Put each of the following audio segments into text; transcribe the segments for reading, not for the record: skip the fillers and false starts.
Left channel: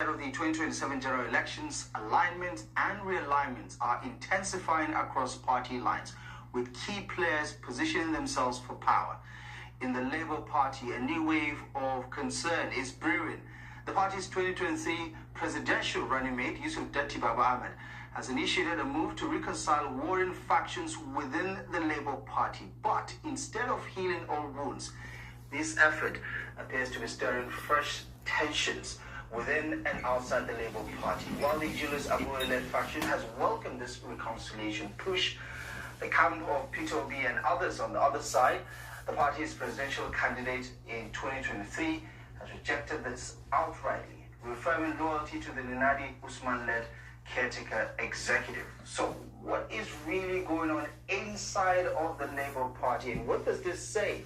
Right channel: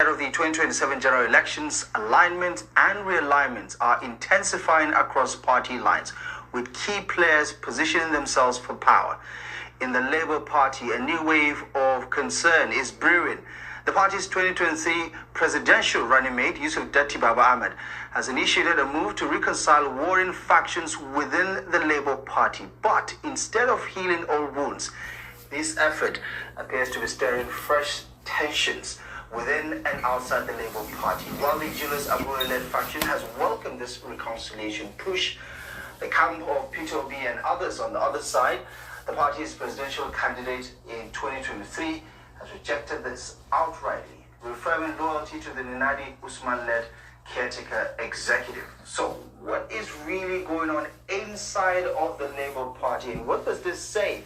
Ahead of the 2027 general elections, alignment and realignment are intensifying across party lines, with key players positioning themselves for power. In the Labour Party, a new wave of concern is brewing. The party's 2023 presidential running mate, Ahmed Datti, has initiated a move to reconcile warring factions within the Labour Party. But instead of healing old wounds, this effort appears to be stirring fresh tensions within and outside the Labour Party. While the Julius Abure-led faction has welcomed this reconciliation push, the camp of Peter Obi and others on the other side, the party's presidential candidate in 2023, has rejected this outrightly, reaffirming loyalty to the Nadi Usman-led caretaker executive. So what is really going on inside of the Labour Party, and what does this say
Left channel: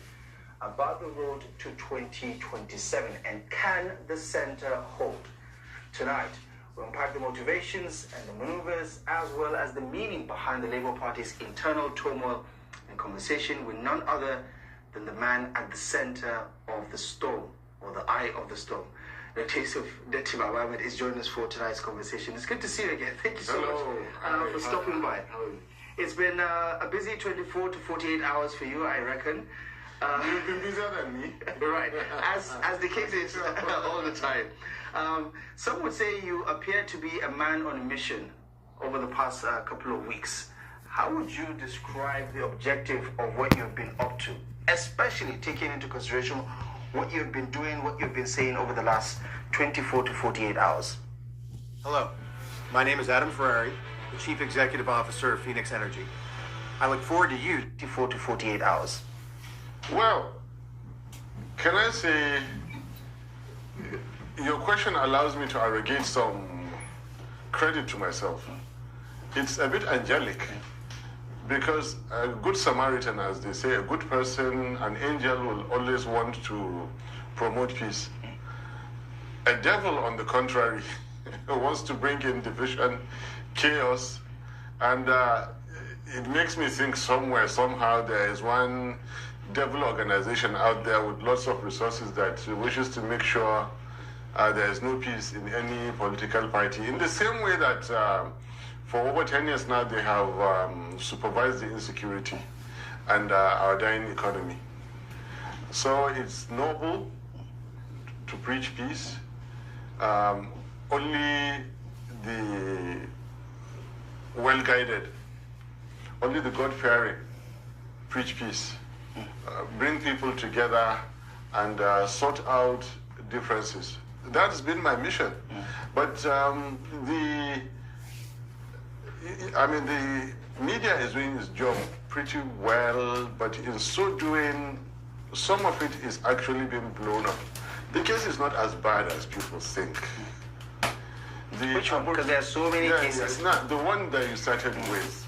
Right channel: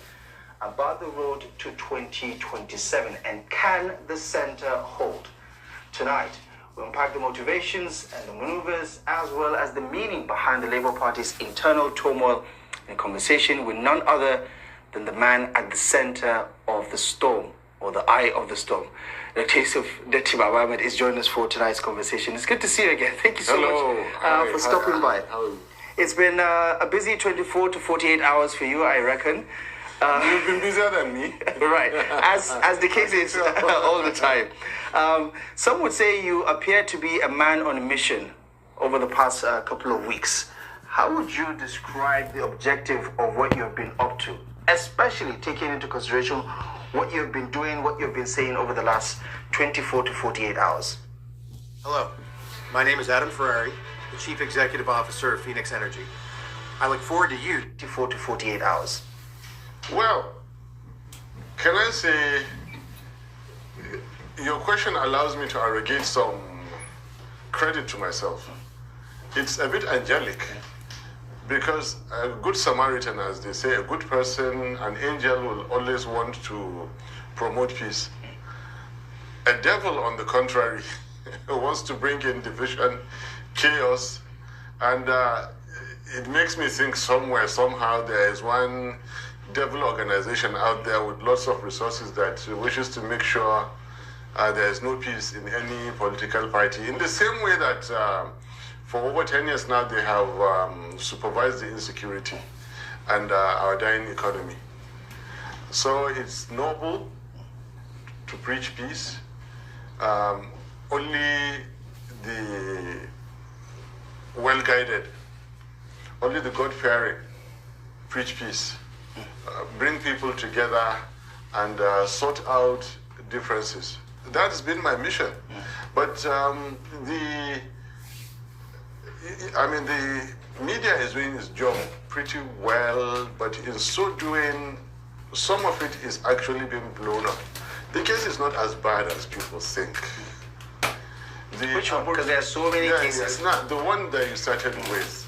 about the road to 2027, and can the centre hold? Tonight, we'll unpack the motivations and the maneuvers, as well as the meaning behind the Labour Party's internal turmoil, in conversation with none other than the man at the centre of the storm, or the eye of the storm. The case of Datti Ahmed is joining us for tonight's conversation. It's good to see you again. Thank you so much for stopping by. It's been a busy 24 to 48 hours for you, I reckon. You've been busier than me. Right, as the case is all the time. Some would say you appear to be a man on a mission over the past couple of weeks. How would you describe the objective of what you've been up to, especially taking into consideration what you've been doing, what you've been saying over the last 24 to 48 hours? Hello, my name is Adam Ferrari, the Chief Executive Officer of Phoenix Energy. I look forward to you. 24 to 48 hours. Well, can I say, your question allows me to arrogate some credit to myself. It's a bit angelic, because a good Samaritan, as they say, a good person, an angel, will always want to promote peace. A devil, on the contrary, wants to bring in division, chaos, and it makes me think somewhere, somehow, there is one devil organization out there with lots of resources that wishes to make sure there is no peace in any political party. In the same way that for over 10 years now, they have supervised the insecurity and our dying economy. So it's noble to preach peace. Only the well-guided, only the God-fearing preach peace. Bring people together and sort out differences. That's been my mission. But the media is doing its job pretty well, but in so doing, some of it is actually being blown up. The case is not as bad as people think. Which one? Because there are so many cases. The one that you started with.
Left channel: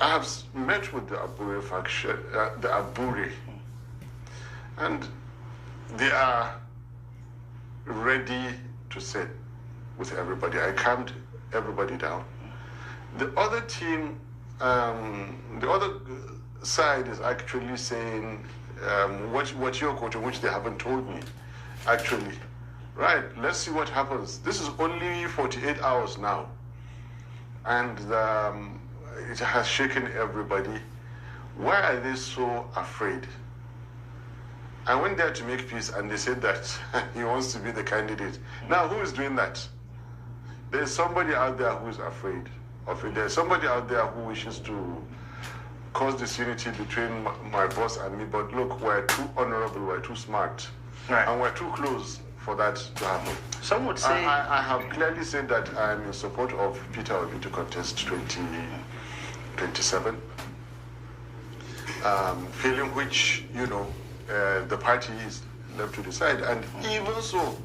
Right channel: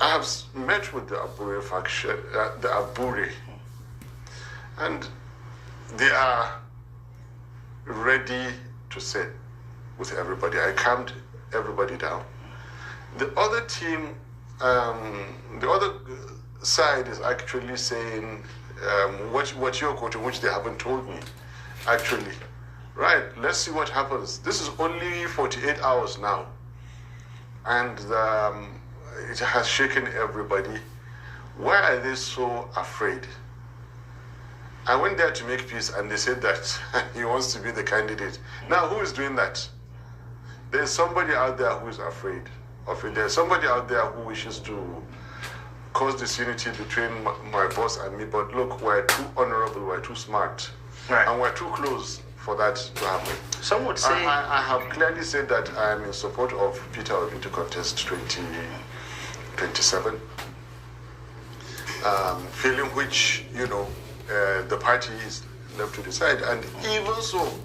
I have met with the Abure faction, the Abure, and they are ready to sit with everybody. I calmed everybody down. The other team, the other side is actually saying what you're quoting, which they haven't told me, actually. Right, let's see what happens. This is only 48 hours now. And it has shaken everybody. Why are they so afraid? I went there to make peace, and they said that he wants to be the candidate. Now, who is doing that? There's somebody out there who is afraid of it. There's somebody out there who wishes to cause disunity between my boss and me. But look, we're too honorable, we're too smart, right, and we're too close for that to happen. Some would say... I have clearly said that I am in support of Peter Obi to contest 2027, feeling which, the party is left to decide. And even so,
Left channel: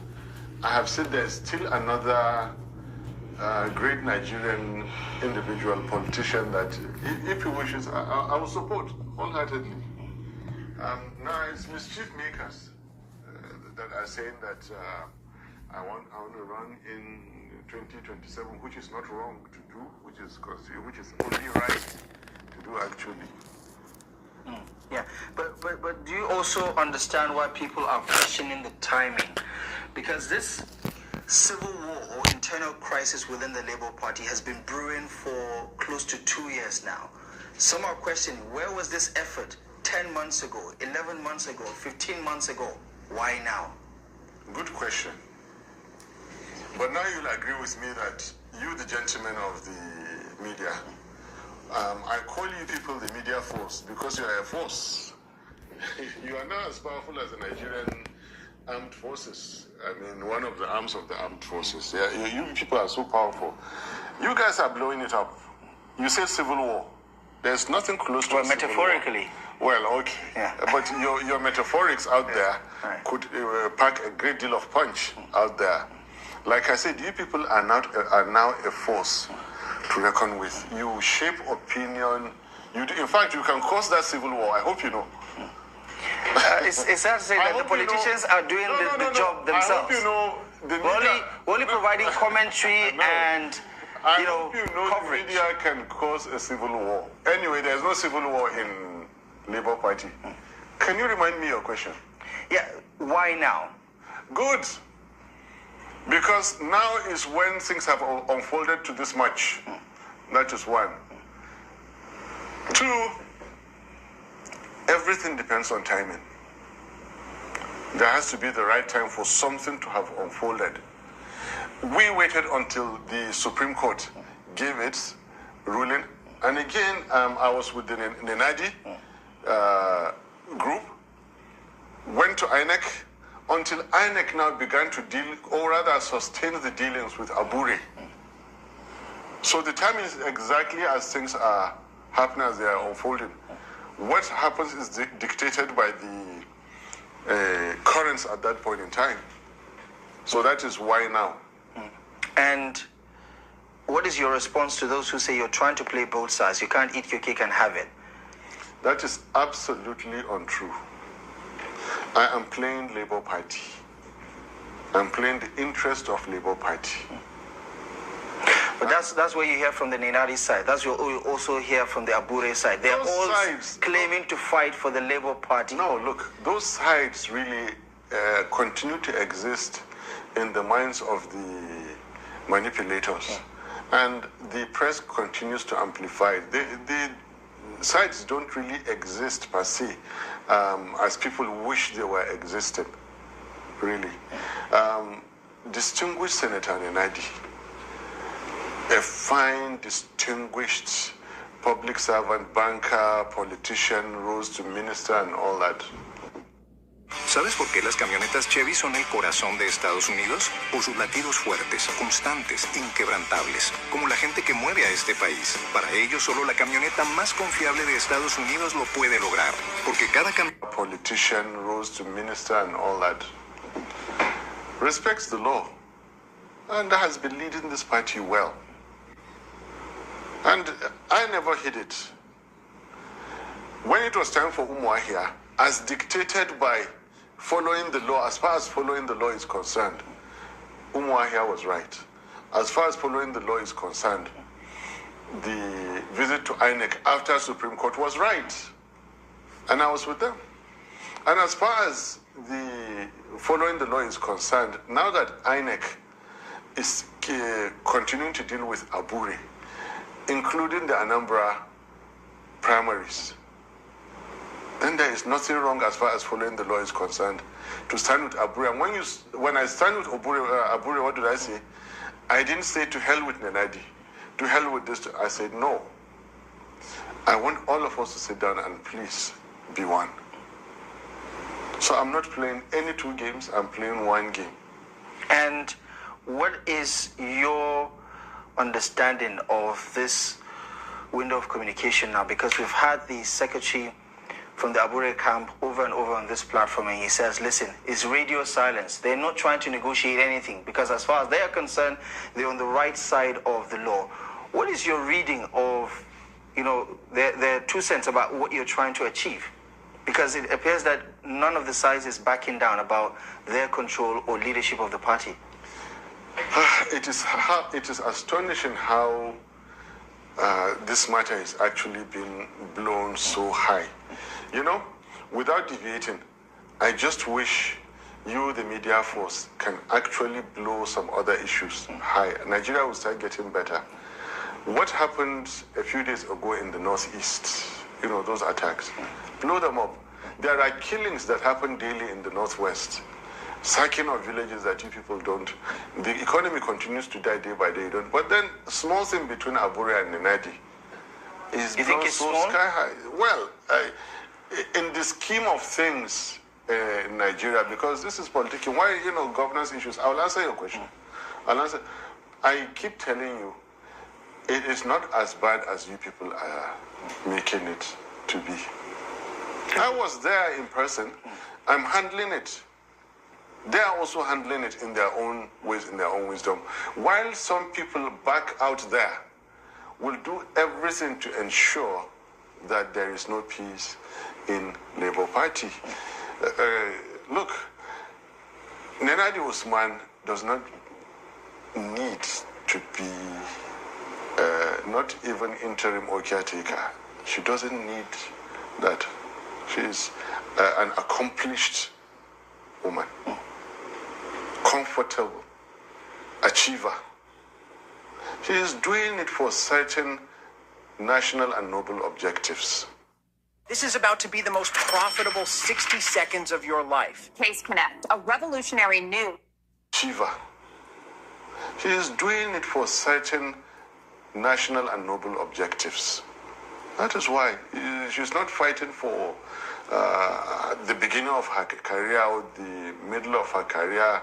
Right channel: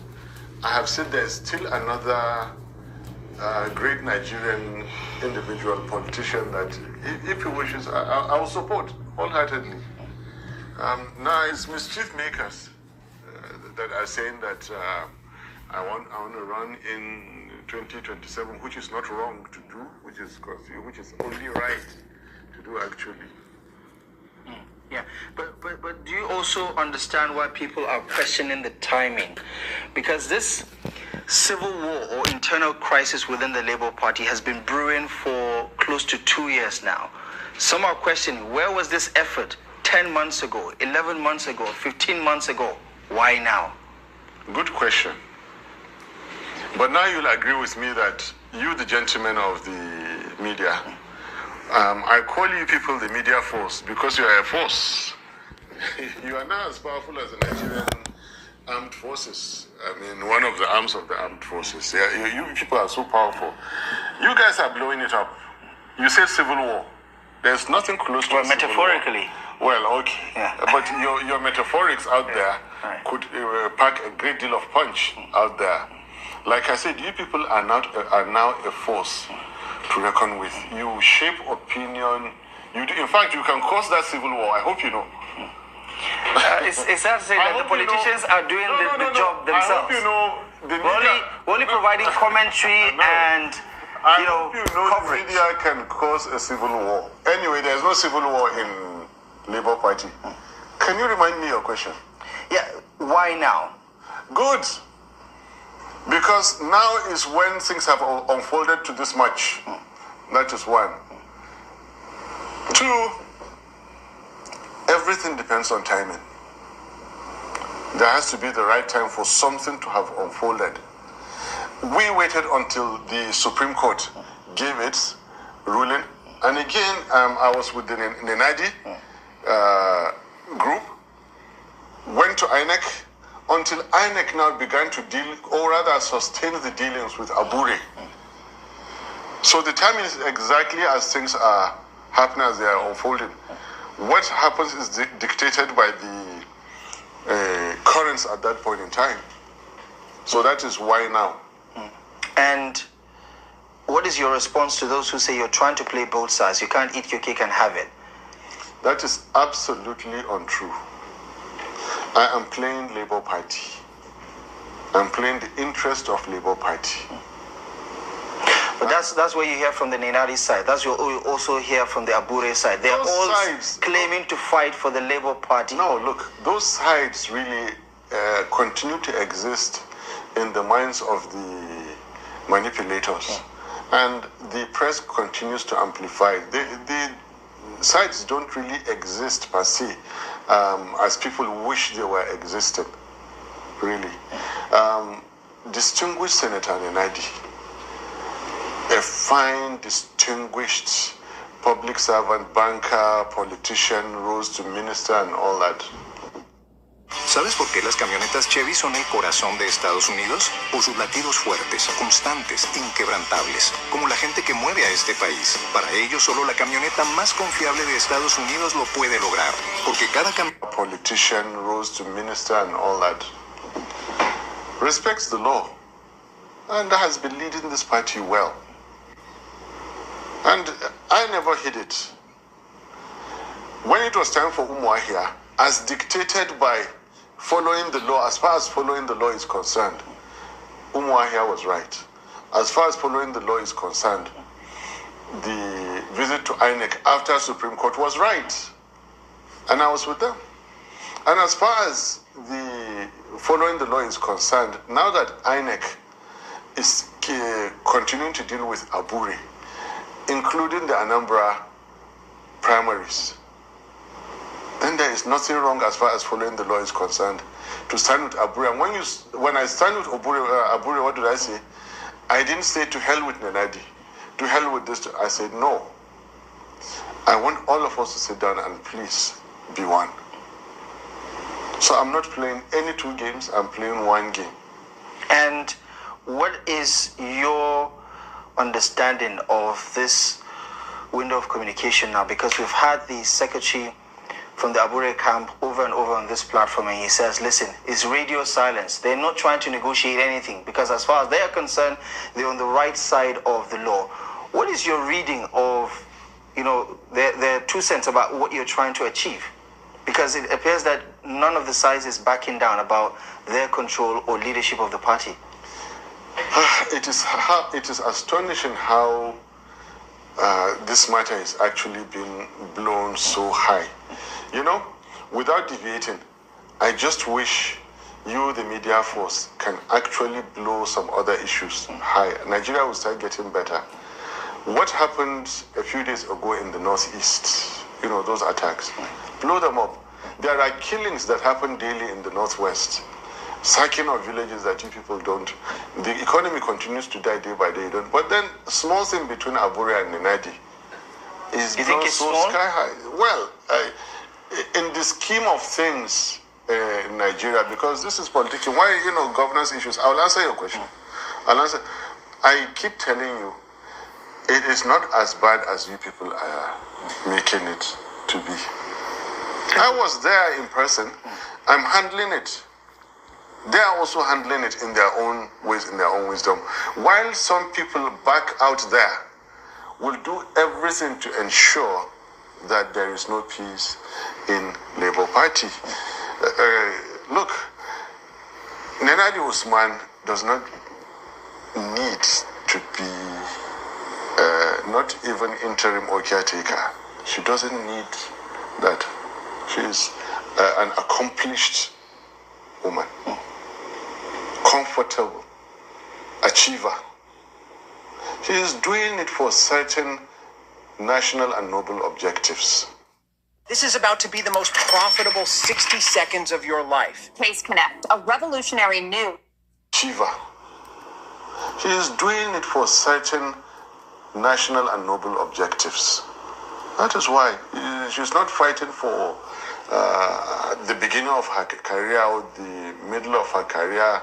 I have said there's still another great Nigerian individual politician that, if he wishes, I will support wholeheartedly. Now, it's mischief makers that are saying that I want to run in 2027, which is not wrong to do, which is only right to do, actually. Yeah, but do you also understand why people are questioning the timing? Because this civil war or internal crisis within the Labour Party has been brewing for close to 2 years now. Some are questioning, where was this effort 10 months ago, 11 months ago, 15 months ago? Why now? Good question. But now you'll agree with me that you, the gentlemen of the media, I call you people the media force because you are a force. You are not as powerful as the Nigerian armed forces. I mean, one of the arms of the armed forces. Yeah, you people are so powerful. You guys are blowing it up. You say civil war. There's nothing close to well, metaphorically. Well, okay. Yeah. But your metaphorics out there could pack a great deal of punch out there. Like I said, you people are now a force to reckon with. You shape opinion. In fact, you can cause that civil war. I hope you know. It's sad to say that the politicians are doing the job themselves. I hope you know the media. Only providing commentary and coverage. The media can cause a civil war. Anyway, there's no civil war in Labour Party. Can you remind me your question? Yeah, why now? Good. Because now is when things have unfolded to this much. That is one. Two, everything depends on timing. There has to be the right time for something to have unfolded. We waited until the Supreme Court gave its ruling. And again, I was with the Nenadi group, went to INEC, until INEC now began to deal, or rather sustain the dealings with Abure. So the timing is exactly as things are happening, as they are unfolding. What happens is dictated by the currents at that point in time. So that is why now. And what is your response to those who say you're trying to play both sides? You can't eat your cake and have it. That is absolutely untrue. I am playing Labour Party. I'm playing the interest of Labour Party. But that's what you hear from the Nenadi side. That's what you also hear from the Abure side. They're all claiming to fight for the Labour Party. No, look, those sides really continue to exist in the minds of the manipulators. And the press continues to amplify. The sides don't really exist per se, as people wish they were existing, really. Distinguished Senator Nenadi, a fine, distinguished public servant, banker, politician, rose to minister and all that. ¿Sabes por qué las camionetas Chevy son el corazón de Estados Unidos? Por sus latidos fuertes, constantes, inquebrantables, como la gente que mueve a este país. Para ellos, solo la camioneta más confiable de Estados Unidos lo puede lograr, porque cada politician rose to minister and all that. Respects the law, and has been leading this party well. And I never hid it. When it was time for Umuahia, as dictated by following the law, as far as following the law is concerned, Umuahia was right. As far as following the law is concerned, the visit to INEC after Supreme Court was right. And I was with them. And as far as the following the law is concerned, now that INEC is continuing to deal with Abure, including the Anambra primaries, then there is nothing wrong as far as following the law is concerned to stand with Abure. And when I stand with Abure, what did I say? I didn't say to hell with Nenadi, to hell with this. I said no. I want all of us to sit down and please be one. So I'm not playing any two games, I'm playing one game. And what is your understanding of this window of communication now? Because we've had the secretary from the Abure camp over and over on this platform, and he says, listen, it's radio silence. They're not trying to negotiate anything, because as far as they are concerned, they're on the right side of the law. What is your reading of, their 2 cents about what you're trying to achieve? Because it appears that none of the sides is backing down about their control or leadership of the party. It is astonishing how this matter is actually being blown so high. Without deviating, I just wish you, the media force, can actually blow some other issues high, Nigeria will start getting better. What happened a few days ago in the northeast, you know, those attacks, blow them up. There are killings that happen daily in the northwest, sacking of villages that you people don't. The economy continues to die day by day, don't. But then, small thing between Abure and Nenadi is blown so sky high. Well, in the scheme of things in Nigeria, because this is politics, why, you know, governance issues, I'll answer your question. I keep telling you, it is not as bad as you people are making it to be. I was there in person. I'm handling it. They are also handling it in their own ways, in their own wisdom. While some people back out there will do everything to ensure that there is no peace in Labour Party. Look, Nenadi Usman does not need to be not even interim or caretaker. She doesn't need that. She is an accomplished woman, comfortable, achiever. She is doing it for certain national and noble objectives. This is about to be the most profitable 60 seconds of your life. Case Connect, a revolutionary new achiever. She is doing it for certain national and noble objectives. That is why she's not fighting for the beginning of her career or the middle of her career.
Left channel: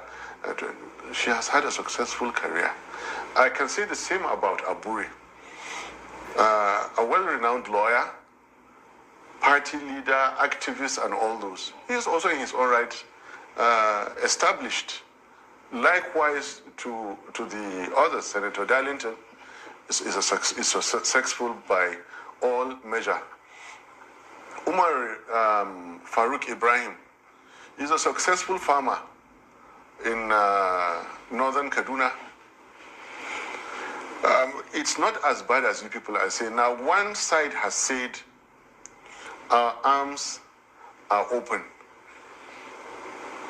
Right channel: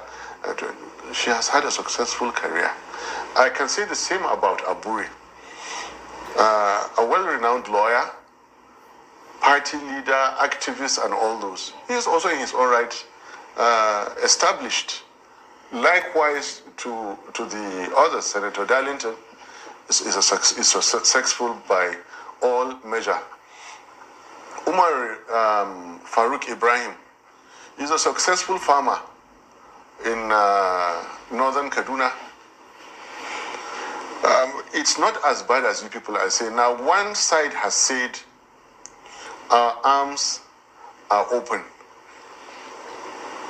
She has had a successful career. I can say the same about Aburi, a well-renowned lawyer, party leader, activist, and all those. He is also in his own right established. Likewise to the other, Senator Darlington is successful by all measure. Umar Farouk Ibrahim is a successful farmer in northern Kaduna. It's not as bad as you people are saying. Now, one side has said our arms are open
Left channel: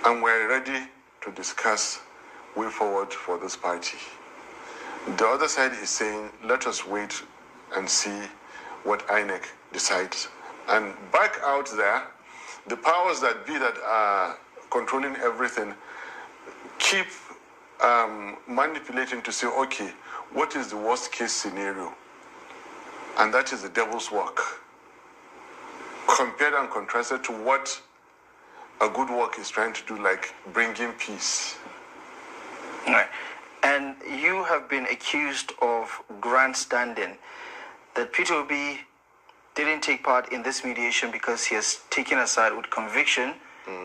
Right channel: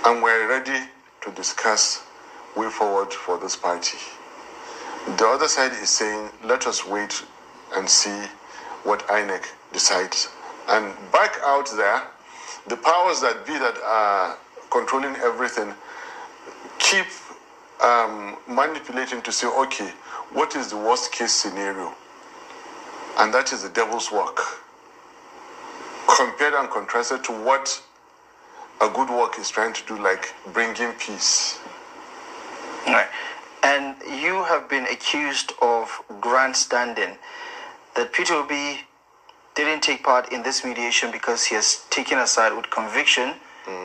and we're ready to discuss way forward for this party. The other side is saying, let us wait and see what INEC decides. And back out there, the powers that be that are controlling everything keep manipulating to say, okay, what is the worst case scenario? And that is the devil's work. Compared and contrasted to what a good work is trying to do, like bringing peace. Right. And you have been accused of grandstanding, that Peter Obi didn't take part in this mediation because he has taken a side with conviction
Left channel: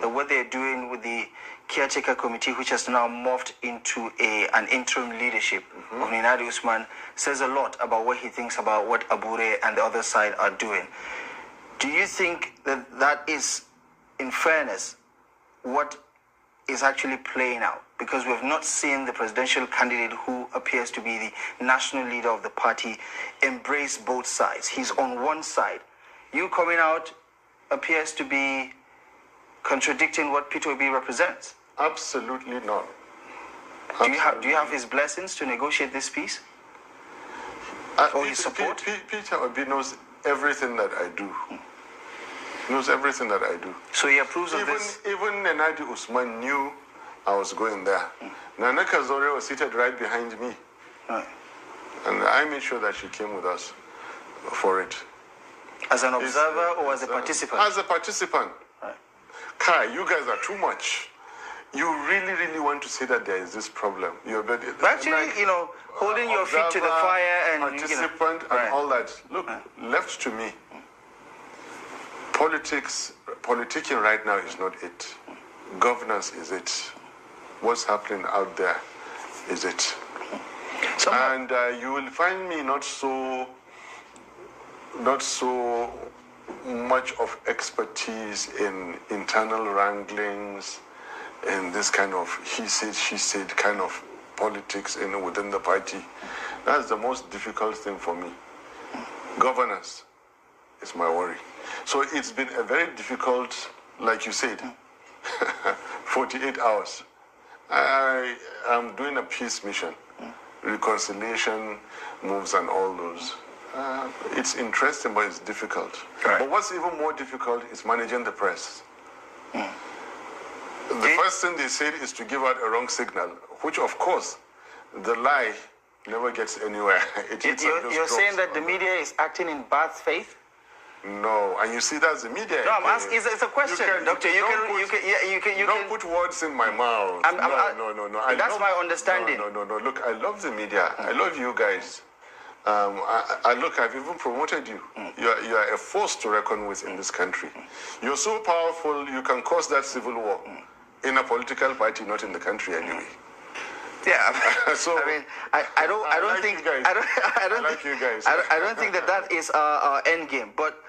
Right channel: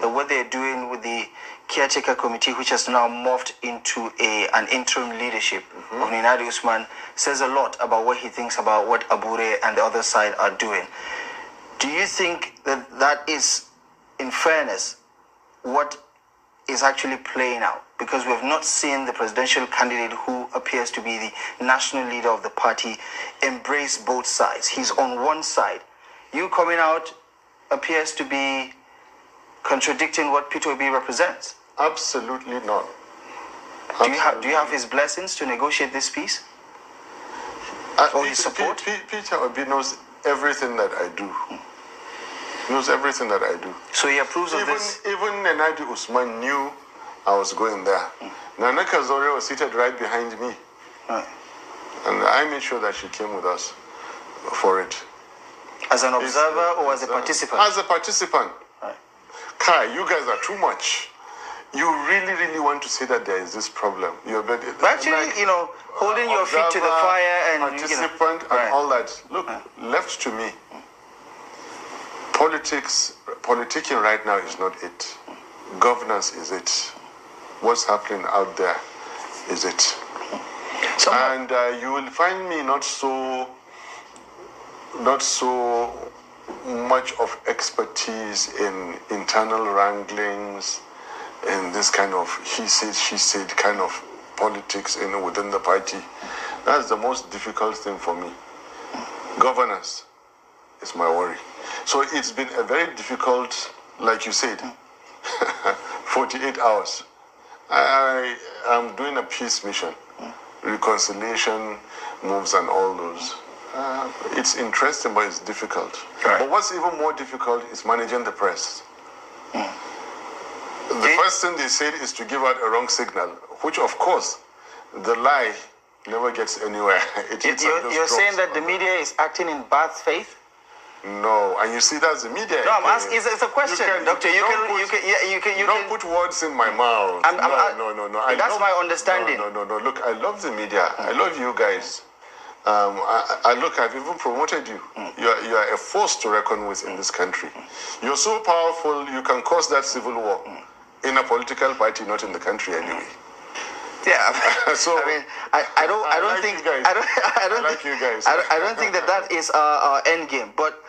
that what they're doing with the caretaker committee, which has now morphed into an interim leadership of Nenadi Usman, says a lot about what he thinks about what Abure and the other side are doing. Do you think that that is, in fairness, what is actually playing out? Because we have not seen the presidential candidate, who appears to be the national leader of the party, embrace both sides. He's on one side. You coming out appears to be contradicting what Peter Obi represents. Absolutely not. Do you have his blessings to negotiate this peace? Or his support? Peter Obi knows everything that I do. Knows everything that I do. So he approves of this? Even Nenadi Usman knew I was going there. Nana Kazore was seated right behind me. Right. And I made sure that she came with us for it. As an observer or as a participant? As a participant. Right. Kai, you guys are too much. You really, really want to say that there is this problem. But actually, like, holding your feet to the fire and participant and all that. Look, left to me, politicking right now is not it. Governance is it. What's happening out there is it. And you will find me not so much of expertise in internal wranglings, in this kind of he said, she said kind of politics within the party. That's the most difficult thing for me. Governance is my worry. So it's been a very difficult, like you said, 48 hours. I am doing a peace mission, reconciliation moves and all those. It's interesting, but it's difficult. Right. But what's even more difficult is managing the press. The first thing they said is to give out a wrong signal, which, of course, the lie never gets anywhere. You're saying that the media is acting in bad faith? No, and you see that's the media. No, I'm asking. It's a question, Doctor. You don't put words in my mouth. No. That's my understanding. No. Look, I love the media. I love you guys. I've even promoted you. You are a force to reckon with in this country. You're so powerful, you can cause that civil war in a political party, not in the country anyway. Yeah, so I don't think that is our end game. But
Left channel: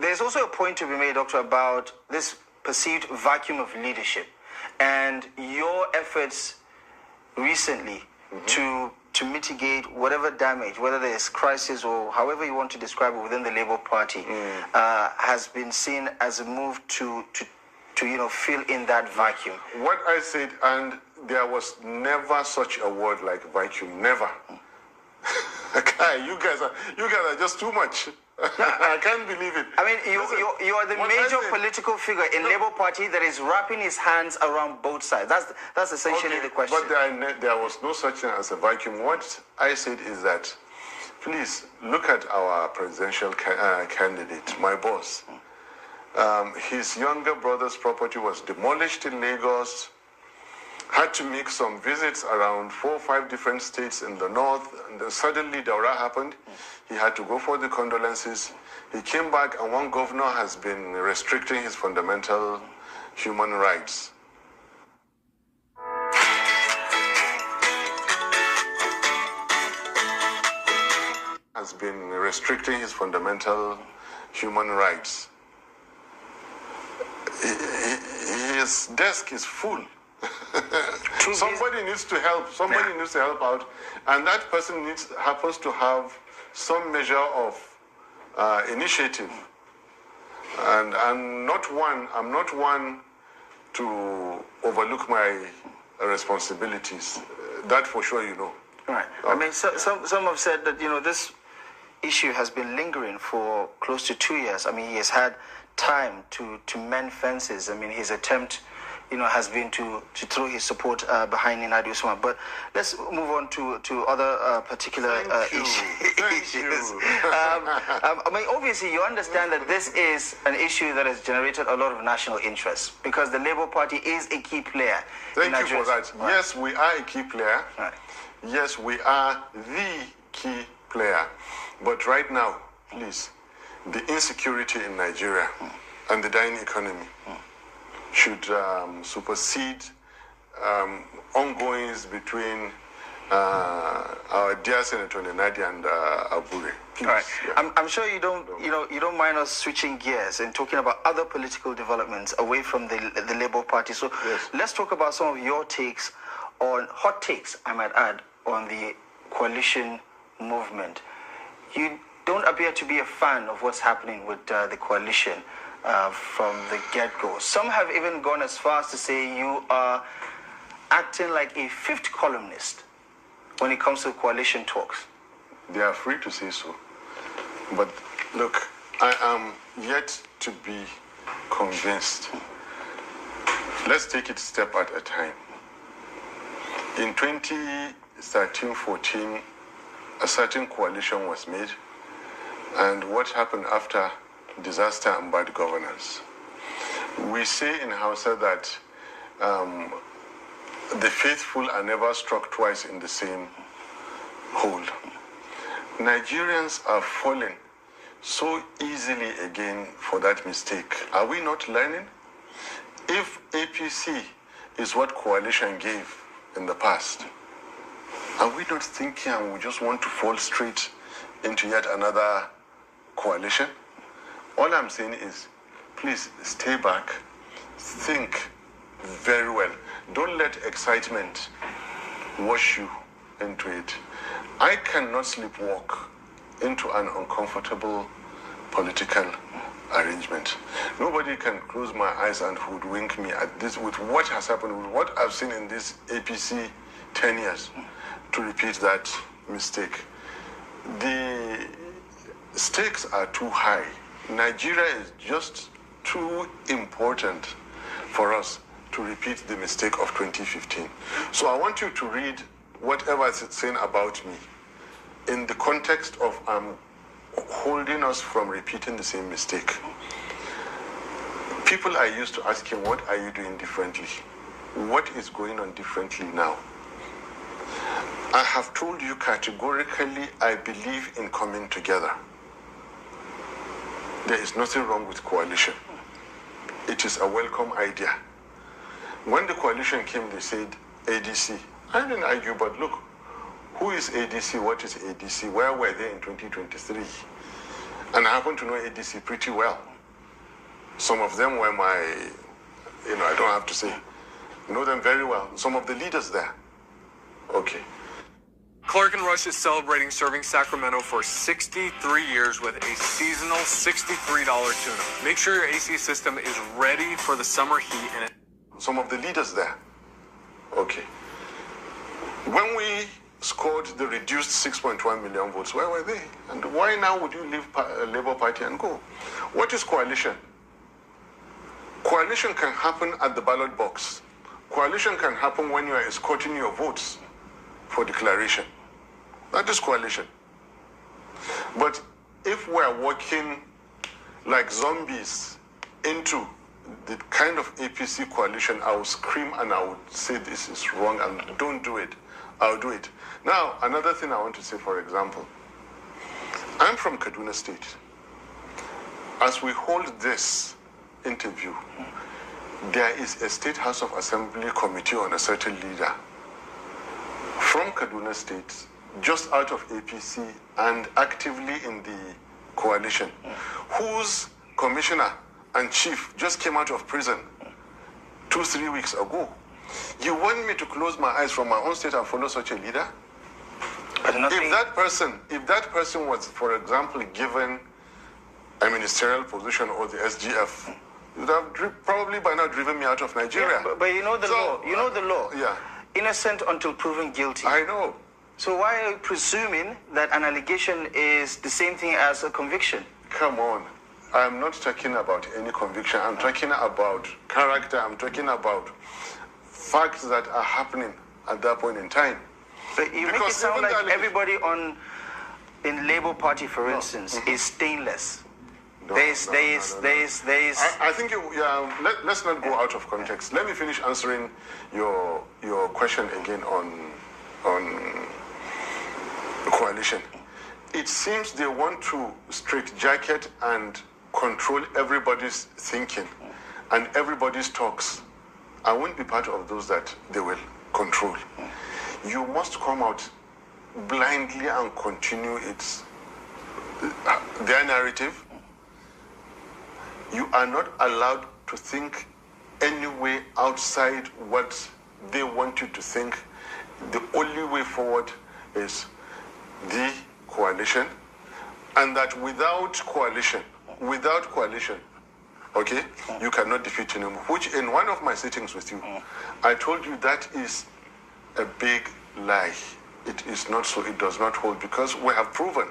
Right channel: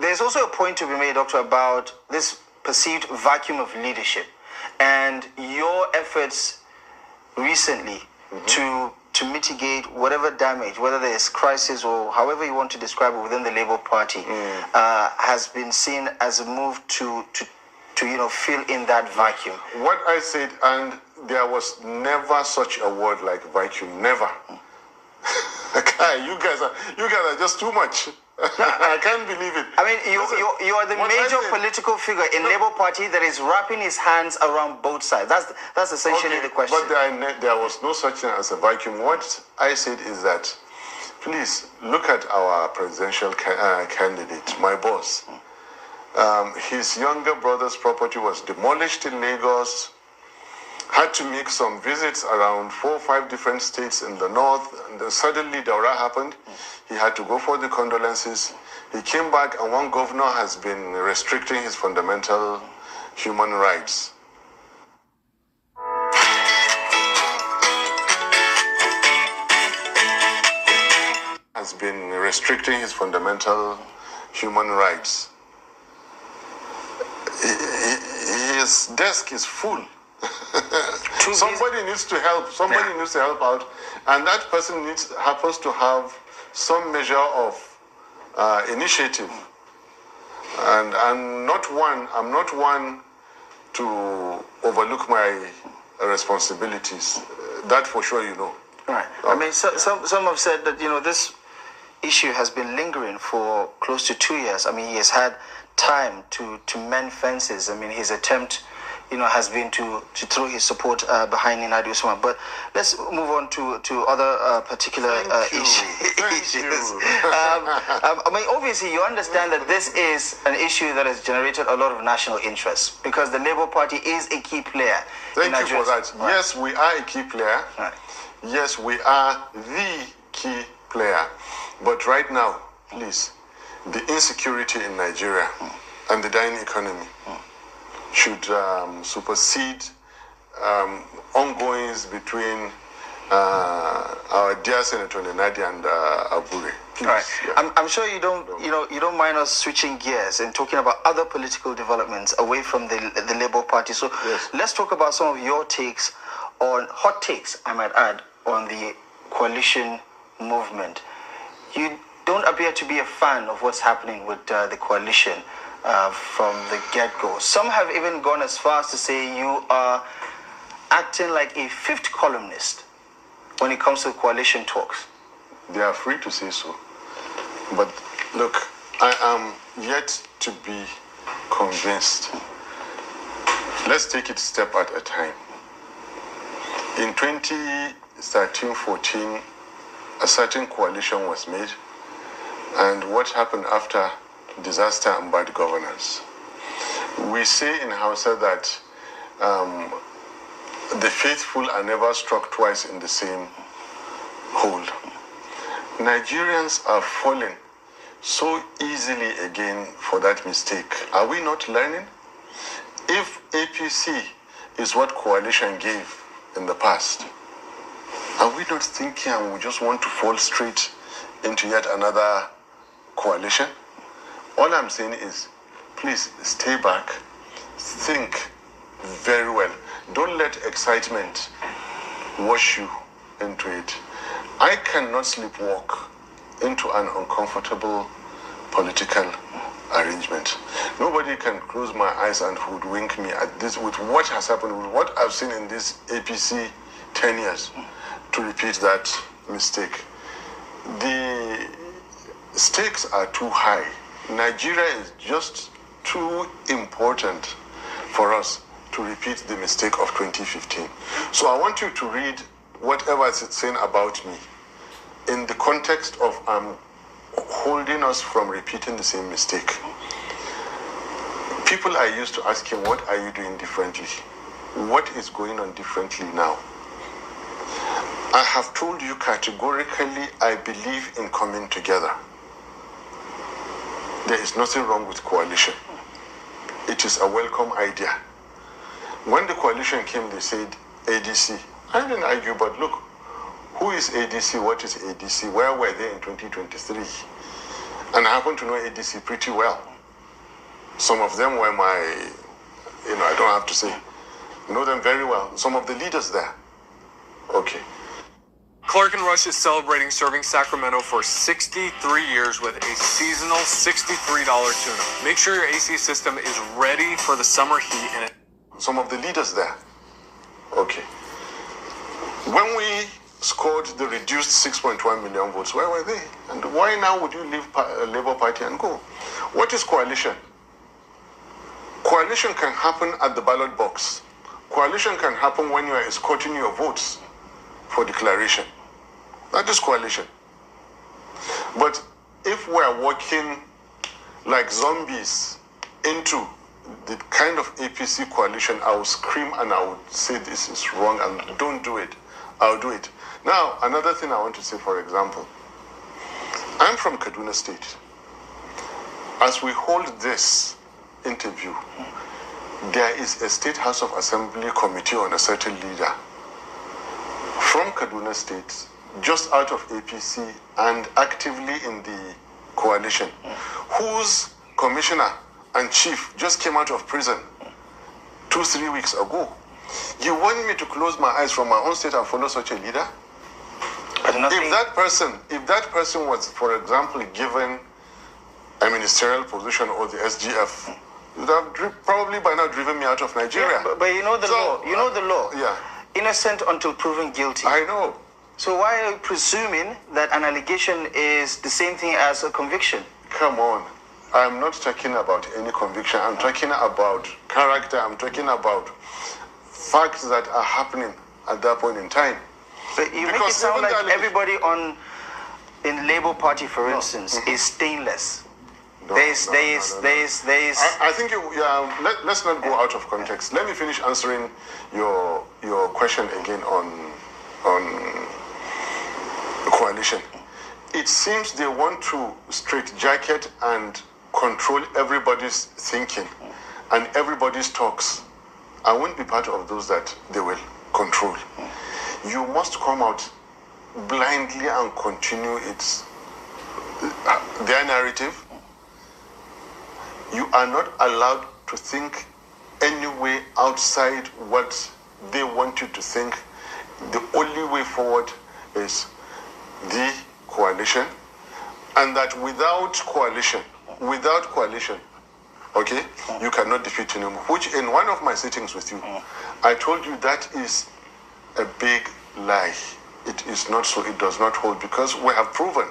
there's also a point to be made, Doctor, about this perceived vacuum of leadership and your efforts recently to mitigate whatever damage, whether there's crisis or however you want to describe it within the Labour Party, has been seen as a move to fill in that vacuum. What I said, and there was never such a word like vacuum, never. You guys are just too much. I can't believe it. I mean, you are the major political figure in Labour Party that is wrapping his hands around both sides. That's essentially the question. But there was no such thing as a vacuum. What I said is that, please look at our presidential candidate, my boss. His younger brother's property was demolished in Lagos. Had to make some visits around 4 or 5 different states in the north, and then suddenly Daura happened. He had to go for the condolences. He came back, and one governor has been restricting his fundamental human rights. Has been restricting his fundamental human rights. His desk is full. Somebody needs to help. Somebody needs to help out, and that person happens to have some measure of initiative. And I'm not one to overlook my responsibilities. That for sure, you know. Right. I mean, some have said that this issue has been lingering for close to 2 years. I mean, he has had time to mend fences. I mean, his attempt has been to throw his support behind Nnadi Usman. But let's move on to other particular issues. I mean, obviously, you understand that this is an issue that has generated a lot of national interest because the Labour Party is a key player. Thank you for that. Right. Yes, we are a key player. Right. Yes, we are the key player. But right now, please, the insecurity in Nigeria and the dying economy should supersede ongoings between our dear Senator Nnadi and Abure. All right. Yeah. I'm sure you don't mind us switching gears and talking about other political developments away from the Labour Party. So let's talk about some of your takes on hot takes, I might add, on the coalition movement. You don't appear to be a fan of what's happening with the coalition from the get-go. Some have even gone as far as to say you are acting like a fifth columnist when it comes to coalition talks. They are free to say so. But look, I am yet to be convinced. Let's take it step at a time. In 2013-14, a certain coalition was made. And what happened after? Disaster and bad governance. We say in Hausa that the faithful are never struck twice in the same hole. Nigerians are falling so easily again for that mistake. Are we not learning? If APC is what coalition gave in the past, are we not thinking and we just want to fall straight into yet another coalition? All I'm saying is, please stay back, think very well. Don't let excitement wash you into it. I cannot sleepwalk into an uncomfortable political arrangement. Nobody can close my eyes and hoodwink me at this with what has happened, with what I've seen in this APC 10 years, to repeat that mistake. The stakes are too high. Nigeria is just too important for us to repeat the mistake of 2015. So I want you to read whatever it's saying about me in the context of holding us from repeating the same mistake. People are used to asking, what are you doing differently? What is going on differently now? I have told you categorically, I believe in coming together. There is nothing wrong with coalition. It is a welcome idea. When the coalition came, they said ADC. I didn't argue, but look, who is ADC? What is ADC? Where were they in 2023? And I happen to know ADC pretty well. Some of them were my, I don't have to say, know them very well. Some of the leaders there. Okay. Clark and Rush is celebrating serving Sacramento for 63 years with a seasonal $63 tuna. Make sure your AC system is ready for the summer heat. And some of the leaders there. Okay. When we scored the reduced 6.1 million votes, where were they? And why now would you leave Labour Party and go? What is coalition? Coalition can happen at the ballot box. Coalition can happen when you are escorting your votes for declaration. That is coalition. But if we are working like zombies into the kind of APC coalition, I would scream and I would say this is wrong and don't do it. I'll do it. Now, another thing I want to say, for example, I'm from Kaduna State. As we hold this interview, there is a State House of Assembly committee on a certain leader from Kaduna State, just out of APC and actively in the coalition, whose commissioner and chief just came out of prison 2-3 weeks ago. You want me to close my eyes from my own state and follow such a leader? If that person was, for example, given a ministerial position or the SGF, you would have probably by now driven me out of Nigeria. Yeah, but you know the law. You know the law. Yeah. Innocent until proven guilty. I know. So why are you presuming that an allegation is the same thing as a conviction? Come on. I'm not talking about any conviction. I'm talking about character. I'm talking about facts that are happening at that point in time. But you make it sound like everybody in Labour Party, for instance, is stainless. I think let's not go out of context. Let me finish answering your question again on coalition. It seems they want to straitjacket and control everybody's thinking and everybody's talks. I won't be part of those that they will control. You must come out blindly and continue their narrative. You are not allowed to think any way outside what they want you to think. The only way forward is the coalition, and that without coalition, okay, you cannot defeat Tinubu, which in one of my sittings with you, I told you that is a big lie. It is not so. It does not hold, because we have proven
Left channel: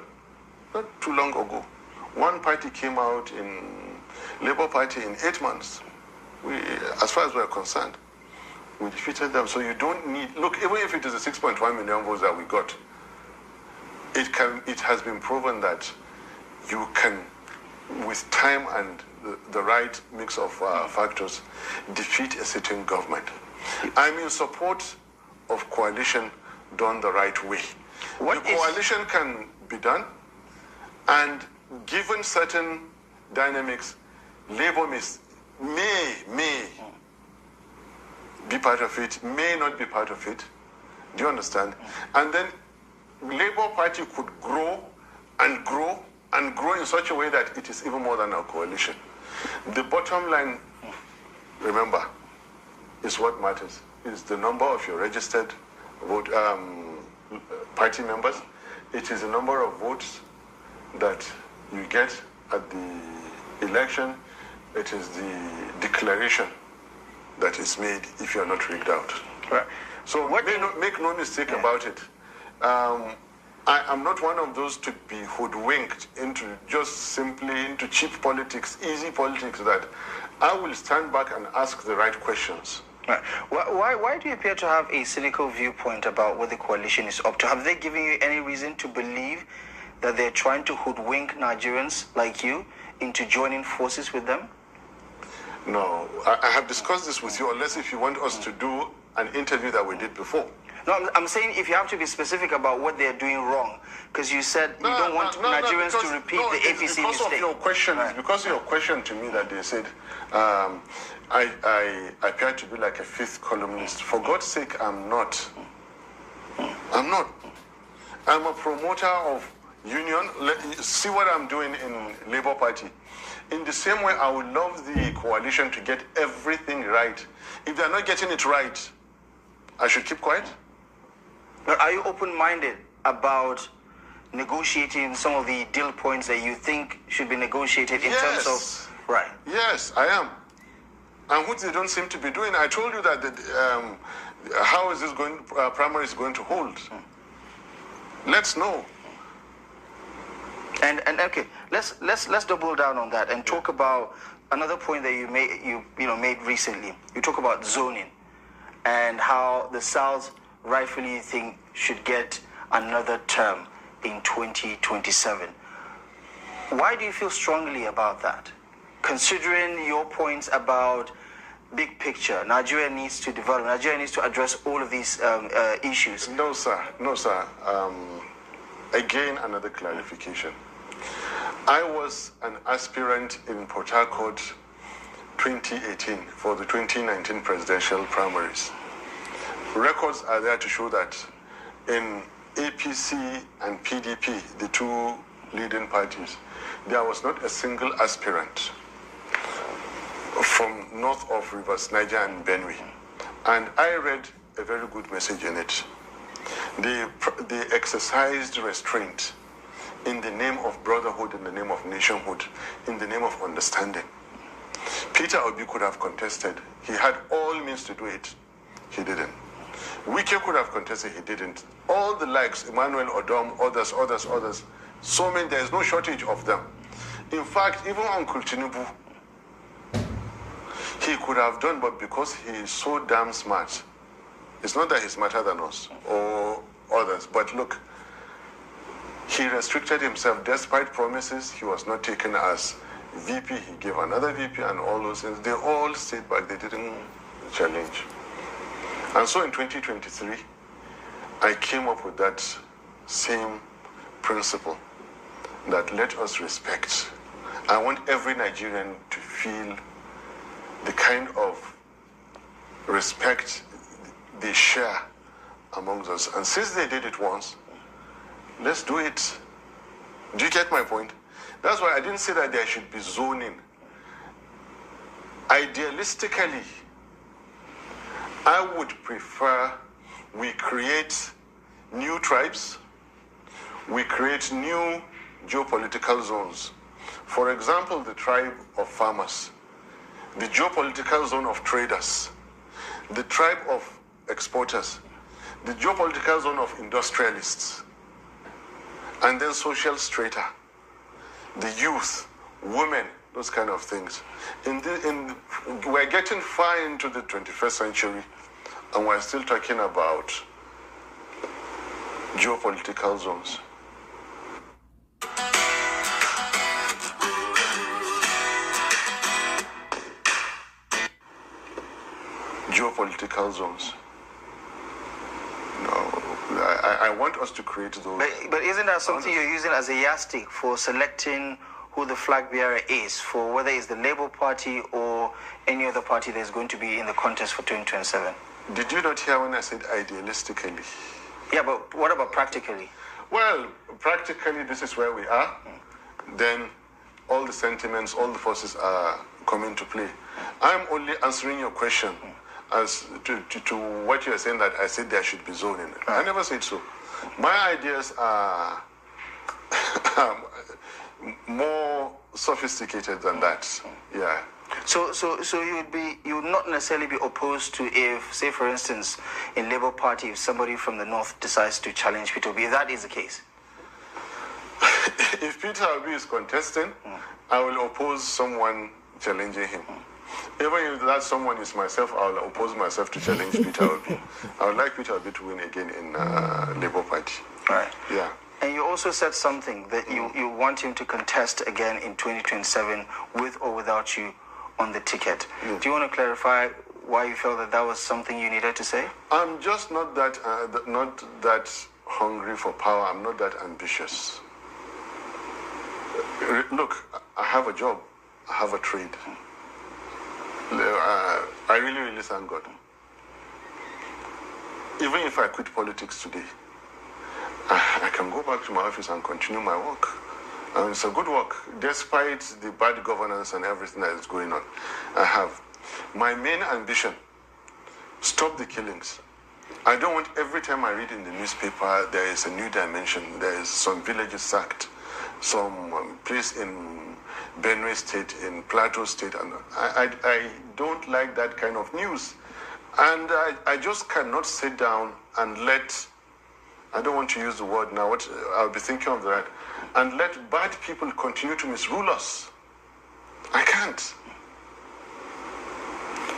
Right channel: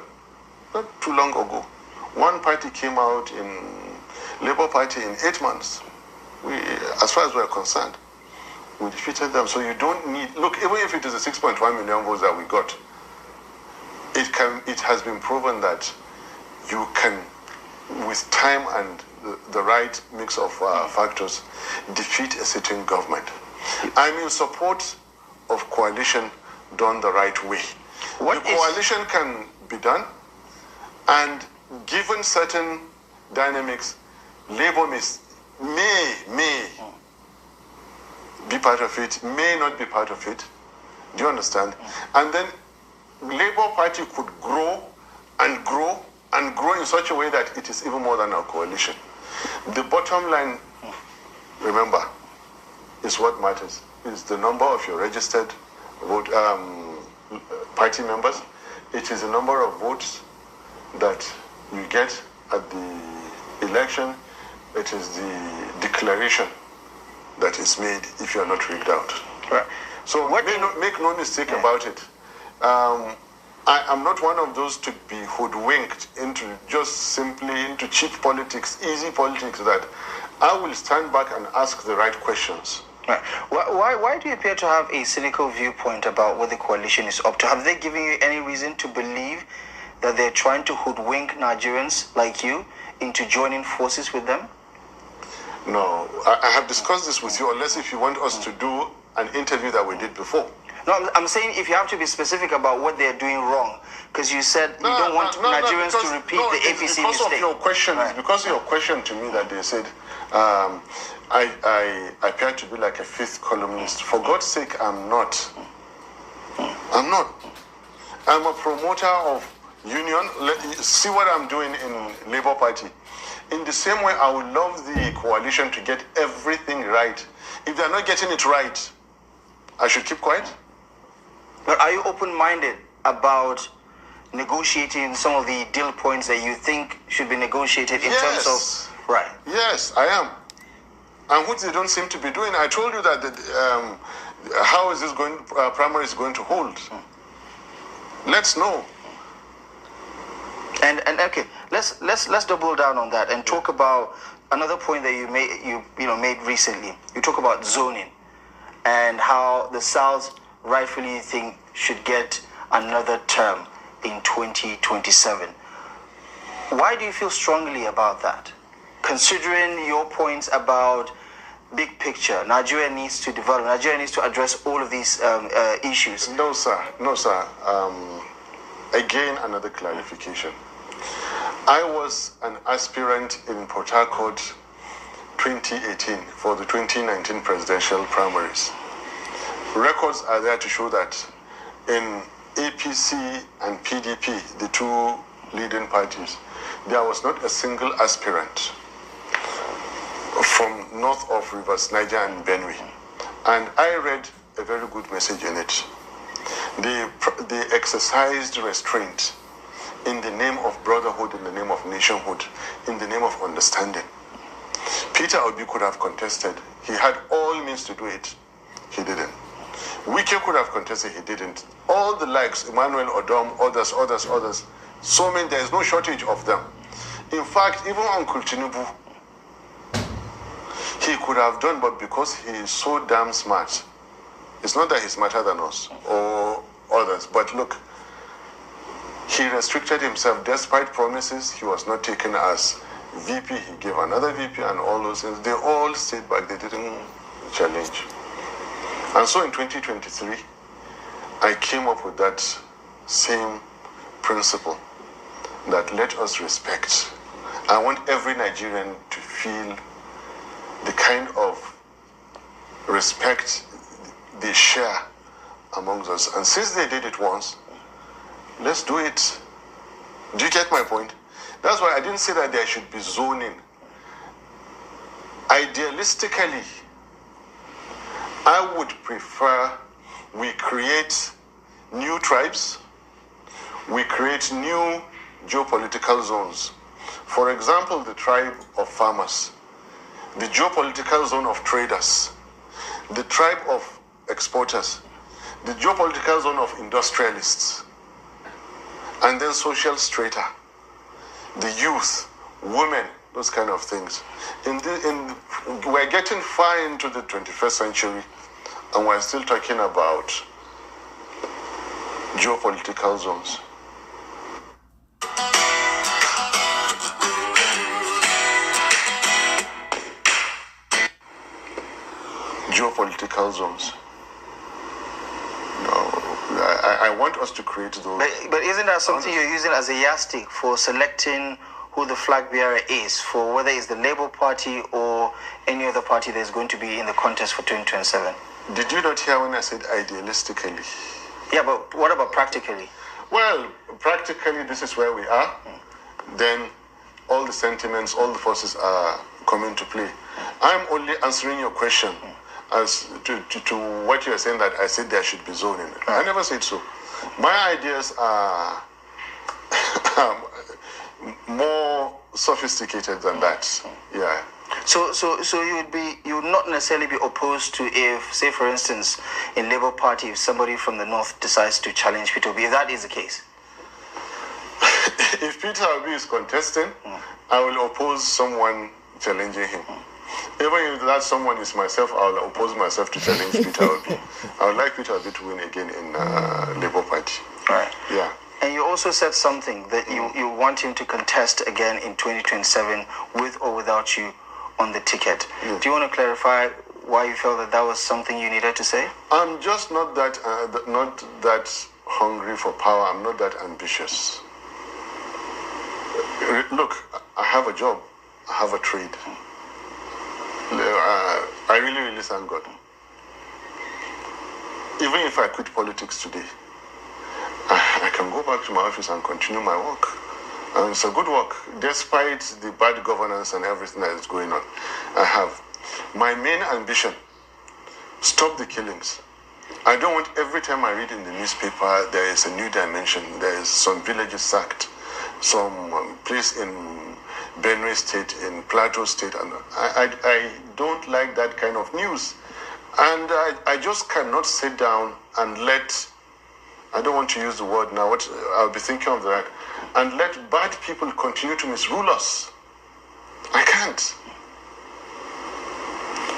not too long ago, one party came out in Labour Party in 8 months. As far as we are concerned, we defeated them. So you don't need, look, even if it is a 6.1 million votes that we got, it has been proven that you can, with time and the right mix of factors, defeat a sitting government. I'm in support of coalition done the right way. Coalition can be done, and given certain dynamics, Labour may be part of it, may not be part of it. Do you understand? And then Labour Party could grow and grow and grow in such a way that it is even more than a coalition. The bottom line, remember, is what matters. Is the number of your registered party members. It is the number of votes that you get at the election, it is the declaration that is made if you are not rigged out. Right. So make no mistake about it. I am not one of those to be hoodwinked into cheap politics, easy politics, that I will stand back and ask the right questions. Right. Why do you appear to have a cynical viewpoint about what the coalition is up to? Have they given you any reason to believe that they're trying to hoodwink Nigerians like you into joining forces with them? No, I have discussed this with you, unless if you want us to do an interview that we did before. No, I'm saying if you have to be specific about what they're doing wrong, because you said you don't want Nigerians to repeat the APC mistake. Because of your question, right. Because of your question to me that they said I appear to be like a fifth columnist. For God's sake, I'm not. I'm not. I'm a promoter of union. See what I'm doing in Labour Party. In the same way, I would love the coalition to get everything right. If they're not getting it right, I should keep quiet. But are you open-minded about negotiating some of the deal points that you think should be negotiated in terms of... Right. Yes, I am. And which they don't seem to be doing. I told you that how is this primary is going to hold? Let's know. And okay, let's double down on that and talk about another point that you made recently. You talk about zoning and how the South rightfully think should get another term in 2027. Why do you feel strongly about that? Considering your points about big picture, Nigeria needs to develop, Nigeria needs to address all of these issues. No, sir. No, sir. Again, another clarification. I was an aspirant in Port Harcourt 2018 for the 2019 presidential primaries. Records are there to show that in APC and PDP, the two leading parties, there was not a single aspirant from north of rivers, Niger and Benue. And I read a very good message in it. They exercised restraint in the name of brotherhood, in the name of nationhood, in the name of understanding. Peter Obi could have contested. He had all means to do it. He didn't. Wike could have contested. He didn't. All the likes, Emmanuel Odom, others. So many, there is no shortage of them. In fact, even Uncle Tinubu, he could have done, but because he is so damn smart, it's not that he's smarter than us or others, but look, he restricted himself. Despite promises, he was not taken as VP. He gave another VP and all those things. They all stayed back. They didn't challenge. And so in 2023, I came up with that same principle that let us respect. I want every Nigerian to feel the kind of respect they share amongst us. And since they did it once, let's do it. Do you get my point? That's why I didn't say that there should be zoning. Idealistically, I would prefer we create new tribes, we create new geopolitical zones. For example, the tribe of farmers, the geopolitical zone of traders, the tribe of exporters, the geopolitical zone of industrialists, and then social strata, the youth, women, those kind of things. We're getting far into the 21st century, and we're still talking about geopolitical zones. Geopolitical zones. No, I want us to create those. But isn't that something you're using as a yardstick for selecting who the flag bearer is, for whether it's the Labour Party or any other party that's going to be in the contest for 2027? Did you not hear when I said idealistically? Yeah, but what about practically? Well, practically, this is where we are. Then all the sentiments, all the forces are coming to play. I'm only answering your question as to what you're saying, that I said there should be zoning. I never said so. My ideas are more sophisticated than that. Yeah. So you would not necessarily be opposed to if, say, for instance, in Labour Party, if somebody from the north decides to challenge Peter Obi, if that is the case. If Peter Obi is contesting, I will oppose someone challenging him. Even if that someone is myself, I will oppose myself to challenge Peter Obi. I would like Peter Obi to win again in Labour Party. Right. Yeah. And you also said something that you want him to contest again in 2027 with or without you on the ticket. Yeah. Do you want to clarify why you felt that was something you needed to say? I'm just not that hungry for power. I'm not that ambitious. Look, I have a job. I have a trade. I really, really thank God. Even if I quit politics today, I can go back to my office and continue my work. And it's a good work, despite the bad governance and everything that is going on. I have. My main ambition, stop the killings. I don't want every time I read in the newspaper, there is a new dimension. There is some villages sacked, some place in Benue State, in Plateau State. And I don't like that kind of news. And I just cannot sit down and let, I don't want to use the word now, what I'll be thinking of that, and let bad people continue to misrule us. I can't.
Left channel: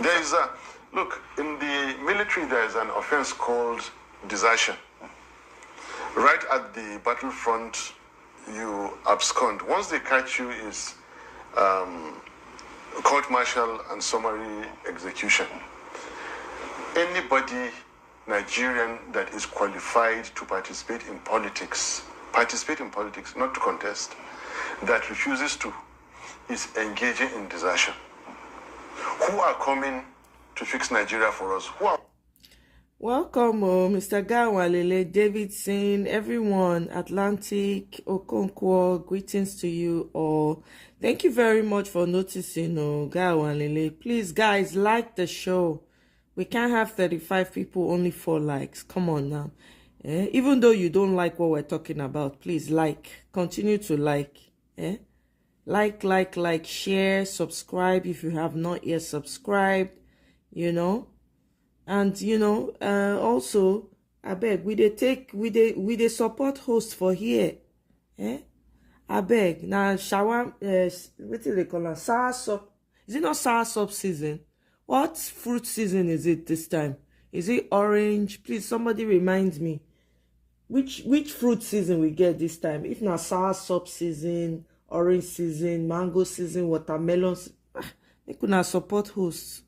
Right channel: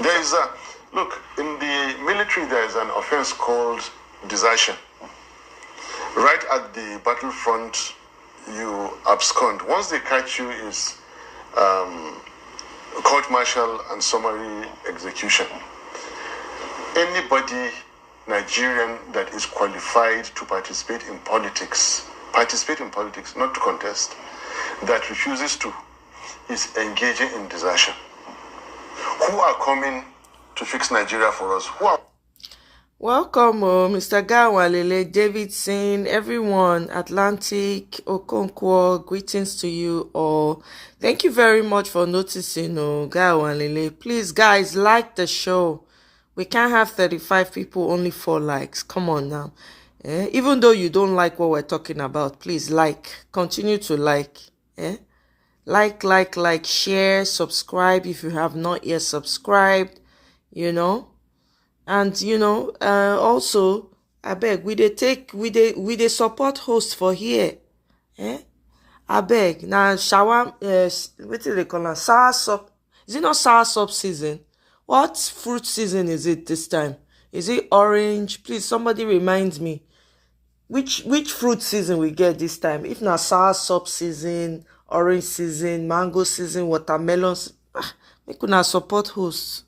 There is a, look, in the military there is an offense called desertion. Right at the battlefront, you abscond. Once they catch you is court-martial and summary execution. Anybody, Nigerian, that is qualified to participate in politics, not to contest, that refuses to, is engaging in desertion. Who are coming to fix Nigeria for us? Who are... Welcome, Mr. Gawalele, Davidson, everyone, Atlantic, Okonkwo, greetings to you all. Thank you very much for noticing, Gawalele. Please, guys, like the show. We can't have 35 people, only 4 likes. Come on now. Even though you don't like what we're talking about, please like. Continue to like. Like, share, subscribe if you have not yet subscribed, And, also, I beg, we dey support host for here. I beg. Now, shower, what do they call it? Sour sop. Is it not sour sop season? What fruit season is it this time? Is it orange? Please, somebody remind me. Which fruit season we get this time? If not sour sop season, orange season, mango season, watermelons. We could not support hosts.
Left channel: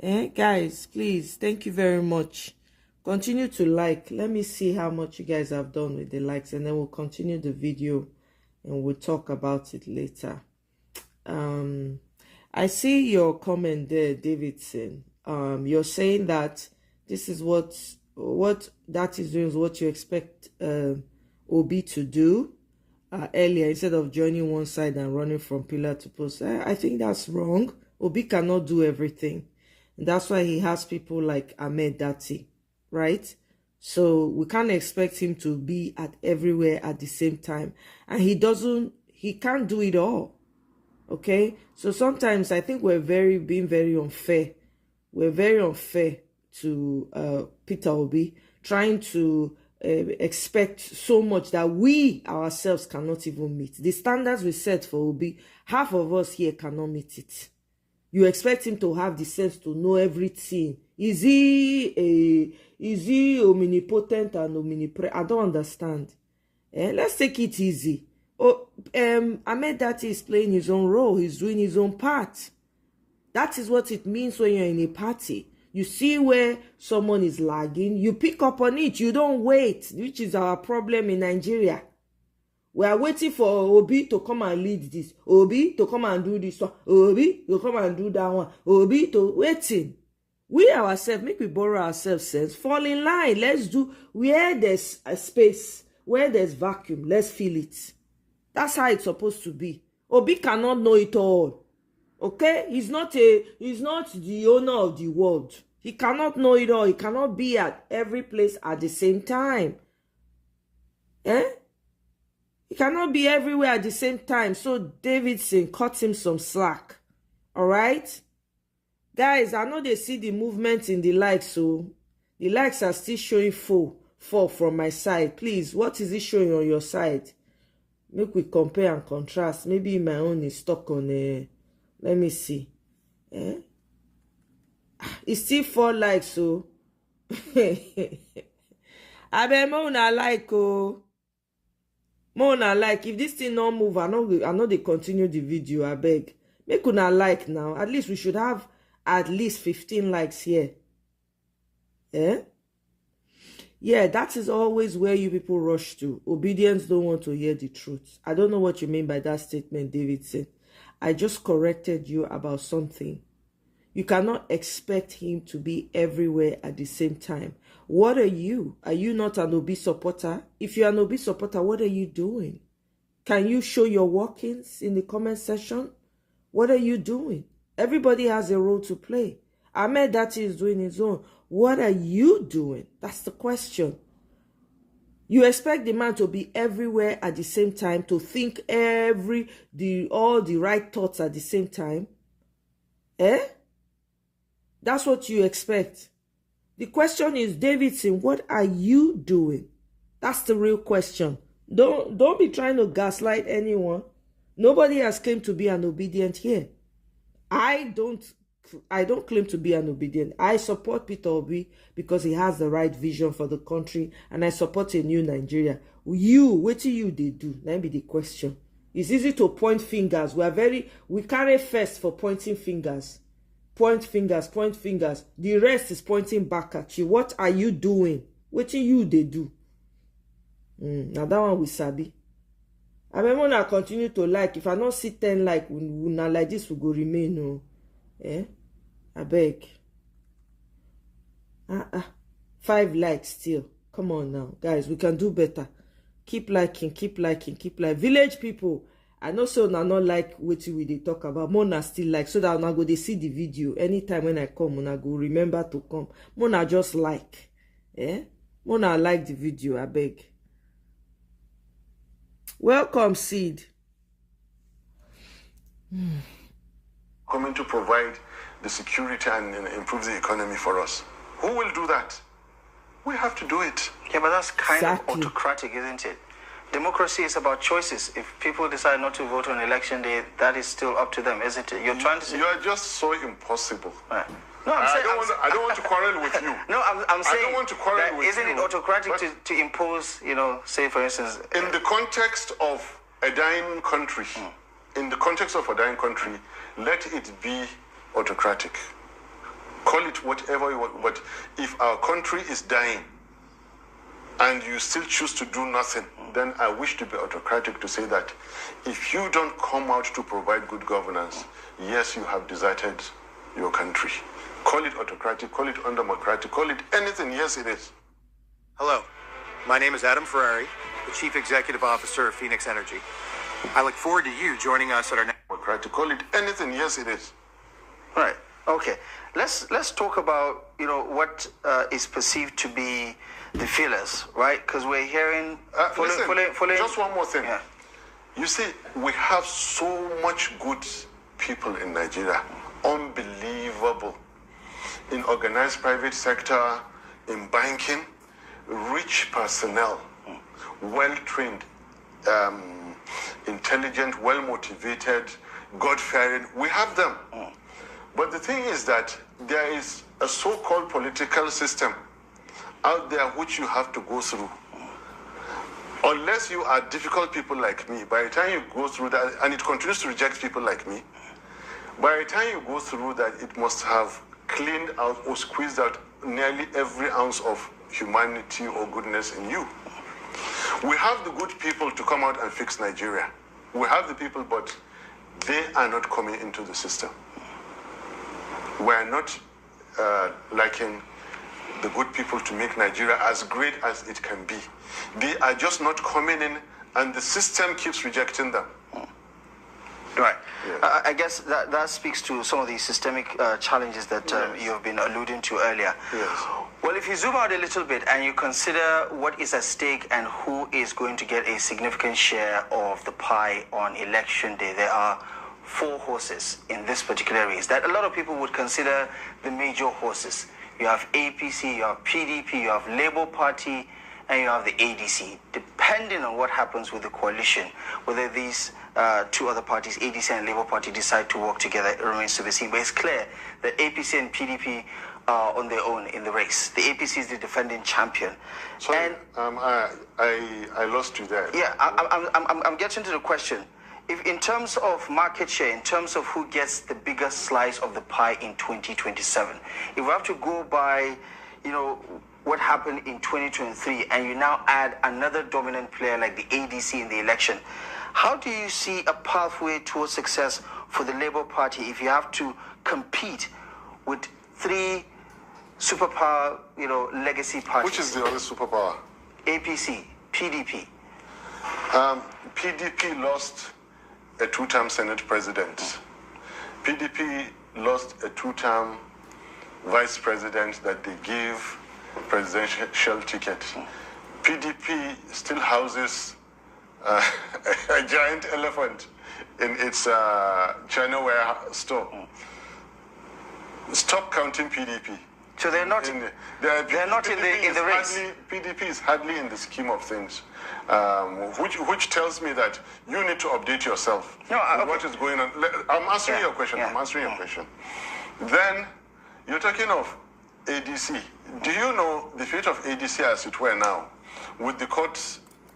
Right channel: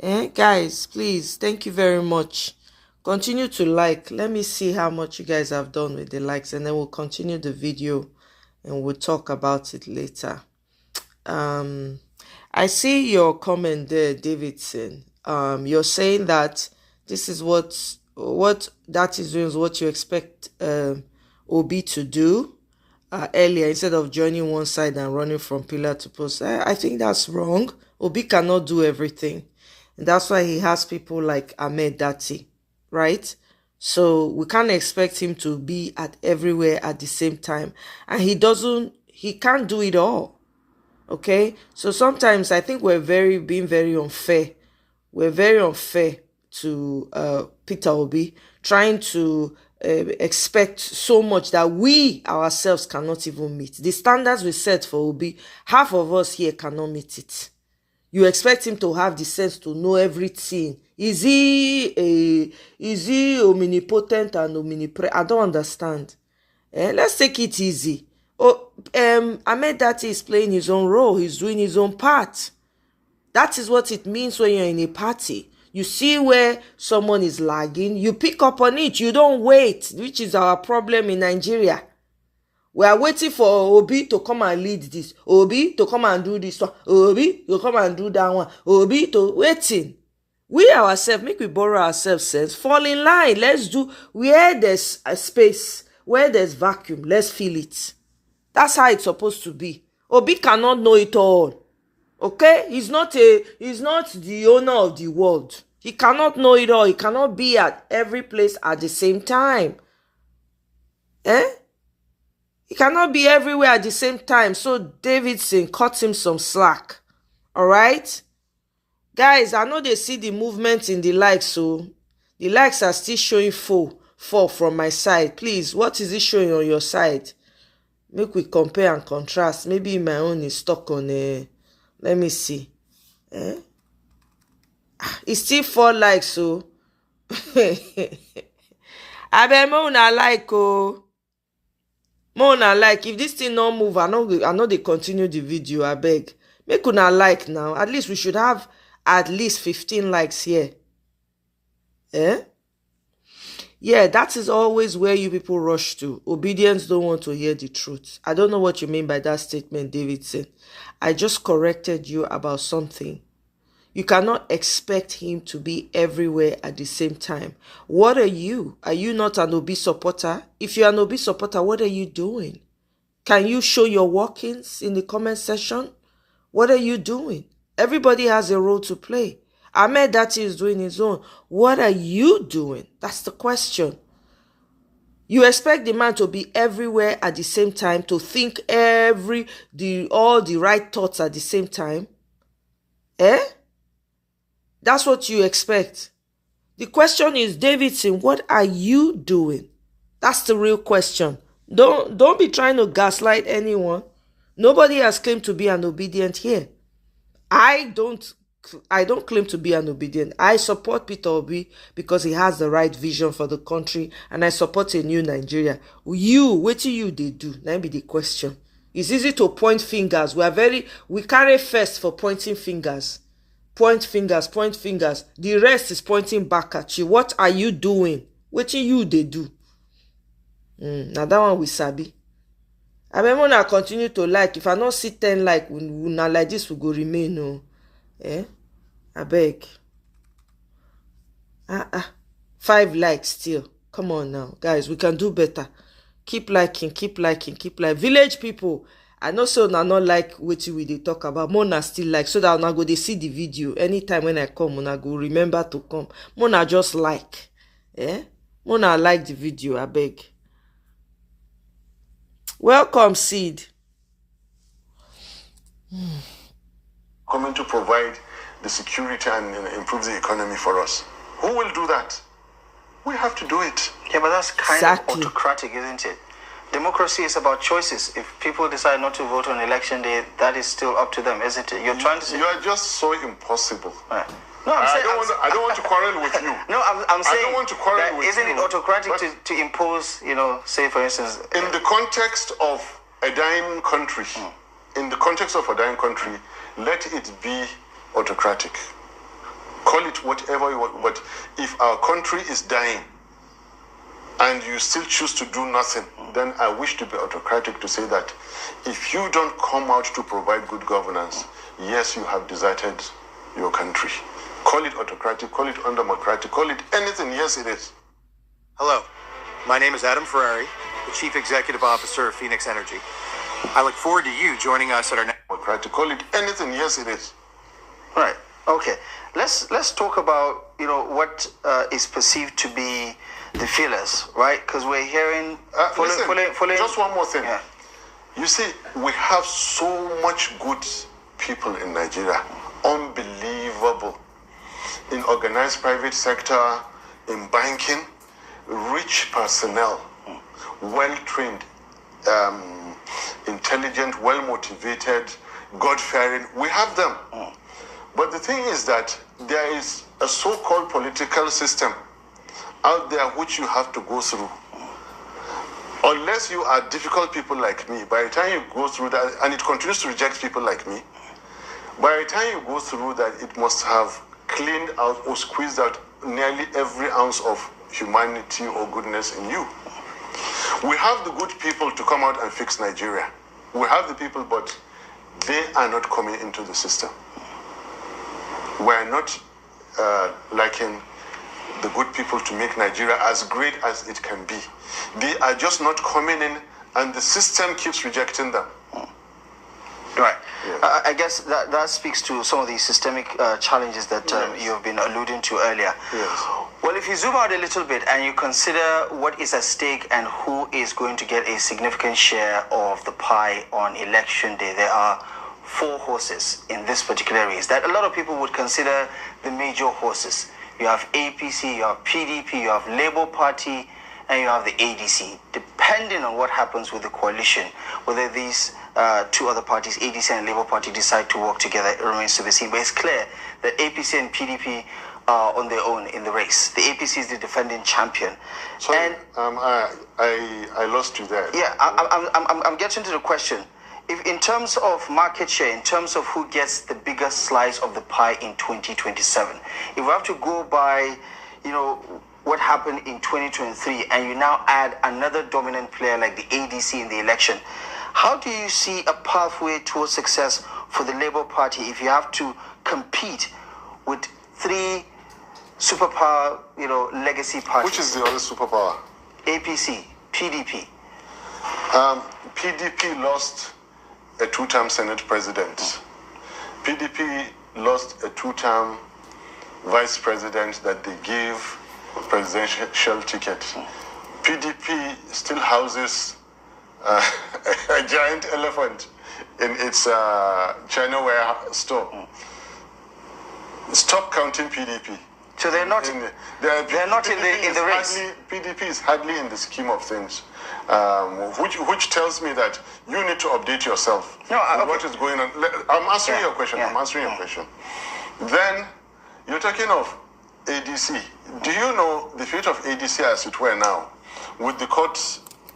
Guys, please, thank you very much. Continue to like. Let me see how much you guys have done with the likes, and then we'll continue the video and we'll talk about it later. I see your comment there, Davidson. You're saying that this is what that is doing is what you expect Obi to do earlier, instead of joining one side and running from pillar to post. I think that's wrong. Obi cannot do everything. And that's why he has people like Ahmed Datti, right? So we can't expect him to be at everywhere at the same time. And he can't do it all. Okay? So sometimes I think we're being very unfair. We're very unfair to Peter Obi, trying to expect so much that we ourselves cannot even meet. The standards we set for Obi, half of us here cannot meet it. You expect him to have the sense to know everything. Is he omnipotent and omnipresent? I don't understand. Let's take it easy. Ahmed Datti is playing his own role. He's doing his own part. That is what it means when you're in a party. You see where someone is lagging, you pick up on it. You don't wait, which is our problem in Nigeria. We are waiting for Obi to come and lead this. Obi to come and do this one. Obi to come and do that one. Obi to waiting. We ourselves, make we borrow ourselves sense. Fall in line. Let's do where there's a space, where there's vacuum. Let's fill it. That's how it's supposed to be. Obi cannot know it all. Okay? He's not the owner of the world. He cannot know it all. He cannot be at every place at the same time. He cannot be everywhere at the same time. So Davidson cut him some slack. All right? Guys, I know they see the movement in the likes, so the likes are still showing four from my side. Please, what is it showing on your side? Make we compare and contrast. Maybe my own is stuck on let me see. It's still 4 likes, so I bet more una like more una like. If this thing not move, I know they continue the video. I beg. Make una like now. At least we should have at least 15 likes here. Yeah, that is always where you people rush to. Obedience don't want to hear the truth. I don't know what you mean by that statement, Davidson. I just corrected you about something. You cannot expect him to be everywhere at the same time. What are you? Are you not an Obi supporter? If you're an Obi supporter, what are you doing? Can you show your workings in the comment section? What are you doing? Everybody has a role to play. Ahmed Datti is doing his own. What are you doing? That's the question. You expect the man to be everywhere at the same time, to think all the right thoughts at the same time? That's what you expect. The question is, Davidson, what are you doing? That's the real question. Don't be trying to gaslight anyone. Nobody has claimed to be an obedient here. I don't claim to be an obedient. I support Peter Obi because he has the right vision for the country, and I support a new Nigeria. What do you do? That be the question. It's easy to point fingers. We carry first for pointing fingers. Point fingers. The rest is pointing back at you. What are you doing? What do you do? Now that one we sabi. I mean, when I continue to like, if I not see 10 like, now like this will go remain. No. I beg. 5 likes still. Come on now. Guys, we can do better. Keep liking. Village people, I know so now not like what we dey talk about. Mona still like, so that now go they see the video. Anytime when I come, Mona go remember to come. Mona just like. Mona like the video, I beg. Welcome, Seed. Coming to provide the security and improve the economy for us. Who will do that? We have to do it. Yeah, but that's kind of autocratic, isn't it? Democracy is about choices. If people decide not to vote on election day, that is still up to them, isn't it? You're trying to say... You are just so impossible. Right. No, I don't want to quarrel with you. No, I'm saying... I don't want to quarrel with you. Isn't it autocratic to impose, say, for instance... In the context of a dying country, let it be autocratic. Call it whatever you want. But if our country is dying and you still choose to do nothing, then I wish to be autocratic to say that if you don't come out to provide good governance, yes, you have deserted your country. Call it autocratic, call it undemocratic, call it anything. Yes, it is. Hello, my name is Adam Ferrari, the Chief Executive Officer of Phoenix Energy. I look forward to you joining us at our next... Democratic, call it anything. Yes, it is. Right. Okay. Let's talk about what is perceived to be the feelers, right? Because we're hearing. Listen, just one more thing. Yeah. You see, we have so much good people in Nigeria, unbelievable, in organized private sector, in banking, rich personnel, well-trained, intelligent, well-motivated, God-fearing. We have them. But the thing is that there is a so-called political system out there which you have to go through. Unless you are difficult people like me, by the time you go through that, and it continues to reject people like me, by the time you go through that, it must have cleaned out or squeezed out nearly every ounce of humanity or goodness in you. We have the good people to come out and fix Nigeria. We have the people, but they are not coming into the system. We are not liking the good people to make Nigeria as great as it can be. They are just not coming in, and the system keeps rejecting them. Right. Yes. I guess that speaks to some of the systemic challenges that you have been alluding to earlier. Yes. Well, if you zoom out a little bit and you consider what is at stake and who is going to get a significant share of the pie on election day, there are 4 horses in this particular race that a lot of people would consider the major horses. You have APC, you have PDP, you have Labour Party, and you have the ADC. Depending on what happens with the coalition, whether these 2 other parties, ADC and Labour Party, decide to work together, it remains to be seen. But it's clear that APC and PDP are on their own in the race. The APC is the defending champion. Sorry, and I lost you there. yeah, I'm getting to the question. If in terms of market share, in terms of who gets the biggest slice of the pie in 2027, if we have to go by, what happened in 2023, and you now add another dominant player like the ADC in the election, how do you see a pathway towards success for the Labour Party if you have to compete with 3 superpower, legacy parties? Which is the other superpower? APC, PDP. PDP lost a 2-term Senate president. PDP lost a 2-term vice president that they gave presidential ticket. PDP still houses a giant elephant in its China warehouse store. Stop counting PDP. So they're not in the race. PDP is hardly in the scheme of things, which tells me that you need to update yourself. No, okay. What is going on? I'm answering your question. Yeah. I'm answering your question. Then you're talking of ADC. Do you know the fate of ADC as it were now, with the court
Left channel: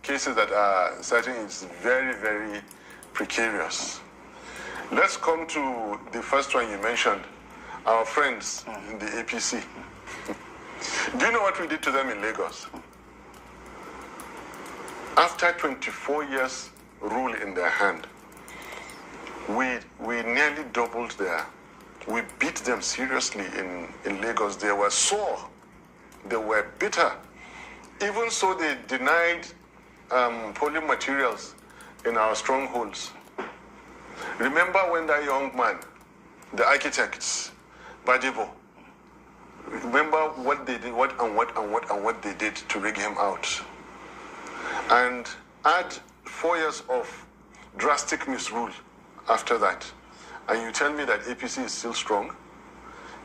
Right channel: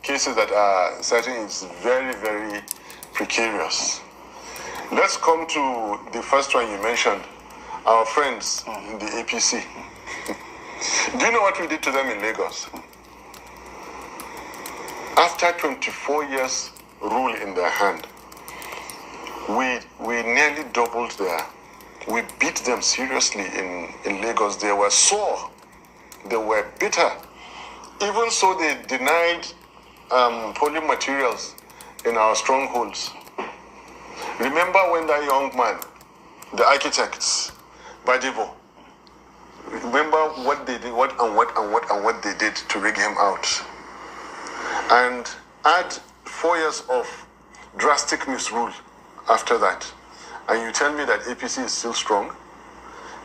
cases that are certain, is very, very precarious. Let's come to the first one you mentioned. Our friends in the APC. Do you know what we did to them in Lagos? After 24 years rule in their hand, we nearly doubled we beat them seriously in Lagos. They were sore. They were bitter. Even so, they denied polling materials in our strongholds. Remember when that young man, the architects, Badibo, remember what they did, what they did to rig him out. And add 4 years of drastic misrule after that. And you tell me that APC is still strong?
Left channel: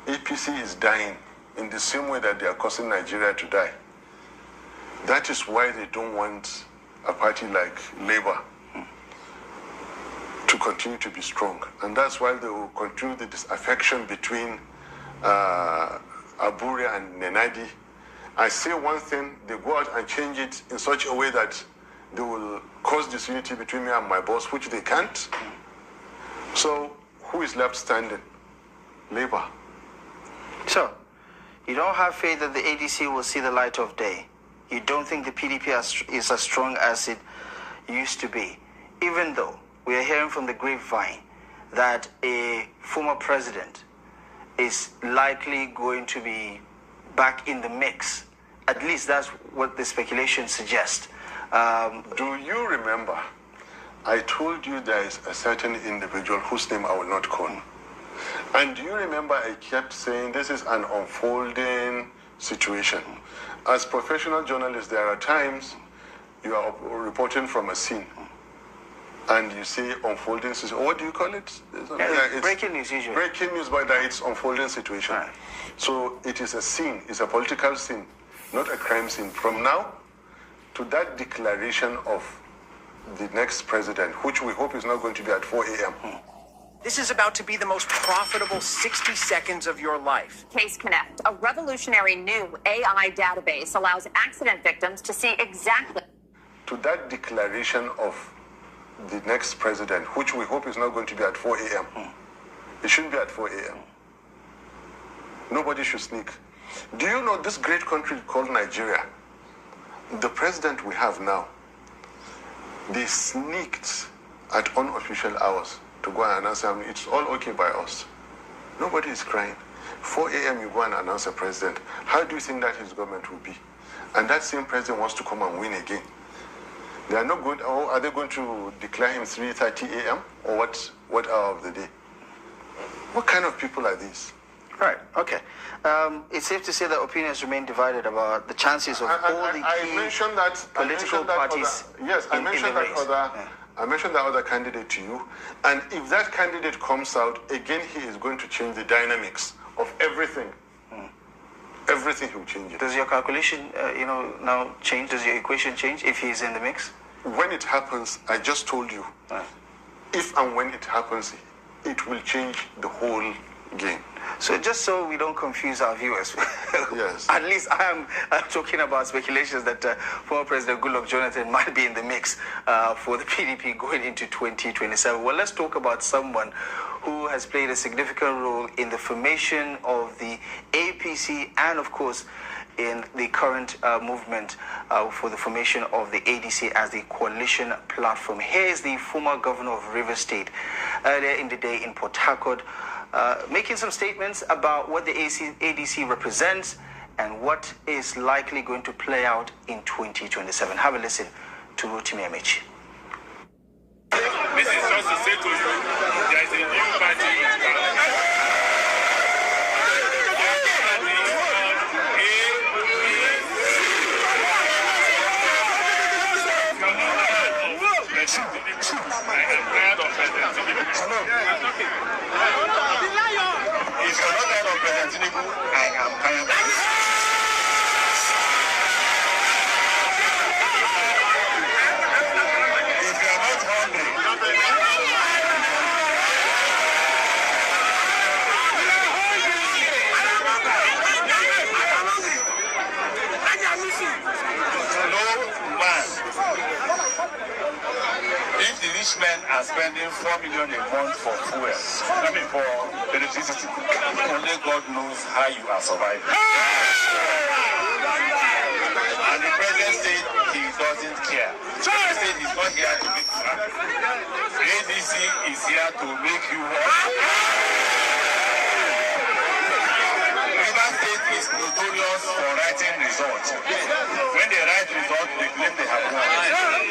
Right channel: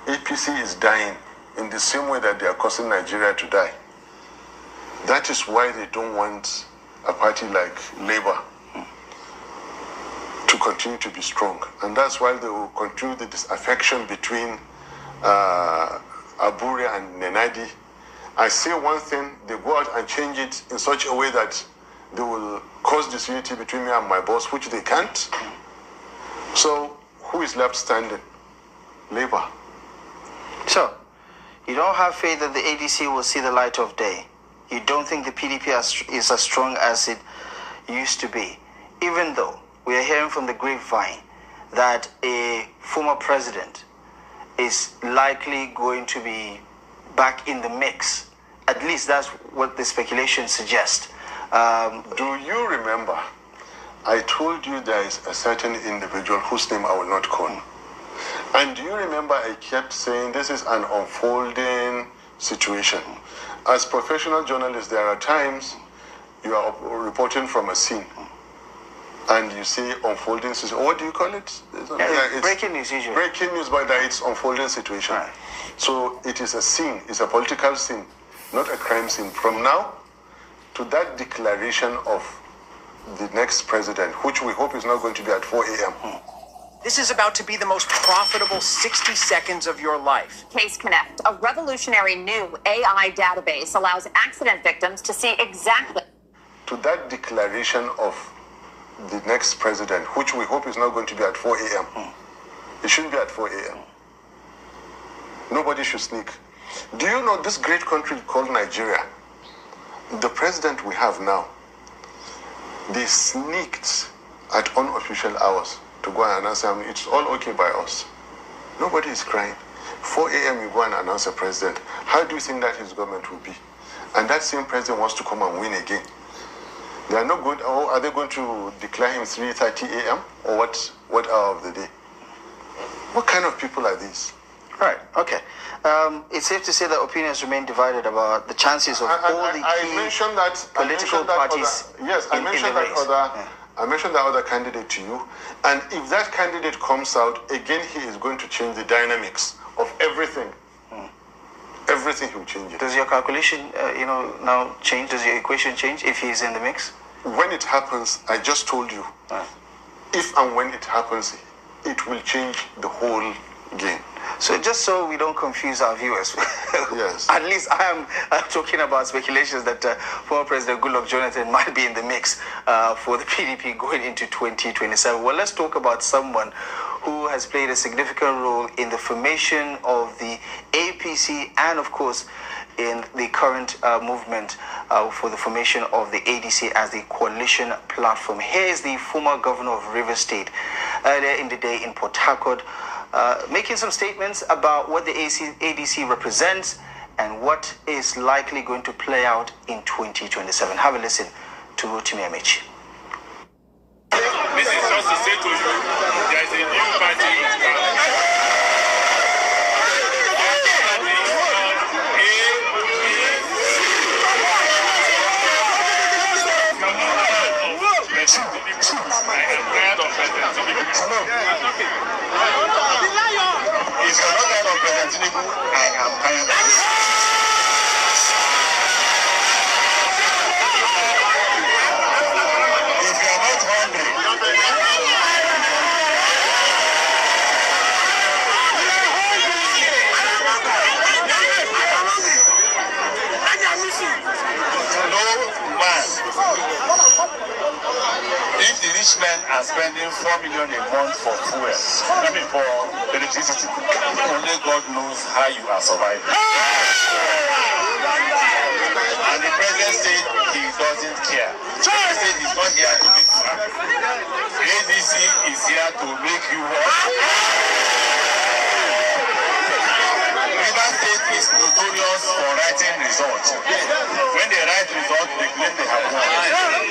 APC is dying in the same way that they are causing Nigeria to die. That is why they don't want a party like Labour to continue to be strong. And that's why they will continue the disaffection between Abure and Nenadi. I say one thing, they go out and change it in such a way that they will cause disunity between me and my boss, which they can't. So who is left standing? Labour. So, you don't have faith that the ADC will see the light of day. You don't think the PDP is as strong as it used to be, even though we are hearing from the grapevine that a former president is likely going to be back in the mix. At least that's what the speculation suggests. Do you remember? I told you there is a certain individual whose name I will not call. And do you remember I kept saying this is an unfolding situation? As professional journalists, there are times you are reporting from a scene and you say unfolding situation. What do you call it? It's breaking news usually. Breaking news, but it's unfolding situation. Right. So it is a scene, it's a political scene, not a crime scene. From now to that declaration of the next president, which we hope is not going to be at 4 a.m. This is about to be the most profitable 60 seconds of your life. Case Connect, a revolutionary new AI database, allows accident victims to see exactly. To that declaration of the next president, which we hope is not going to be at 4 a.m. It shouldn't be at 4 a.m. Nobody should sneak. Do you know this great country called Nigeria? The president we have now, they sneaked at unofficial hours to go and announce him. It's all okay by us. Nobody is crying. 4 a.m. you go and announce a president. How do you think that his government will be? And that same president wants to come and win again. They are not good. Or are they going to declare him 3:30 a.m. or what hour of the day? What kind of people are these? Right. Okay. It's safe to say that opinions remain divided about the chances of all the key political parties. I mentioned that other candidate to you, and if that candidate comes out again, he is going to change the dynamics of everything. Everything will change it. Does your calculation, now change? Does your equation change if he is in the mix? When it happens, I just told you. If and when it happens, it will change the whole game. So just so we don't confuse our viewers, yes. At least I'm talking about speculations that former President Goodluck Jonathan might be in the mix for the PDP going into 2027. Well, let's talk about someone who has played a significant role in the formation of the APC and, of course, in the current movement for the formation of the ADC as the coalition platform. Here is the former governor of Rivers State earlier in the day in Port Harcourt, making some statements about what the ADC represents and what is likely going to play out in 2027. Have a listen to Rotimi Amaechi. This is just to say to you, there is a new party in town. If the rich men are spending 4 million a month for fuel, for electricity, only God knows how you are surviving. And the president said he doesn't care. He said he's not here to make you happy. ADC is here to make you happy. Rivers State is notorious for writing results. When they write results, they claim they have won.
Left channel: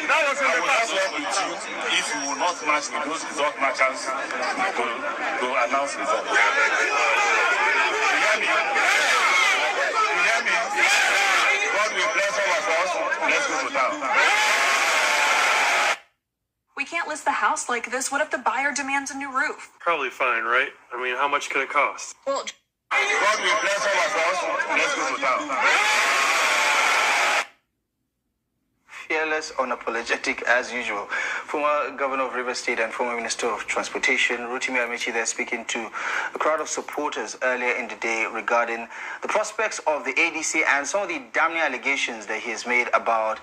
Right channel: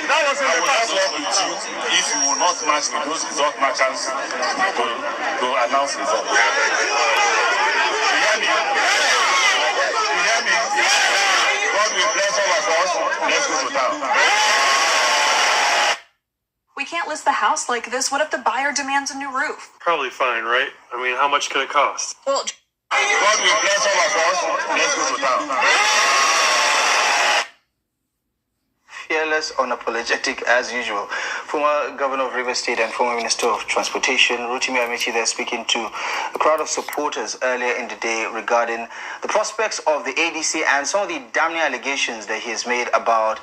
I will not work with you if you will not match with those result matchers to announce results. You hear me? You hear me? God will bless all of us. Let's go to town. We can't list the house like this. What if the buyer demands a new roof? Probably fine, right? I mean, how much can it cost? Well, God will bless all of us. Let's go to town. Fearless, unapologetic as usual. Former Governor of Rivers State and former Minister of Transportation, Rotimi Amaechi, there speaking to a crowd of supporters earlier in the day regarding the prospects of the ADC and some of the damning allegations that he has made about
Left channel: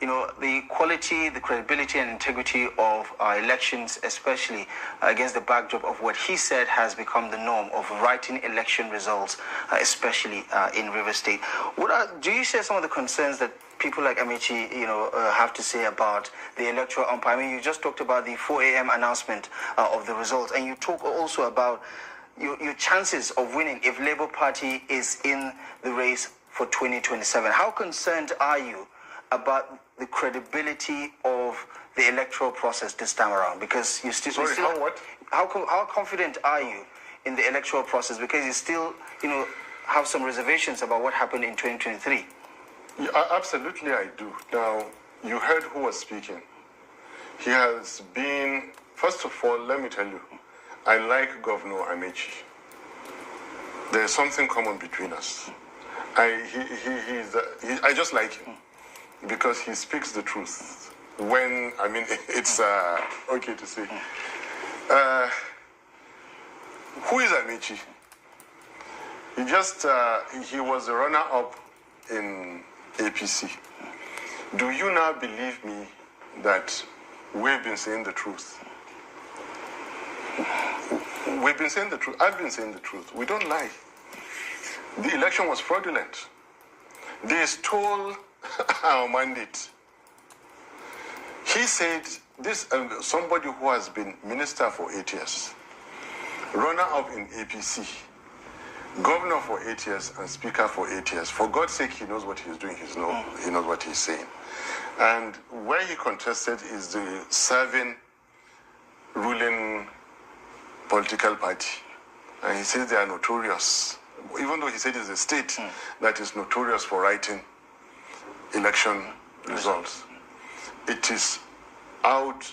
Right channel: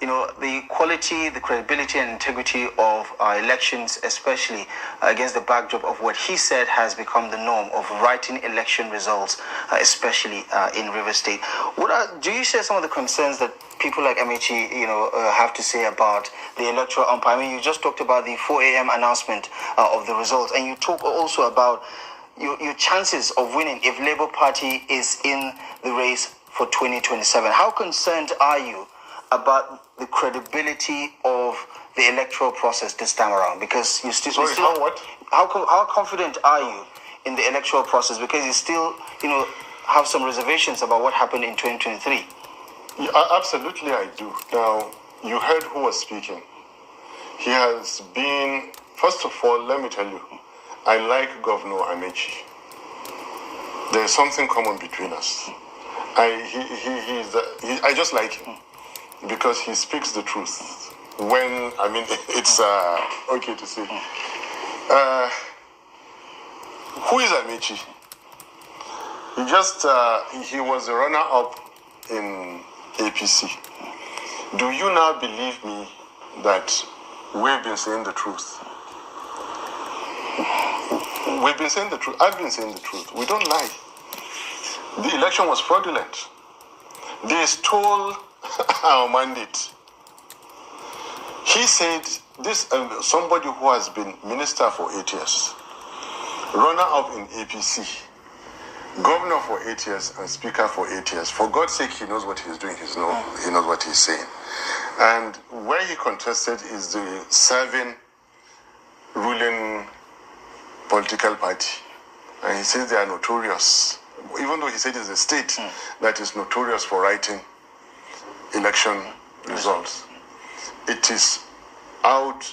the quality, the credibility and integrity of our elections, especially against the backdrop of what he said has become the norm of writing election results, especially in Rivers State. Do you share some of the concerns that people like Amaechi, have to say about the electoral umpire? I mean, you just talked about the 4 a.m. announcement of the results, and you talk also about your chances of winning if Labour Party is in the race for 2027. How concerned are you about the credibility of the electoral process this time around? Because you still, how confident are you in the electoral process? Because you still, have some reservations about what happened in 2023. Yeah, absolutely, I do. Now, you heard who was speaking. He has been, first of all, let me tell you, I like Governor Amaechi. There is something common between us. I just like him because he speaks the truth. It's okay to say. Who is Amaechi? He was a runner-up in APC. Do you now believe me that we've been saying the truth? We've been saying the truth. I've been saying the truth. We don't lie. The election was fraudulent. They stole our mandate. He said this, somebody who has been minister for 8 years, runner-up in APC, governor for 8 years and speaker for 8 years. For God's sake, he knows what he's doing. He knows what he's saying. And where he contested is the serving ruling political party. And he says they are notorious, even though he said it's a state that is notorious for writing election results. It is out,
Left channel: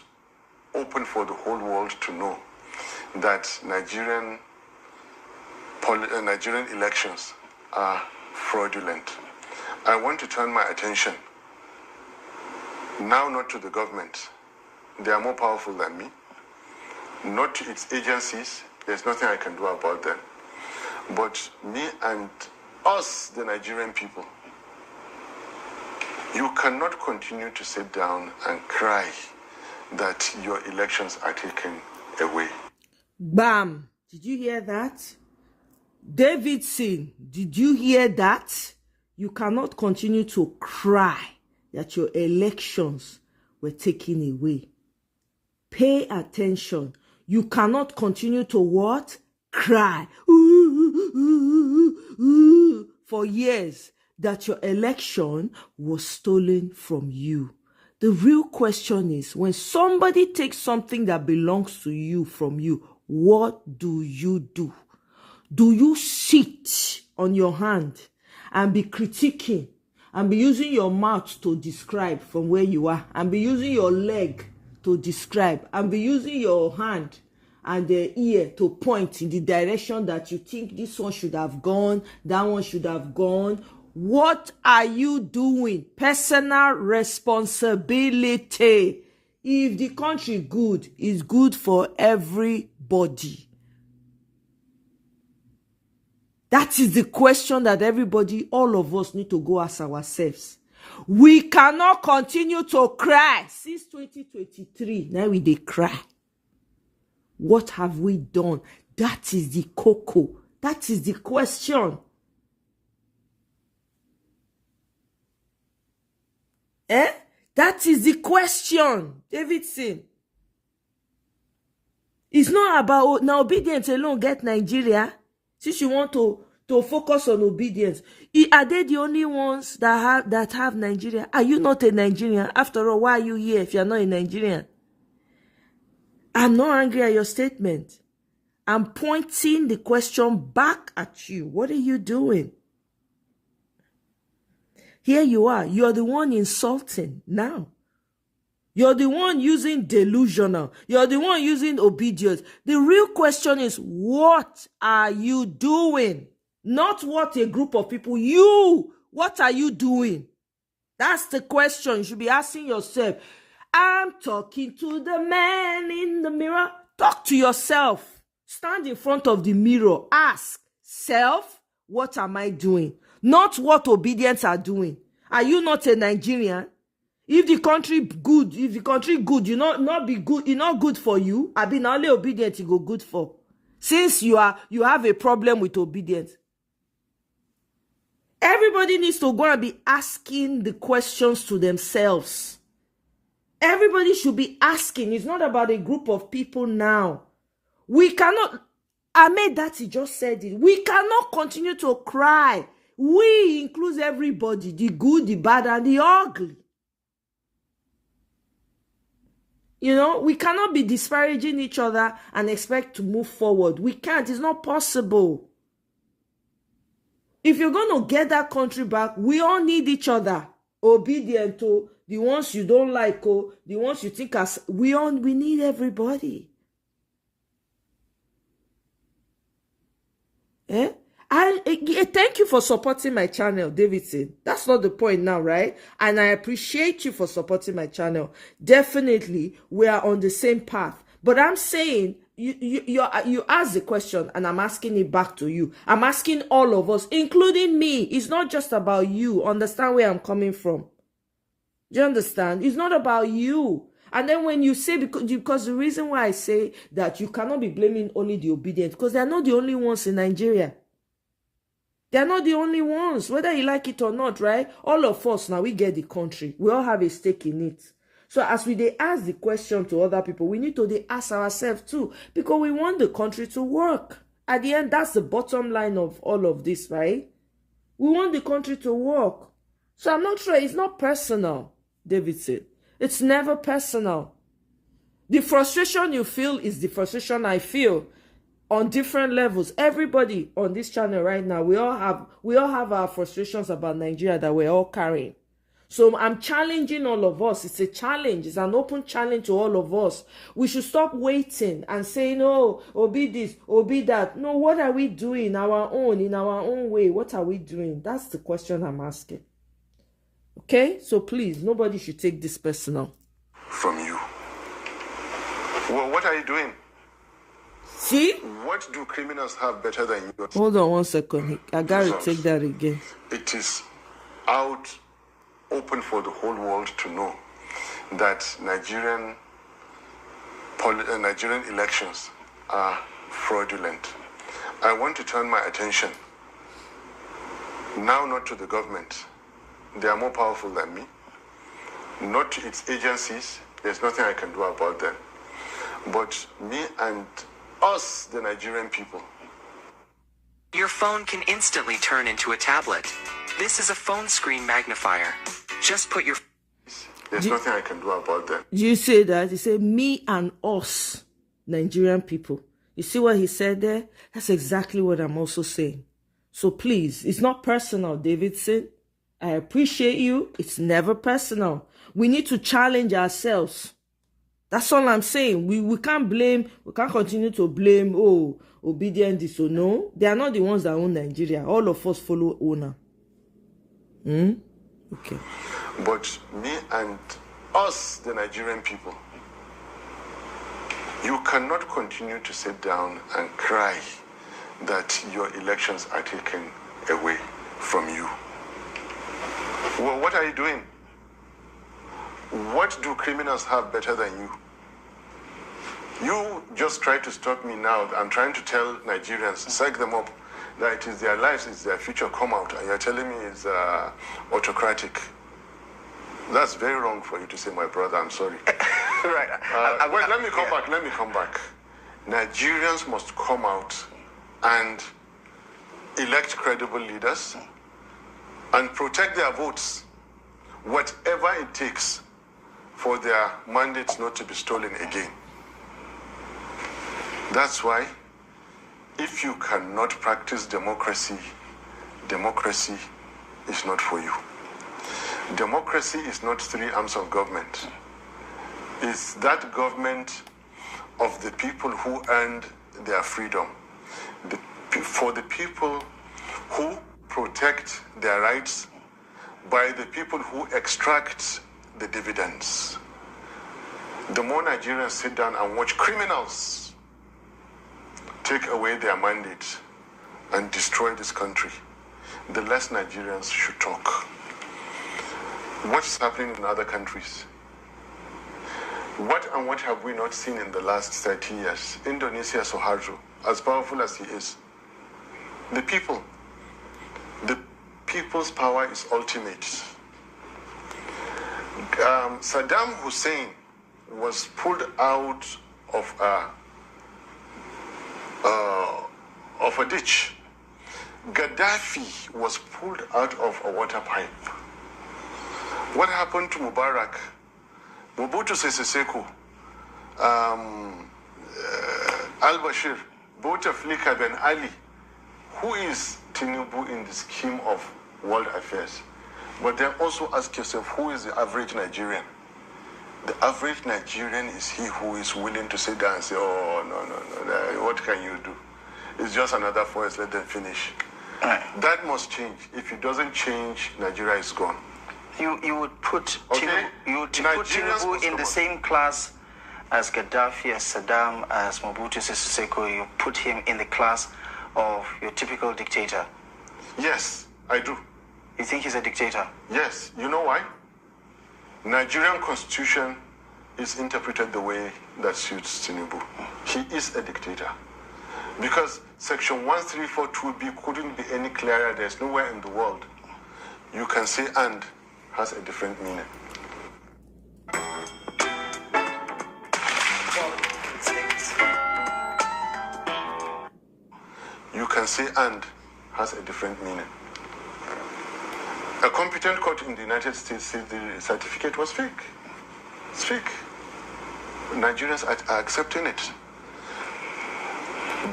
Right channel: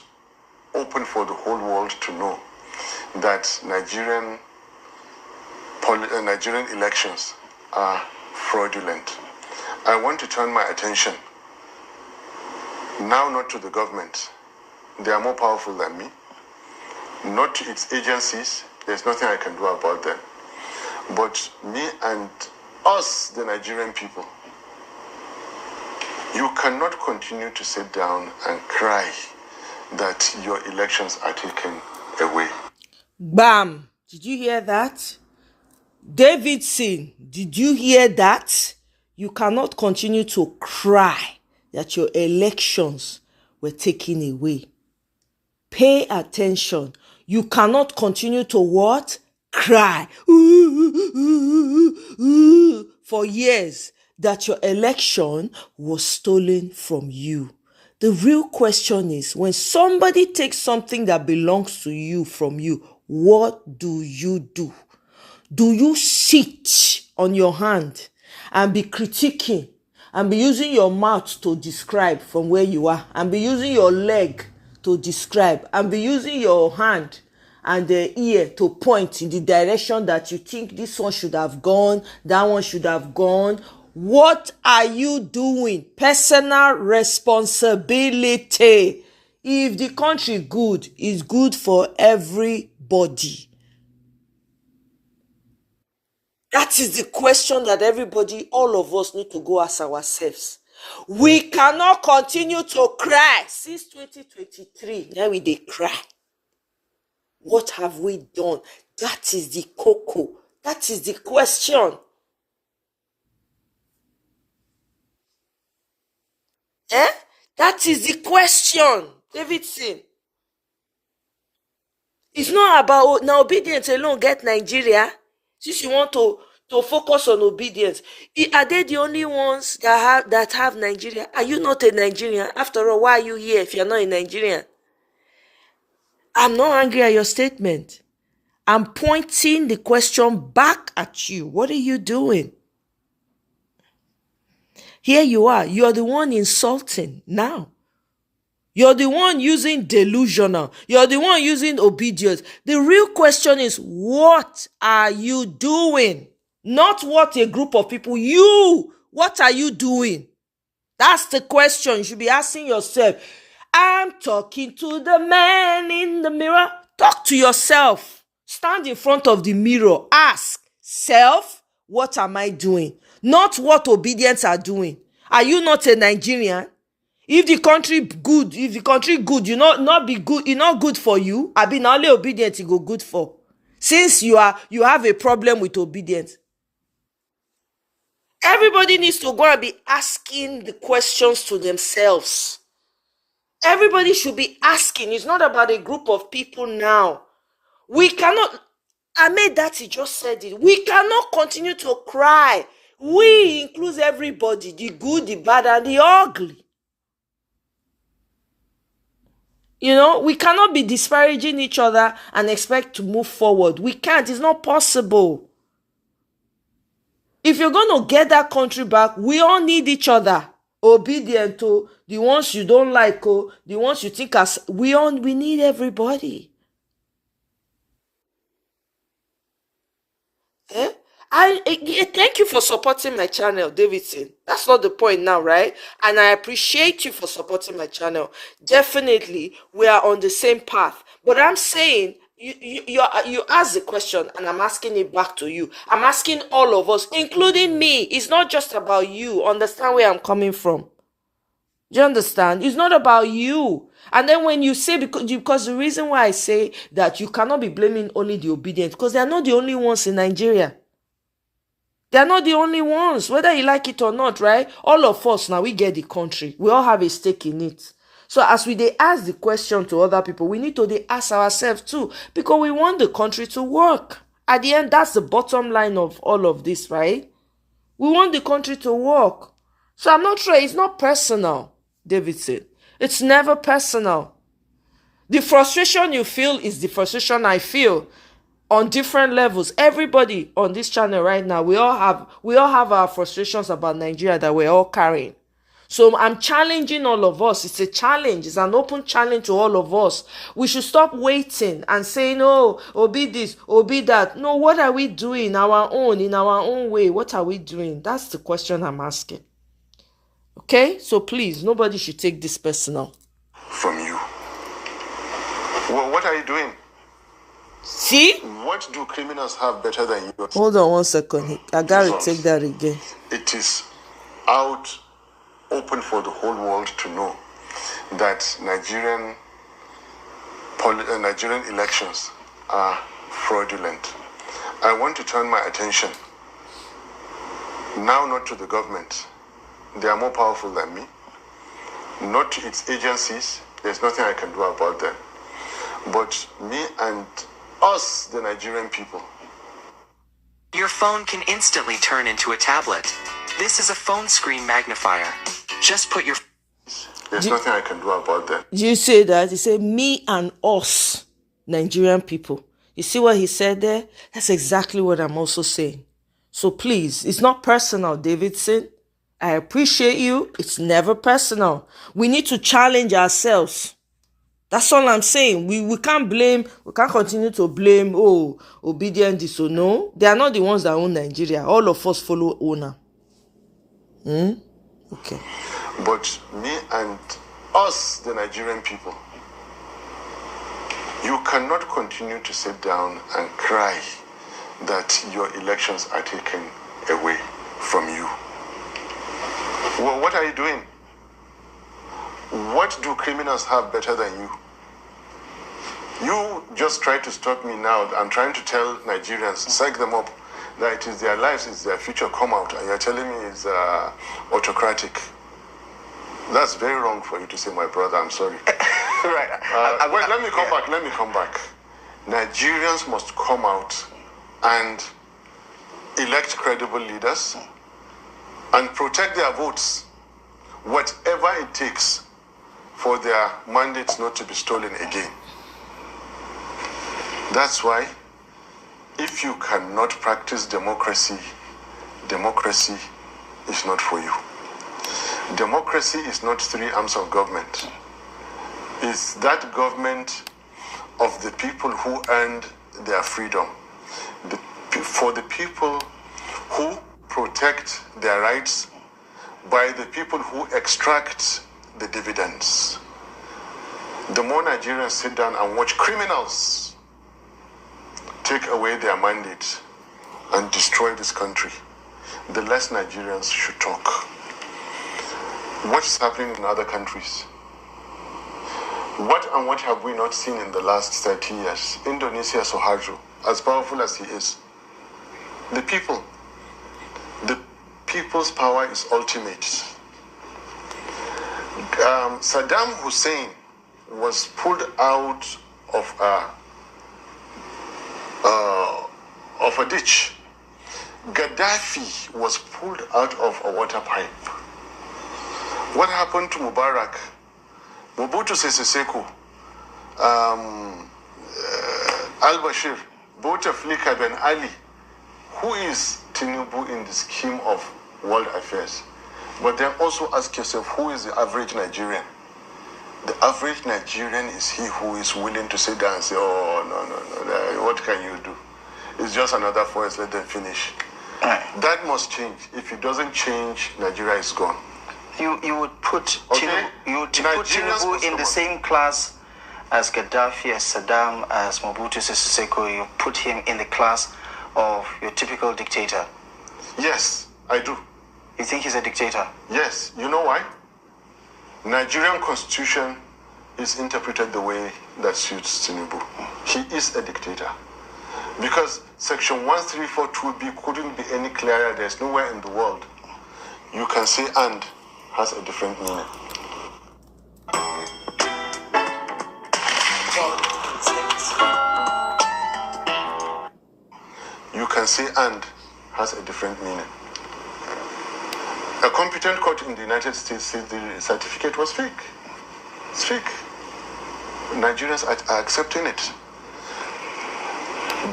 open for the whole world to know that Nigerian elections are fraudulent. I want to turn my attention now not to the government. They are more powerful than me. Not to its agencies. There's nothing I can do about them. But me and us, the Nigerian people, you cannot continue to sit down and cry that your elections are taken away. Bam! Did you hear that? Davidson, did you hear that? You cannot continue to cry that your elections were taken away. Pay attention. You cannot continue to what? Cry for years that your election was stolen from you. The real question is, when somebody takes something that belongs to you from you, what do you do? Do you sit on your hand and be critiquing and be using your mouth to describe from where you are, and be using your leg to describe, and be using your hand and the ear to point in the direction that you think this one should have gone, that one should have gone? What are you doing? Personal responsibility. If the country good, is good for everybody. That is the question that everybody, all of us, need to go ask ourselves. We cannot continue to cry. Since 2023, now they cry. What have we done? That is the cocoa. That is the question. That is the question, Davidson. It's not about now obedience alone get Nigeria. Since you want to focus on obedience, are they the only ones that have Nigeria? Are you not a Nigerian? After all, why are you here if you're not a Nigerian? I'm not angry at your statement. I'm pointing the question back at you. What are you doing? Here you are. You're the one insulting now. You're the one using delusional. You're the one using obedience. The real question is, what are you doing? Not what a group of people. You, what are you doing? That's the question you should be asking yourself. I'm talking to the man in the mirror. Talk to yourself. Stand in front of the mirror. Ask, self, what am I doing? Not what obedience are doing. Are you not a Nigerian? If the country good, you not be good, it's not good for you. I be not only obedient, it go good for. Since you have a problem with obedience. Everybody needs to go and be asking the questions to themselves. Everybody should be asking. It's not about a group of people now. We cannot, Ahmed Datti just said it. We cannot continue to cry. We includes everybody, the good, the bad, and the ugly. We cannot be disparaging each other and expect to move forward. We can't. It's not possible. If you're going to get that country back, we all need each other. Obedient to the ones you don't like, the ones you think as we need everybody. Thank you for supporting my channel, Davidson. That's not the point now, right? And I appreciate you for supporting my channel. Definitely, we are on the same path. But I'm saying, you ask the question, and I'm asking it back to you. I'm asking all of us, including me. It's not just about you. Understand where I'm coming from? Do you understand? It's not about you. And then when you say, because the reason why I say that you cannot be blaming only the obedient, because they are not the only ones in Nigeria. They are not the only ones, whether you like it or not, right? All of us now, we get the country. We all have a stake in it. So as they ask the question to other people, we need to ask ourselves too, because we want the country to work. At the end, that's the bottom line of all of this, right? We want the country to work. So I'm not sure, it's not personal. Davidson. It's never personal. The frustration you feel is the frustration I feel on different levels. Everybody on this channel right now, we all have our frustrations about Nigeria that we're all carrying. So I'm challenging all of us. It's a challenge. It's an open challenge to all of us. We should stop waiting and saying, oh, be this, be that. No, what are we doing in our own way? What are we doing? That's the question I'm asking. Okay? So please, nobody should take this personal. From you. Well, what are you doing? See? What do criminals have better than you? Hold on 1 second. I gotta take that again. It is out open for the whole world to know that Nigerian elections are fraudulent. I want to turn my attention now not to the government. They are more powerful than me. Not to its agencies. There's nothing I can do about them. But me and us, the Nigerian people. Your phone can instantly turn into a tablet. This is a phone screen magnifier. Just put your... There's nothing I can do about that. You say that? He said, me and us, Nigerian people. You see what he said there? That's exactly what I'm also saying. So please, it's not personal, Davidson. I appreciate you. It's never personal. We need to challenge ourselves. That's all I'm saying. We can't continue to blame, obedient this or no. They are not the ones that own Nigeria. All of us follow owner. Okay. But me and us, the Nigerian people, you cannot continue to sit down and cry that your elections are taken away from you. Well, what are you doing? What do criminals have better than you? You just try to stop me now. I'm trying to tell Nigerians, psych them up, that it is their lives, it's their future come out, and you're telling me it's autocratic. That's very wrong for you to say, my brother. I'm sorry. Right. Wait, let me come back. Nigerians must come out and elect credible leaders and protect their votes, whatever it takes for their mandates not to be stolen again. That's why, if you cannot practice democracy, democracy is not for you. Democracy is not 3 arms of government. It's that government of the people who earned their freedom, for the people who protect their rights by the people who extract the dividends. The more Nigerians sit down and watch criminals take away their mandate and destroy this country, the less Nigerians should talk. What is happening in other countries? What have we not seen in the last 30 years? Indonesia, Suharto, as powerful as he is. The people's power is ultimate. Saddam Hussein was pulled out of a ditch. Gaddafi was pulled out of a water pipe. What happened to Mubarak? Mobutu Sese Seko, al-Bashir, Bouteflika Ben Ali. Who is Tinubu in the scheme of world affairs? But then also ask yourself, who is the average Nigerian? The average Nigerian is he who is willing to sit down and say, oh, no, what can you do? It's just another forest, let them finish. That must change. If it doesn't change, Nigeria is gone. You would put Tinubu in the same class as Gaddafi, as Saddam, as Mobutu Sese Seko. You put him in the class of your typical dictator. Yes, I do. You think he's a dictator? Yes. You know why? Nigerian constitution is interpreted the way that suits Tinubu. He is a dictator. Because section 1342B couldn't be any clearer. There's nowhere in the world you can say and has a different meaning. You can say and has a different meaning. A competent court in the United States said the certificate was fake. It's fake. Nigerians are accepting it.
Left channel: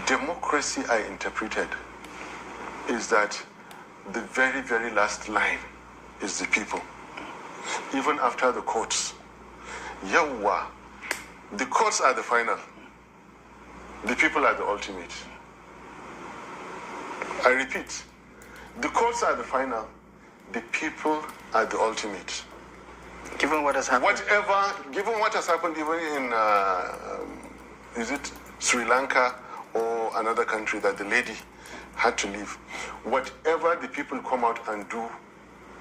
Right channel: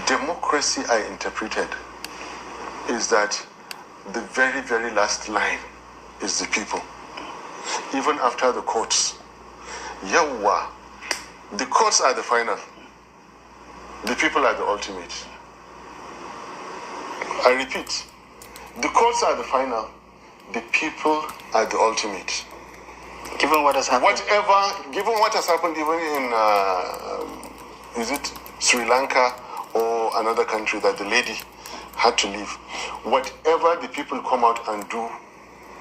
Democracy, I interpreted, is that the very, very last line is the people. Even after the courts. Yawwa. The courts are the final. The people are the ultimate. I repeat, the courts are the final. The people are the ultimate. Given what has happened. Given what has happened even in, is it Sri Lanka or another country that the lady had to leave. Whatever the people come out and do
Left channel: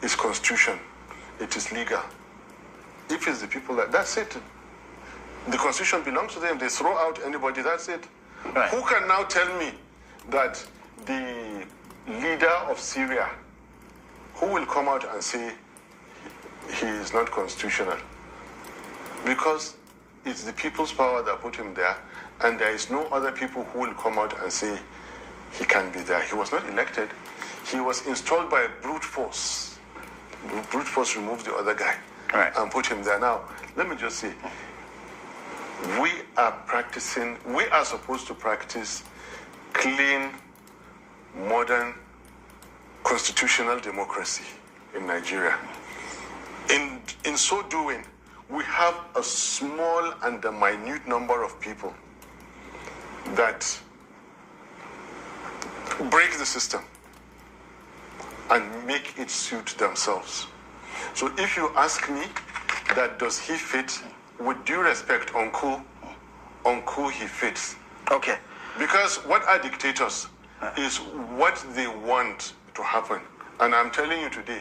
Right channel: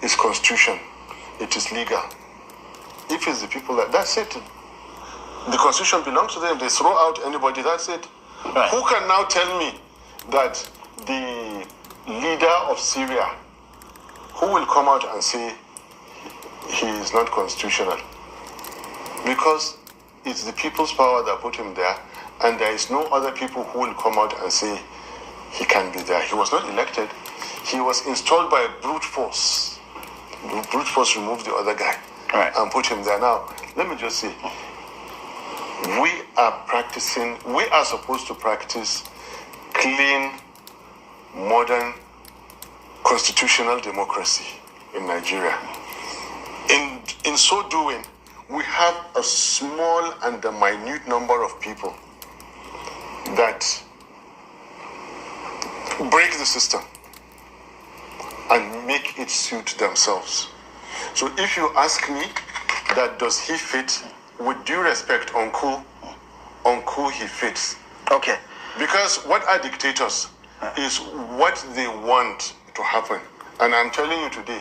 is constitution. It is legal. If it's the people, that's it. The constitution belongs to them. They throw out anybody, that's it. Right. Who can now tell me that the leader of Syria, who will come out and say he is not constitutional? Because it's the people's power that put him there, and there is no other people who will come out and say he can be there. He was not elected. He was installed by brute force. Brute force removed the other guy, right, and put him there. Now, let me just say, we are supposed to practice clean, modern, constitutional democracy in Nigeria. In so doing, we have a small and a minute number of people that break the system and make it suit themselves. So if you ask me that does he fit, with due respect, Uncle, he fits. Okay. Because what are dictators is what they want to happen. And I'm telling you today,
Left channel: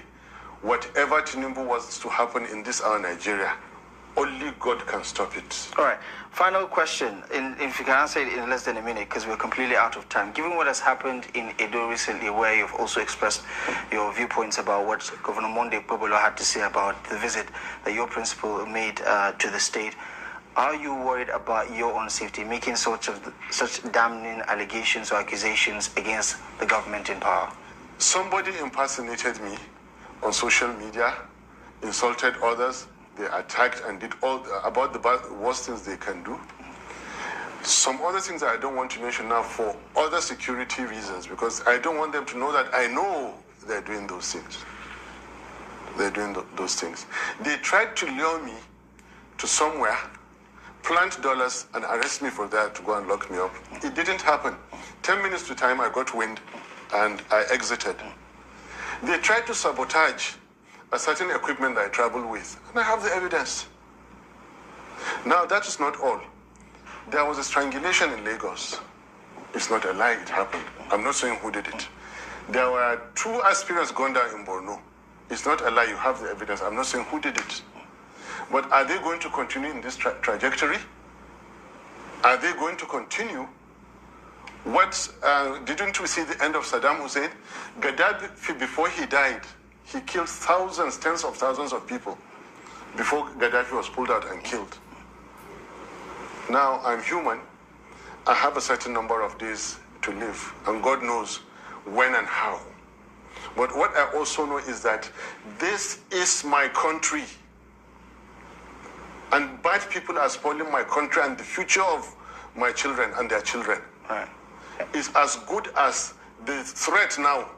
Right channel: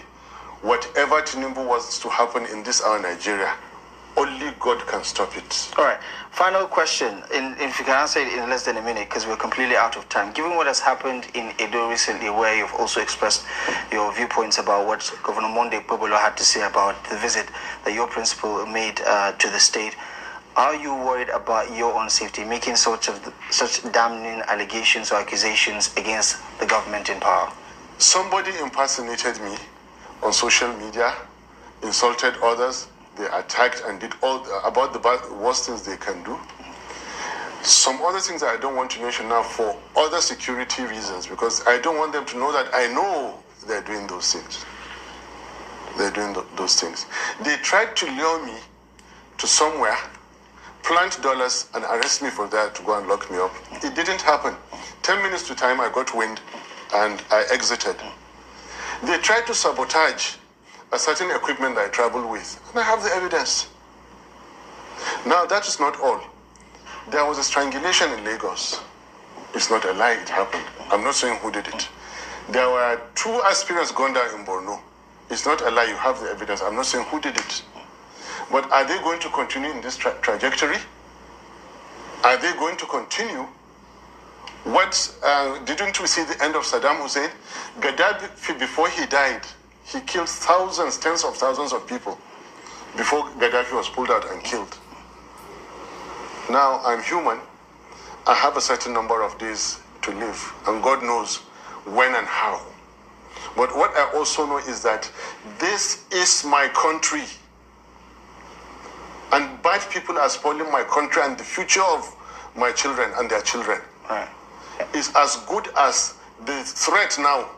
whatever Tinubu wants to happen in this our Nigeria, only God can stop it. All right. Final question, if you can answer it in less than a minute, because we're completely out of time. Given what has happened in Edo recently, where you've also expressed your viewpoints about what Governor Monday Pobolo had to say about the visit that your principal made to the state, are you worried about your own safety, making such damning allegations or accusations against the government in power? Somebody impersonated me on social media, insulted others. They attacked and did all about the worst things they can do. Some other things that I don't want to mention now for other security reasons, because I don't want them to know that I know they're doing those things. They're doing those things. They tried to lure me to somewhere, plant dollars and arrest me for that to go and lock me up. It didn't happen. 10 minutes to time, I got wind and I exited. They tried to sabotage a certain equipment that I travel with, and I have the evidence. Now, that is not all. There was a strangulation in Lagos. It's not a lie, it happened. I'm not saying who did it. There were 2 aspirants gunned down in Borno. It's not a lie, you have the evidence. I'm not saying who did it. But are they going to continue in this trajectory? Are they going to continue? Didn't we see the end of Saddam Hussein? Gaddafi, before he died, he killed thousands, tens of thousands of people before Gaddafi was pulled out and killed. Now, I'm human. I have a certain number of days to live, and God knows when and how. But what I also know is that this is my country. And bad people are spoiling my country and the future of my children and their children. Right. Is as good as the threat now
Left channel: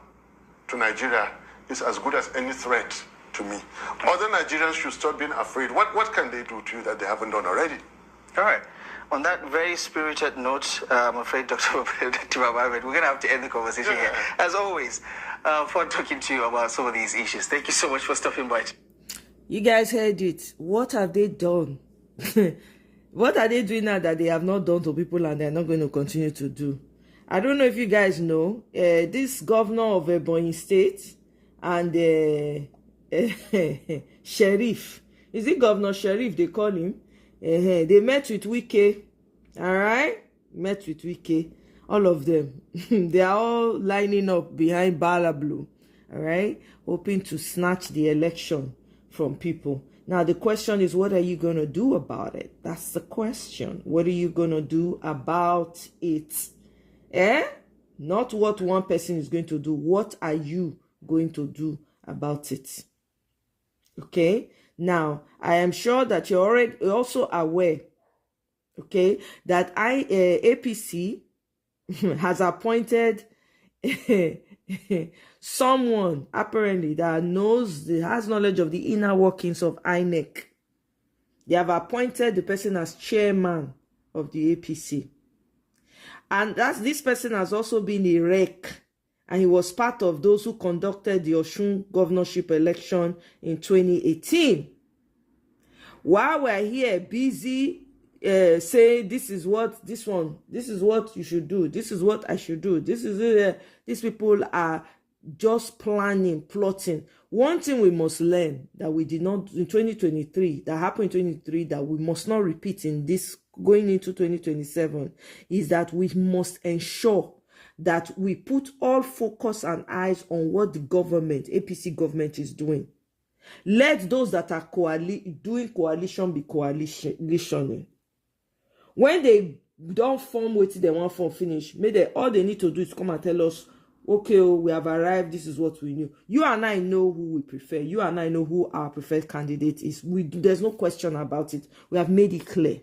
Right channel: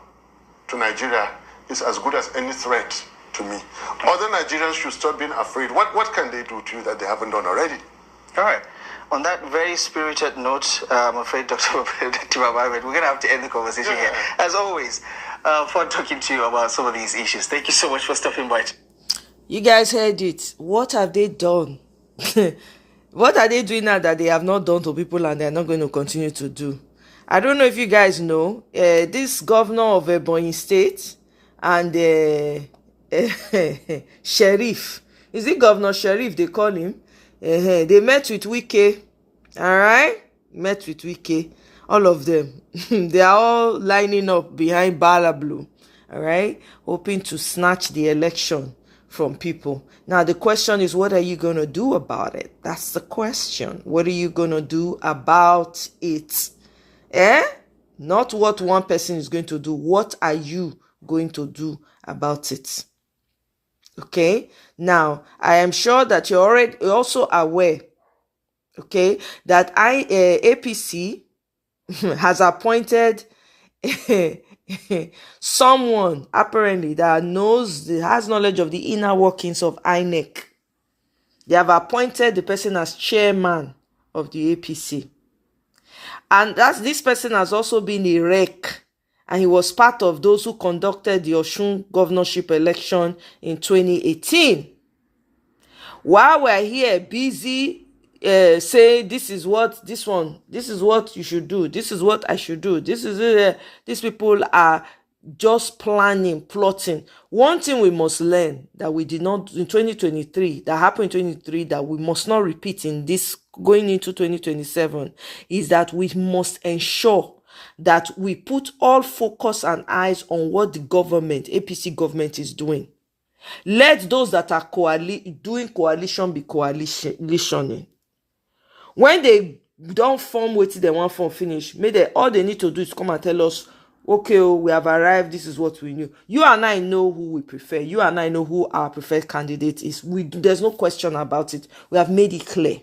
to Nigeria is as good as any threat to me. Other Nigerians should stop being afraid. What can they do to you that they haven't done already? All right. On that very spirited note, I'm afraid, Dr. Ahmed, we're going to have to end the conversation here. As always, for talking to you about some of these issues. Thank you so much for stopping by. You guys heard it. What have they done? What are they doing now that they have not done to people and they're not going to continue to do? I don't know if you guys know, this governor of Ebonyi State and Sheriff, is it Governor Sheriff they call him? They met with Wike, all right? Met with Wike, all of them. They are all lining up behind Bala Blue, all right? Hoping to snatch the election from people. Now, the question is, what are you going to do about it? That's the question. What are you going to do about it? Not what one person is going to do. What are you going to do about it. Okay, now I am sure that you're also aware, okay, that APC has appointed someone apparently that has knowledge of the inner workings of INEC. They have appointed the person as chairman of the APC. And this person has also been a rec, and he was part of those who conducted the Osun governorship election in 2018. While we're here busy saying this is what you should do, this is what I should do, these people are just planning, plotting. One thing we must learn that we did not in 2023, that happened in 2023, that we must not repeat in this going into 2027, is that we must ensure that we put all focus and eyes on what the government, APC government, is doing. Let those that are doing coalition be coalitioning. When they don't form what they want from finish, all they need to do is come and tell us, okay, we have arrived, this is what we knew. You and I know who we prefer. You and I know who our preferred candidate is. There's no question about it. We have made it clear.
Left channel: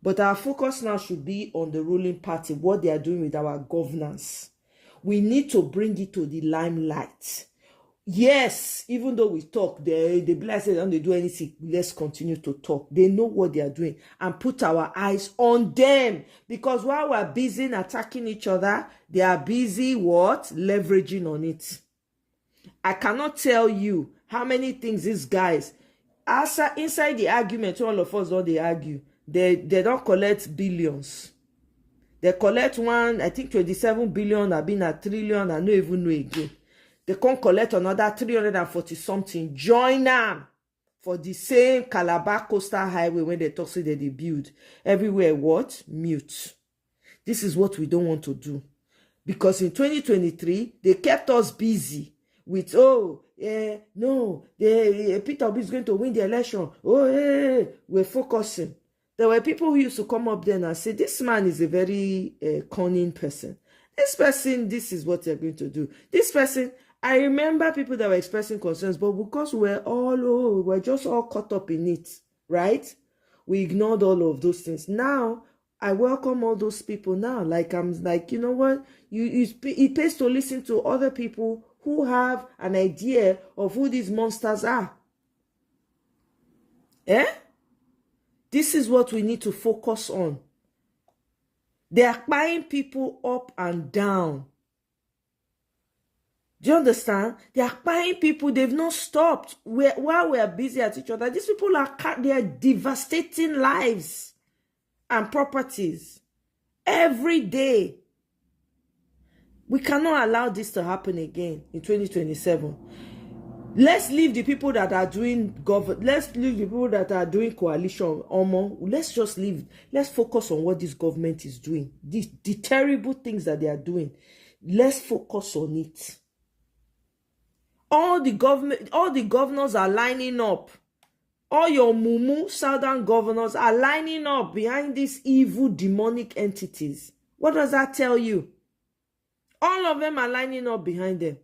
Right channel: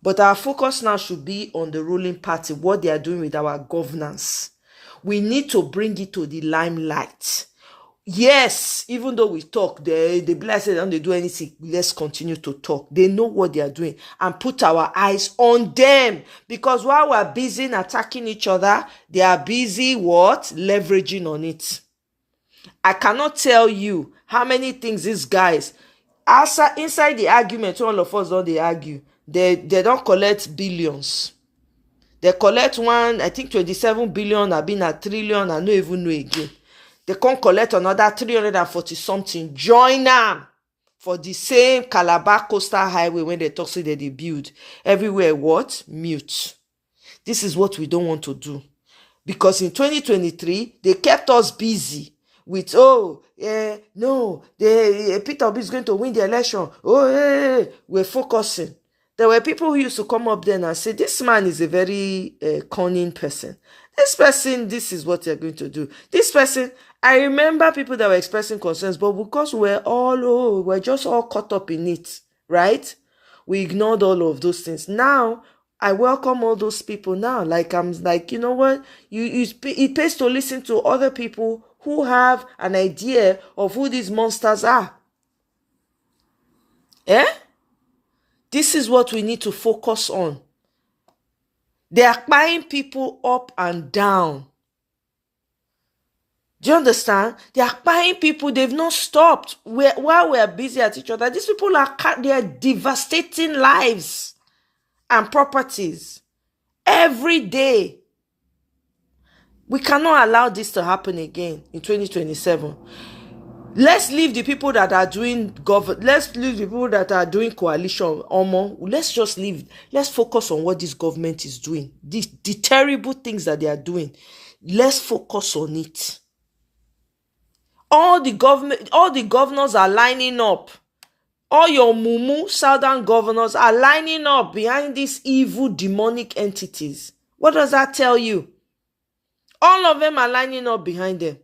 But our focus now should be on the ruling party, what they are doing with our governance. We need to bring it to the limelight. Yes, even though we talk, they be like, say, don't they do anything? Let's continue to talk. They know what they are doing, and put our eyes on them. Because while we're busy attacking each other, they are busy what? Leveraging on it. I cannot tell you how many things these guys, inside the argument, all of us don't they argue. They don't collect billions. They collect one, I think 27 billion, I've been at trillion, I don't even know again. They can't collect another 340 something. Join them for the same Calabar Coastal Highway when they talk say that they build. Everywhere what? Mute. This is what we don't want to do. Because in 2023, they kept us busy with, Peter Obi is going to win the election. We're focusing. There were people who used to come up there and say, this man is a very cunning person. This person, this is what they're going to do. This person, I remember people that were expressing concerns, but because we're just all caught up in it, right? We ignored all of those things. Now, I welcome all those people now. I'm like, you know what? It pays to listen to other people who have an idea of who these monsters are. This is what we need to focus on. They are buying people up and down. Do you understand? They are buying people. They've not stopped. While we are busy at each other, these people they are devastating lives and properties every day. We cannot allow this to happen again in 2027. Let's leave the people that are doing let's leave the people that are doing coalition. Let's just leave. Let's focus on what this government is doing. The terrible things that they are doing. Let's focus on it. All the governors are lining up. All your mumu southern governors are lining up behind these evil demonic entities. What does that tell you? All of them are lining up behind them.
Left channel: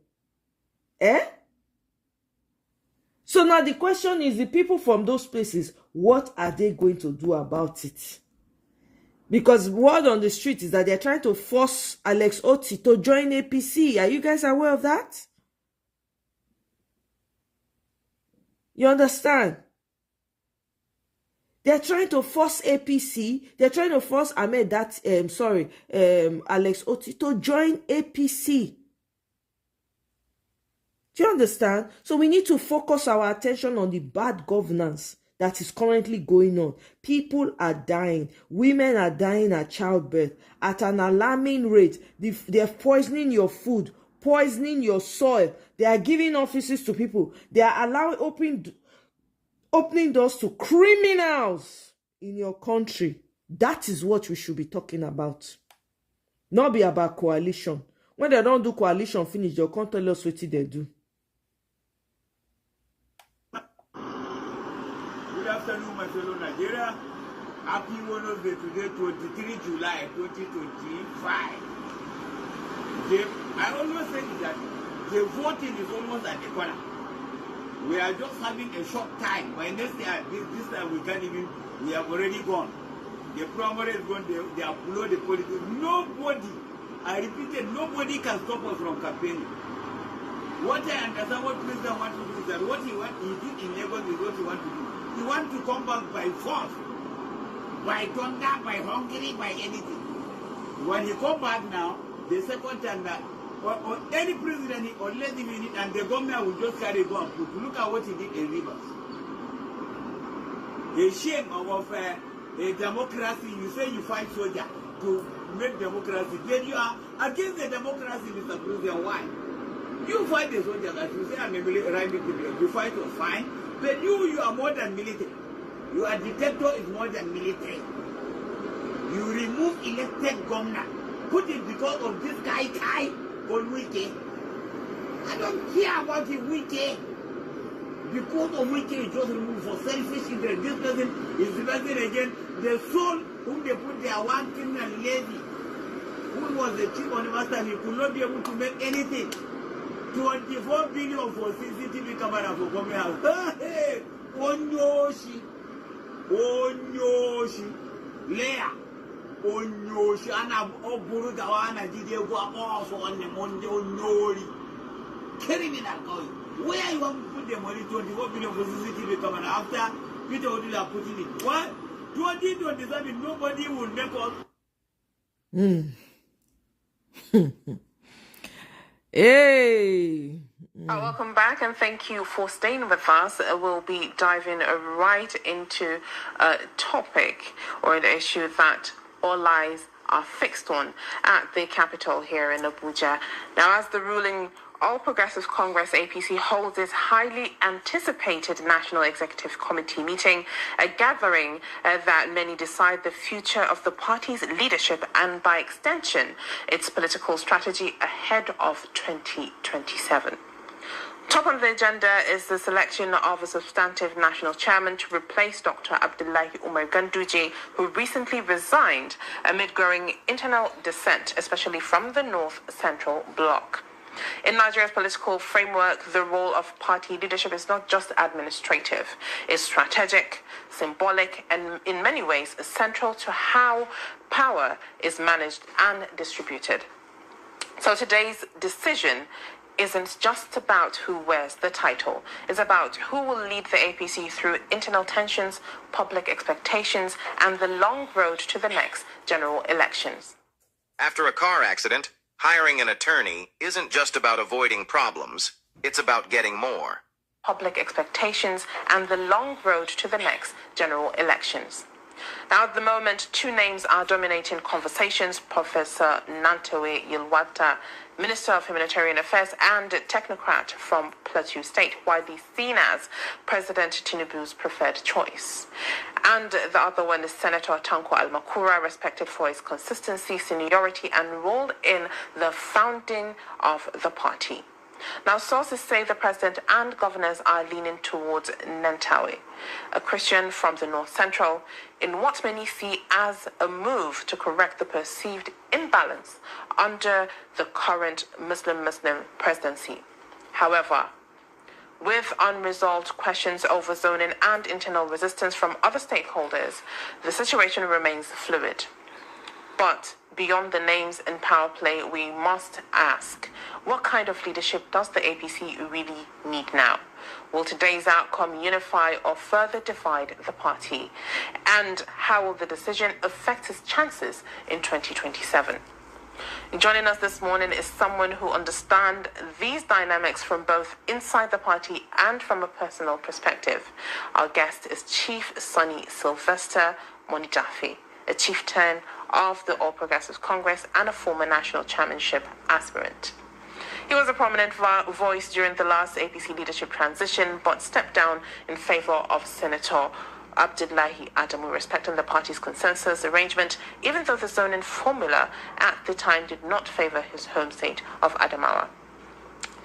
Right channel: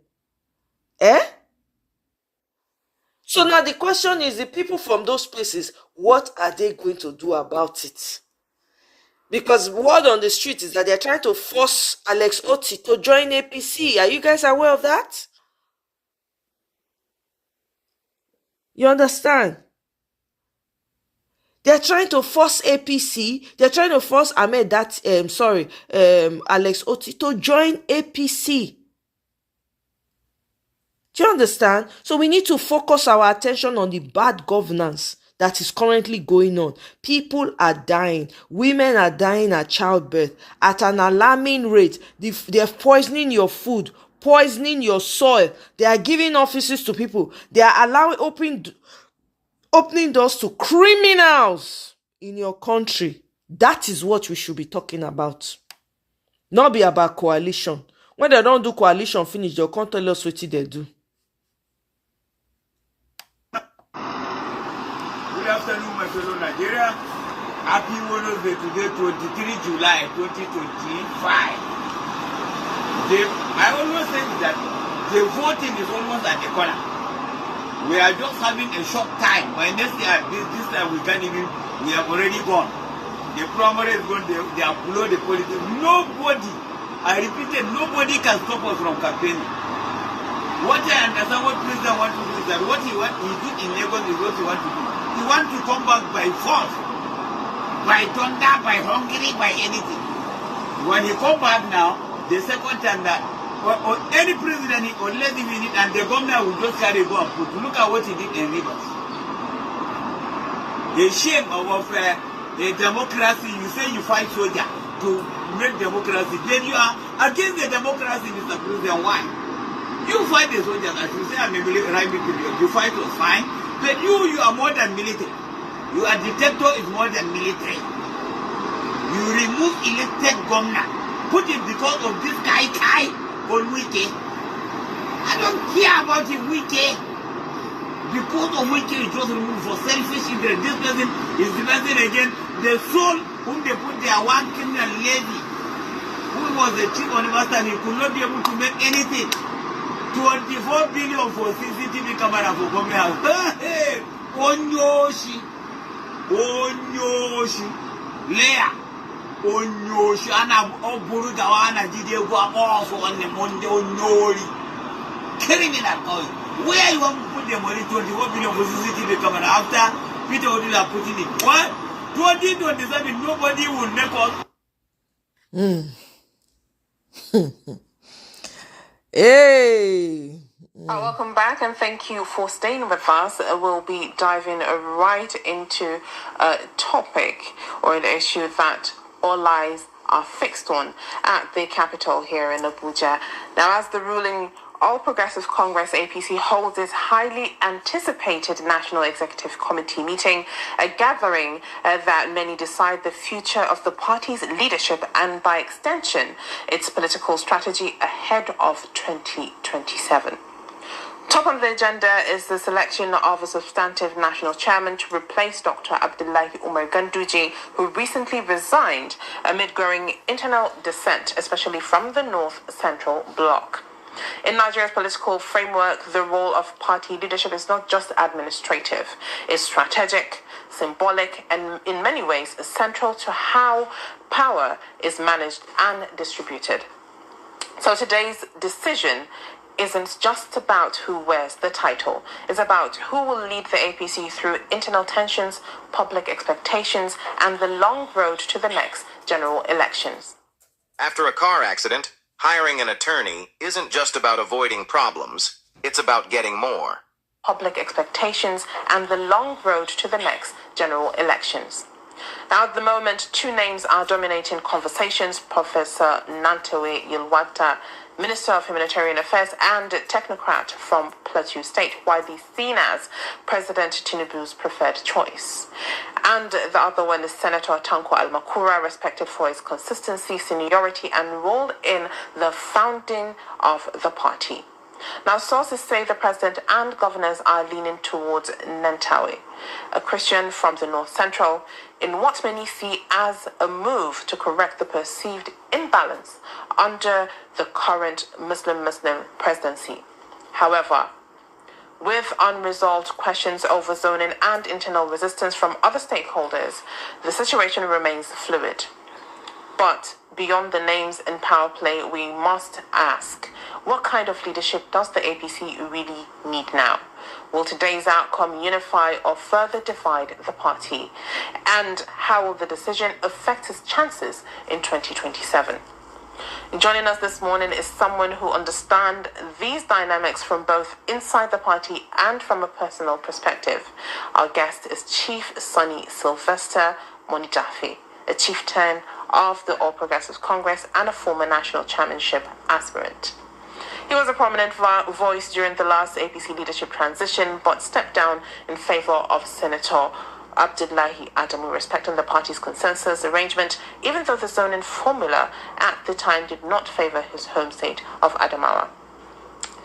So now the question is, the people from those places, what are they going to do about it? Because word on the street is that they're trying to force Akpoti to join APC. Are you guys aware of that? You understand? They're trying to force APC. They're trying to force Ahmed Datti, Akpoti to join APC. Do you understand? So we need to focus our attention on the bad governance that is currently going on. People are dying. Women are dying at childbirth at an alarming rate. They're poisoning your food, poisoning your soil. They are giving offices to people. They are opening doors to criminals in your country. That is what we should be talking about. Not be about coalition. When they don't do coalition finish, they'll come tell us what they do. Good afternoon, my fellow Nigeria. Happy Wednesday today, 23 July 2025. I always say that the voting is almost at the corner. We are just having a short time. By next year, this time we can't even, we have already gone. The primary is gone, they have followed the politics. Nobody, I repeated, nobody can stop us from campaigning. What I understand what President wants to do is that what he did in Lagos is what he wants to do. He wants to come back by force, by thunder, by hungry, by anything. When he come back now, the second time that or any president, unless if he need, and the government will just carry go and put. Look at what he did in Rivers. A shame of a democracy. You say you fight soldier to make democracy. Then you are against the democracy, Mr. President. Why? You fight the soldiers, as you say, I'm a military. You fight was fine. But you are more than military. You are dictator is more than military. You remove elected governor. Put it because of this guy on Wike. I don't care about the Wike. Because of Wike, it just removed for selfish interest. This person is the person again. The soul whom they put there, one criminal lady, who was the chief university, and he could not be able to make anything. 24 billion for CCTV camera for Gombe House. Hey, Onyoshi. Leah. Onyoshi. Ana Oburu Gawana Jide go off on the Monday Onyori. Criminal. Where you want to put the money? 24 billion for CCTV camera after Peter Odila putting it. What? 2027, nobody will make us. Hey. Welcome back and thank you for staying with us. We'll be diving right into a topic or an issue that all eyes are fixed on at the Capitol here in Abuja. Now, as the ruling All Progressive Congress APC holds its highly anticipated National Executive Committee meeting, a gathering that many decide the future of the party's leadership and, by extension, its political strategy ahead of 2027. Top on the agenda is the selection of a substantive national chairman to replace Dr. Abdullahi Umar Ganduje, who recently resigned amid growing internal dissent, especially from the North Central Bloc. In Nigeria's political framework, the role of party leadership is not just administrative. It's strategic, symbolic, and in many ways central to how power is managed and distributed. So today's decision isn't just about who wears the title. It's about who will lead the APC through internal tensions, public expectations, and the long road to the next general elections. After a car accident, hiring an attorney isn't just about avoiding problems, it's about getting more. Public expectations and the long road to the next general elections. Now, at the moment, two names are dominating conversations: Professor Nantewe Yilwata, Minister of Humanitarian Affairs and technocrat from Plateau State, widely seen as President Tinubu's preferred choice. And the other one is Senator Tanko Almakura, respected for his consistency, seniority, and role in the founding of the party. Now, sources say the president and governors are leaning towards Nantawe, a Christian from the North Central, in what many see as a move to correct the perceived imbalance under the current Muslim-Muslim presidency. However, with unresolved questions over zoning and internal resistance from other stakeholders, the situation remains fluid. But beyond the names in power play, we must ask, what kind of leadership does the APC really need now? Will today's outcome unify or further divide the party? And how will the decision affect its chances in 2027? Joining us this morning is someone who understands these dynamics from both inside the party and from a personal perspective. Our guest is Chief Sonny Sylvester Monijafi, a chieftain of the All Progressive Congress and a former national chairmanship aspirant. He was a prominent voice during the last APC leadership transition, but stepped down in favor of Senator Abdullahi Adamu, respecting the party's consensus arrangement, even though the zoning formula at the time did not favor his home state of Adamawa.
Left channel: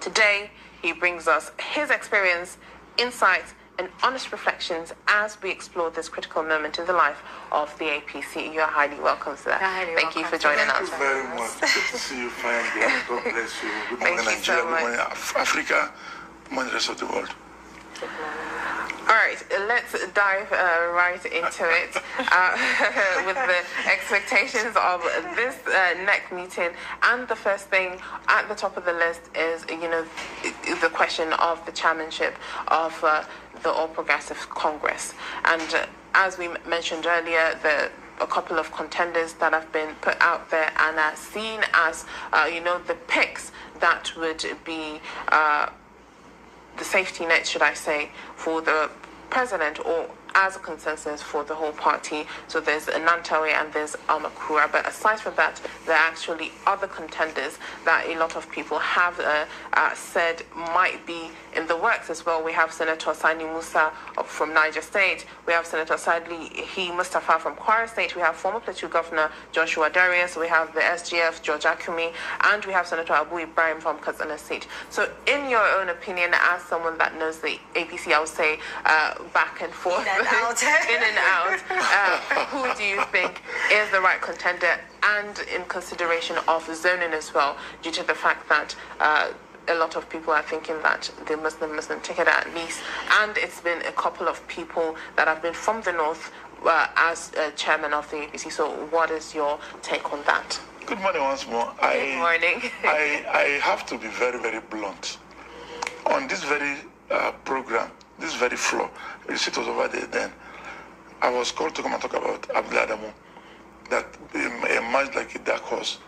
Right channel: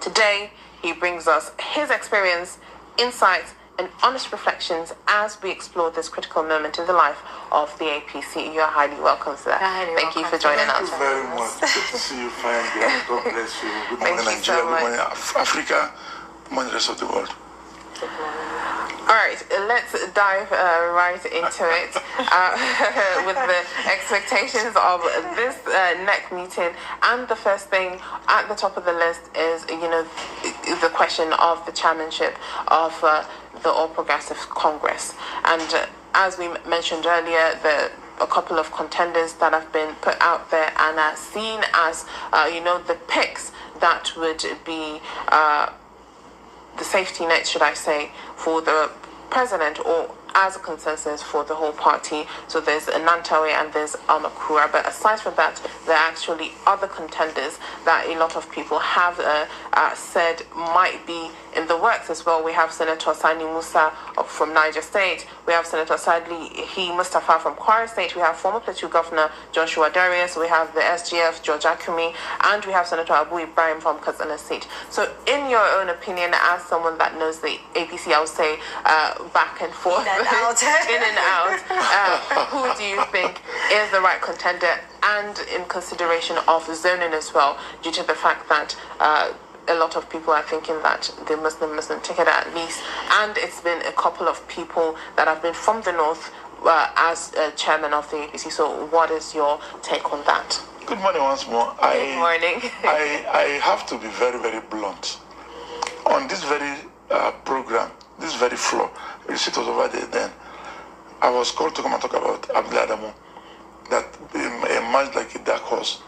Today, he brings us his experience, insights, and honest reflections as we explore this critical moment in the life of the APC. You are highly welcome, sir. Thank you for joining us. Thank you very much. Good to see you, fine girl. God bless you. Good morning, Nigeria. Good morning, Africa. Good morning, the rest of the world. All right, let's dive right into it with the expectations of this next meeting. And the first thing at the top of the list is, the question of the chairmanship of the All Progressive Congress. And as we mentioned earlier, a couple of contenders that have been put out there and are seen as, the picks that would be the safety net, should I say, for the president, or as a consensus for the whole party. So there's Nantawe and there's Amakura. But aside from that, there are actually other contenders that a lot of people have said might be in the works as well. We have Senator Sani Musa from Niger State. We have Senator Sadli Mustafa from Kwara State. We have former Plateau Governor Joshua Darius. We have the SGF, George Akumi. And we have Senator Abu Ibrahim from Katsina State. So in your own opinion, as someone that knows the APC, I would say back and forth, in and out, who do you think is the right contender, and in consideration of zoning as well, due to the fact that a lot of people are thinking that the Muslim ticket at least, and it's been a couple of people that have been from the north as chairman of the APC. So what is your take on that? Good morning once more. Good morning. I have to be very, very blunt. On this very program, this very floor, you see it was over there then, I was called to come and talk about Abdul Adamu, that emerged like a dark horse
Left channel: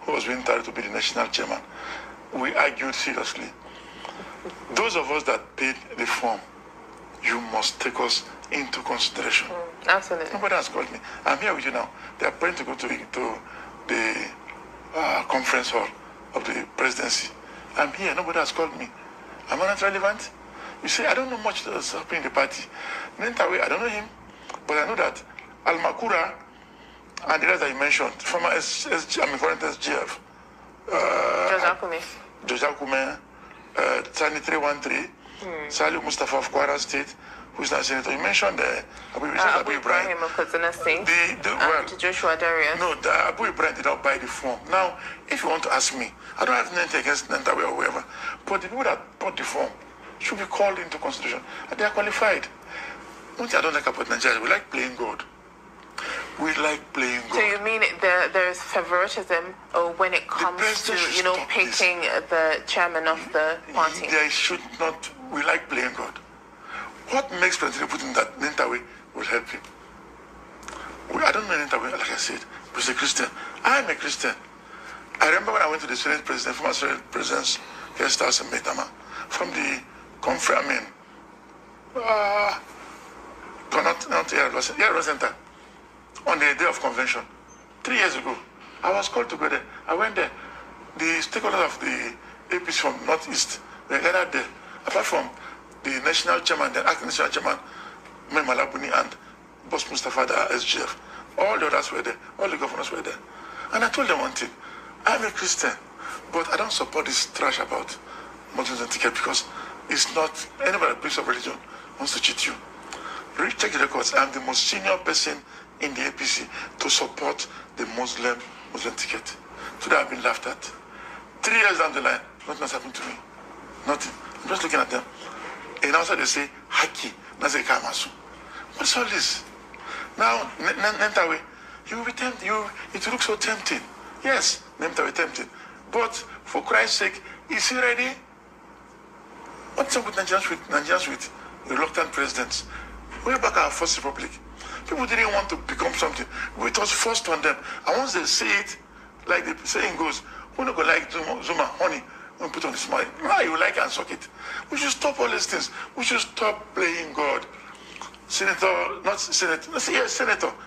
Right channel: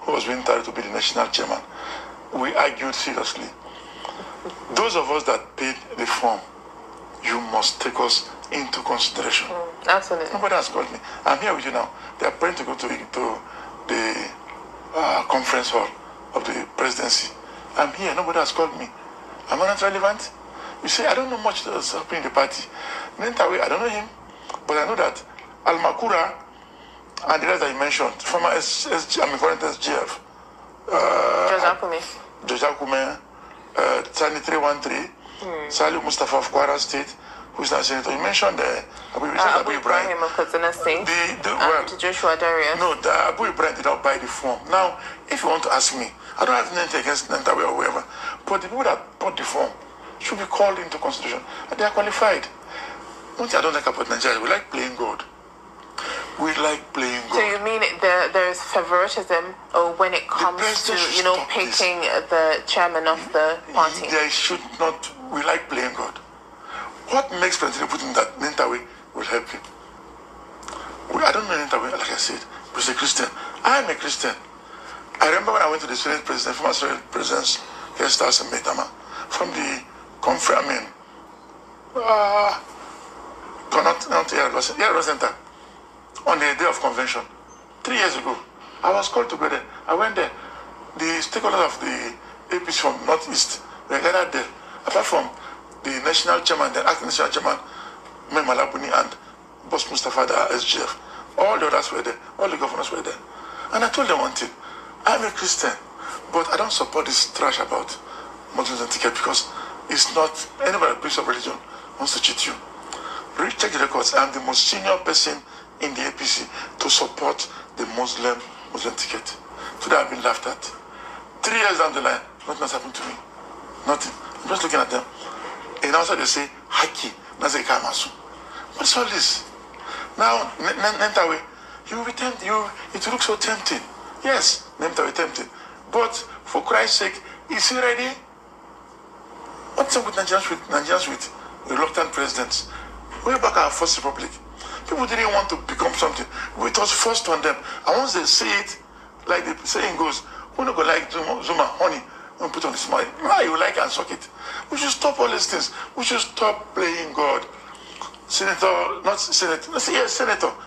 who was being tried to be the national chairman. We argued seriously. Those of us that paid the form, you must take us into consideration. Absolutely. Nobody has called me. I'm here with you now. They are planning to go to the conference hall of the presidency. I'm here. Nobody has called me. Am I not relevant? You say, I don't know much that's happening in the party. Nantawe, I don't know him, but I know that Al-Makura and the rest that you mentioned, former current SGF, George Akume, Sani 313, Salih Mustafa of Kwara State, who's now senator. You mentioned Abu Ibrahim of Katsina State, and Joshua Darius. No, Abu Ibrahim did not buy the form. Now, if you want to ask me, I don't have anything against Nantawe or whoever, but the people that bought the form should be called into consideration. And they are qualified. One thing I don't like about Nigeria, we like playing God. We like playing God. So you mean there is favoritism when it comes to, picking the chairman of the party? There should not. We like playing God. What makes President Putin that Nantawe will help him? I don't know Nantawe, like I said, but he's a Christian. I am a Christian. I remember when I went to the Senate President, former Senate President's guest house in Maitama, from the conference, Center, on the day of convention, 3 years ago. I was called to go there. I went there. The stakeholders of the APC from Northeast were gathered there. Apart from the national chairman, the acting national chairman, Malabuni, and Boss Mustafa, the SGF. All the others were there. All the governors were there. And I told them one thing. I'm a Christian, but I don't support this trash about Muslims and ticket, because it's not anybody that believes of religion wants to cheat you. Check the records. I'm the most senior person in the APC to support the Muslim ticket. Today I've been laughed at. 3 years down the line, nothing has happened to me. Nothing. I'm just looking at them. And also they say, Haki, Naze Kamasu. What's all this? Now, Nantawe, you will be tempted. It looks so tempting. Yes, Nantawe tempting. But for Christ's sake, is he ready? What's up with Nigerians with reluctant presidents? Way back our first republic, people didn't want to become something. It was forced on them. And once they see it, like the saying goes, who not go like Zuma, honey, when put on his mind, you like and suck it. We should stop all these things. We should stop playing God. Senator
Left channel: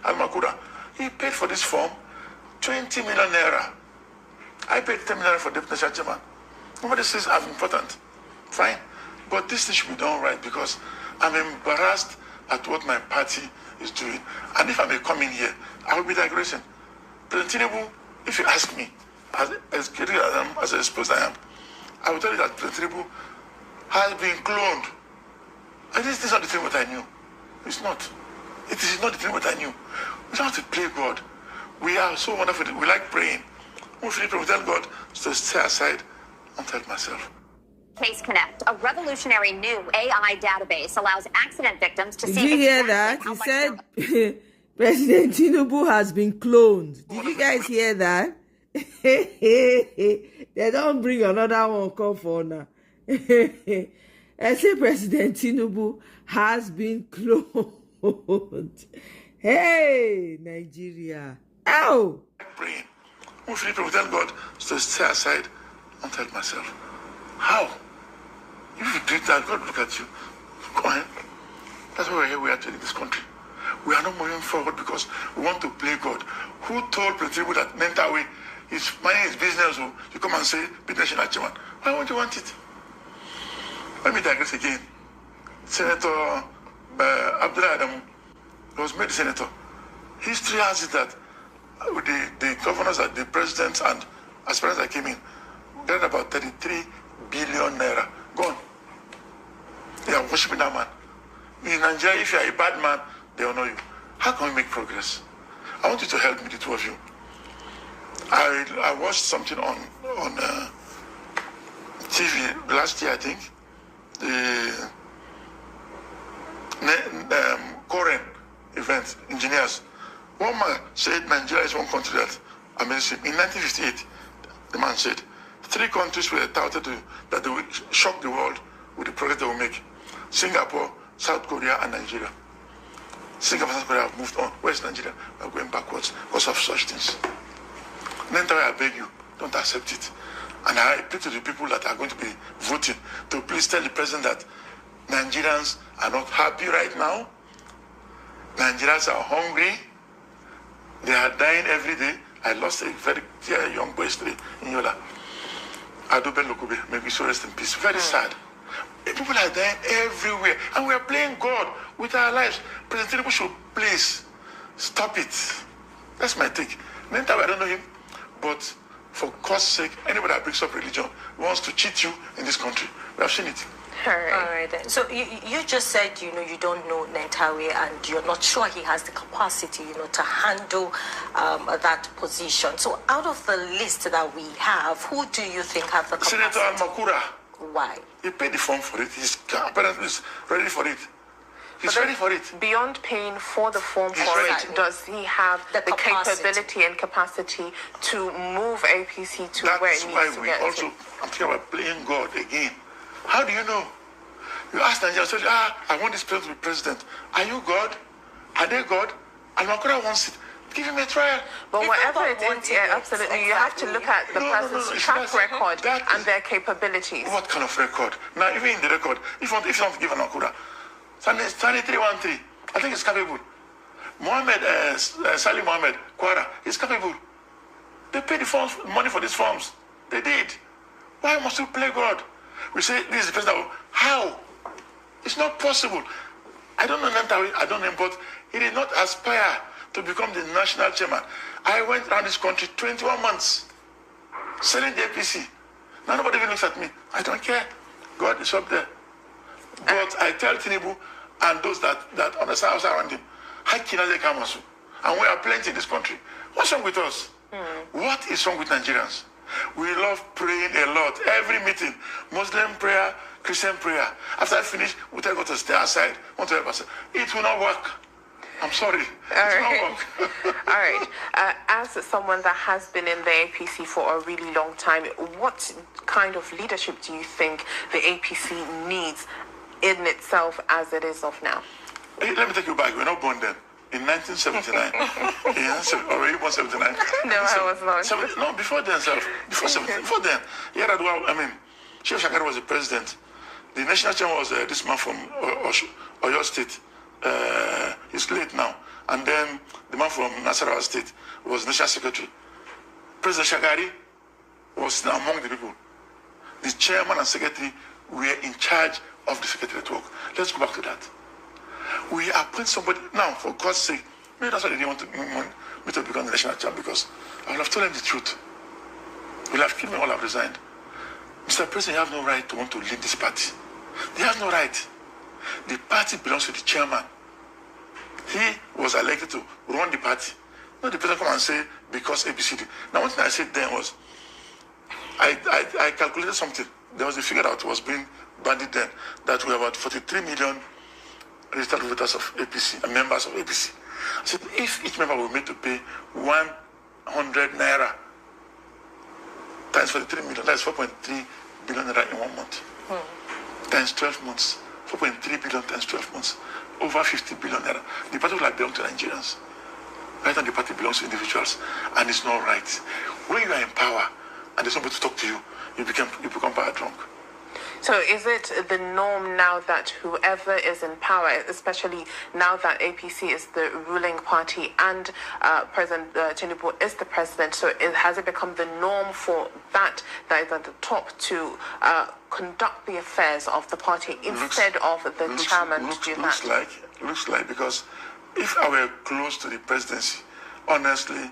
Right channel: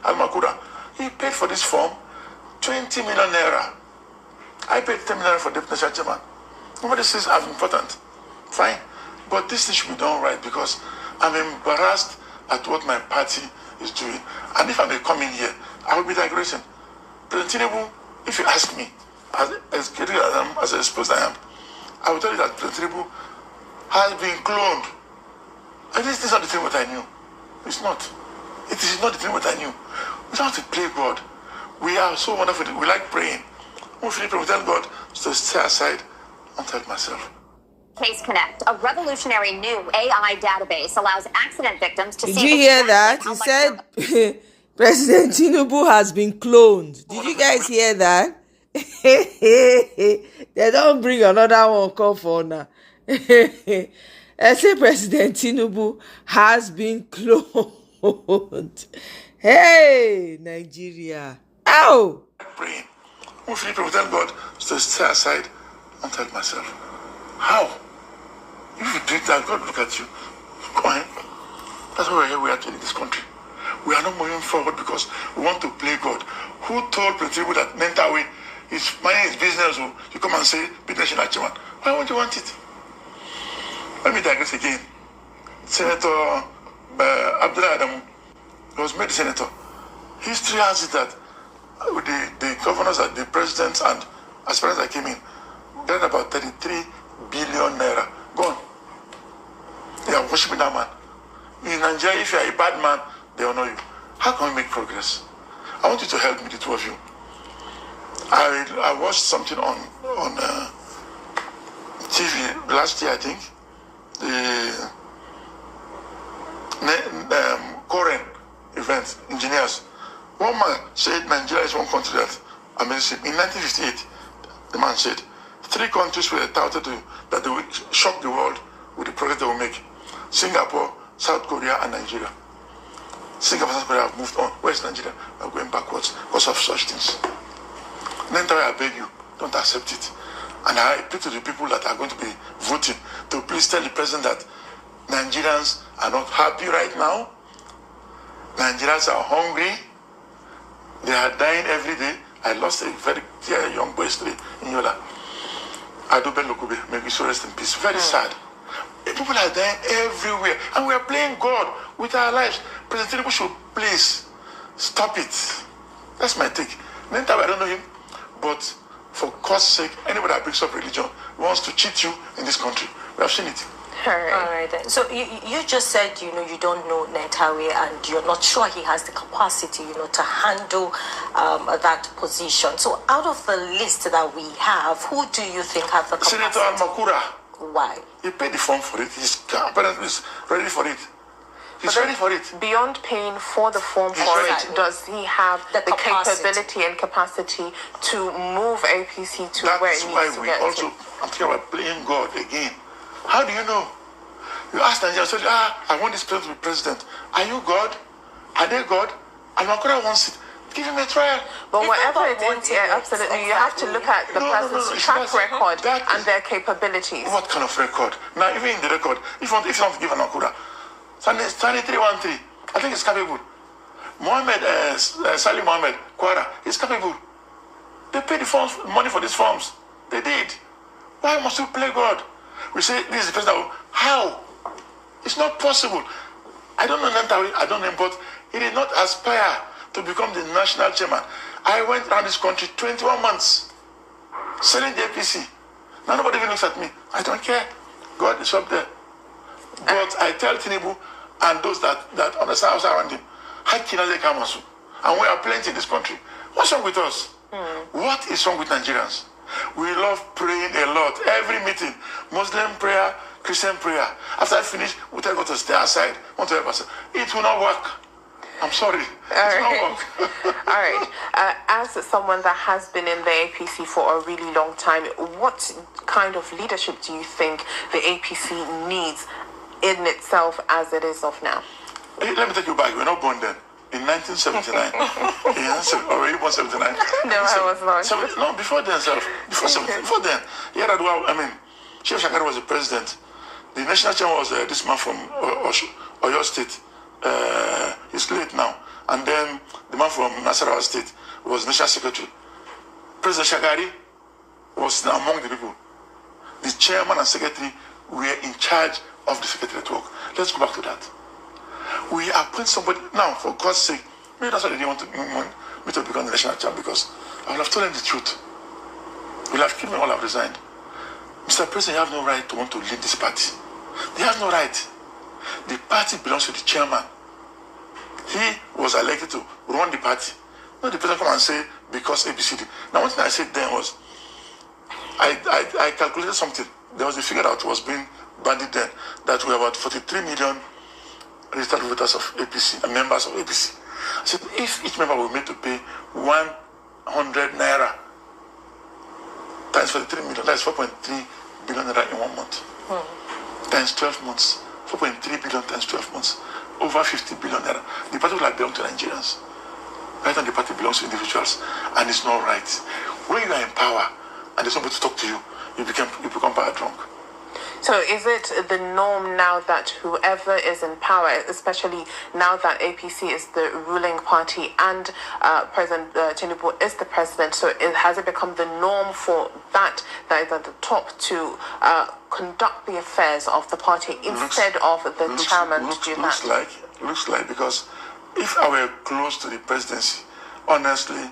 Al-Makura, he paid for this form 20 million naira. I paid 10 million for deputy national chairman. Nobody says I'm important. Fine. But this thing should be done right, because I'm embarrassed at what my party is doing. And if I may come in here, I will be digressing. President Tinubu, if you ask me, as critical as I suppose I am, I will tell you that President Tinubu has been cloned. And this is not the thing what I knew. It's not. It is not the thing what I knew. We don't have to play God. We are so wonderful. We like praying. We tell God to stay aside and tell myself. Case Connect, a revolutionary new AI database, allows accident victims to see. Did you hear that? He said President Tinubu has been cloned. Did you guys hear that? They don't bring another one come for now. I say President Tinubu has been cloned. Hey, Nigeria. Ow! Praying. We feel to tell God to stay aside and tell myself. How? If you do that, God will look at you. Come on. That's why we're here. We are in this country. We are not moving forward because we want to play God. Who told people that Nentawe is minding his business? You come and say, be national chairman. Why won't you want it? Let me digress again. Senator Abdullah Adamu was made senator. History has it that the governors, the presidents, and aspirants that came in got about 33 billion naira. Gone. They are worshiping that man. In Nigeria, if you are a bad man, they honor you. How can we make progress? I want you to help me, the two of you. I watched something on TV last year, I think. The Korean event, engineers. One man said Nigeria is one country that amazing. In 1958, the man said 3 countries were touted that they would shock the world with the progress they will make: Singapore, South Korea, and Nigeria. Singapore and South Korea have moved on. Where's Nigeria? We are going backwards because of such things. Then I beg you, don't accept it. And I appeal to the people that are going to be voting to please tell the president that Nigerians are not happy right now. Nigerians are hungry. They are dying every day. I lost a very dear young boy yesterday in Yola. Adobe Lokube, may we so rest in peace. Very sad. People are dying everywhere. And we are playing God with our lives. President Tinubu should please stop it. That's my take. Then I don't know him. But for God's sake, anybody that brings up religion wants to cheat you in this country. We have seen it. All right then. So you just said, you don't know Nentawe and you're not sure he has the capacity, to handle that position. So out of the list that we have, who do you think has the capacity? Senator Al-Makura. Why? He paid the form for it. He's apparently ready for it. He's ready for it. Beyond paying for the form for it, does he have the capability and capacity to move APC to where it needs to get to? That's why we also, I'm thinking about playing God again. How do you know? You ask Nigeria, say, I want this person to be president. Are you God? Are they God? And Makura wants it. Give him a trial. But whatever it is, absolutely, you have to look at the person's track record and their capabilities. What kind of record? Now, even in the record, if you want to give an Makura, 2313, I think it's capable. Salim Mohammed, Kwara, is capable. They paid the money for these forms. They did. Why must we play God? We say this is the president. How? It's not possible. I don't know Nentawe, I don't know him, but he did not aspire to become the national chairman. I went around this country 21 months selling the APC. Now nobody even looks at me. I don't care. God is up there. But I tell Tinubu and those that understand us around him, and we are plenty in this country. What's wrong with us? What is wrong with Nigerians? We love praying a lot. Every meeting, Muslim prayer, Christian prayer. After I finish, we tell God to stay aside. Want to help us. It will not work. I'm sorry. It will not work. All right. As someone that has been in the APC for a really long time, what kind of leadership do you think the APC needs in itself as it is of now? Let me take you back. We were not born then. In 1979. Or even 79. No, I was not. No, before then, Before then. Sheikh Shakari was the president. The national chairman was this man from Oyo State. He's late now. And then the man from Nasarawa State was national secretary. President Shakari was among the people. The chairman and secretary were in charge of the secretariat work. Let's go back to that. We appoint somebody now, for God's sake. Maybe that's why they didn't want me to become the national chairman, because I would have told them the truth. We'll have killed me, all have resigned. Mr. President, you have no right to want to lead this party. They have no right. The party belongs to the chairman. He was elected to run the party. Not the president come and say, because APC. Now, one thing I said then was, I calculated something. there was a figure that was being bandied then that we have about 43 million registered voters of APC and members of APC. I said, if each member were made to pay 100 naira times 43 million, that's 4.3 billion naira in 1 month. Times 12 months, 4.3 billion times 12 months, over 50 billion naira. The party will have belonged to Nigerians. Right now the party belongs to individuals, and it's not right. When you are in power and there's nobody to talk to you, you become power drunk. So is it the norm now that whoever is in power, especially now that APC is the ruling party and President Tinubu is the president, so has it become the norm for that is at the top to conduct the affairs of the party instead of the chairman to do that? Looks like, because if I were close to the presidency, honestly,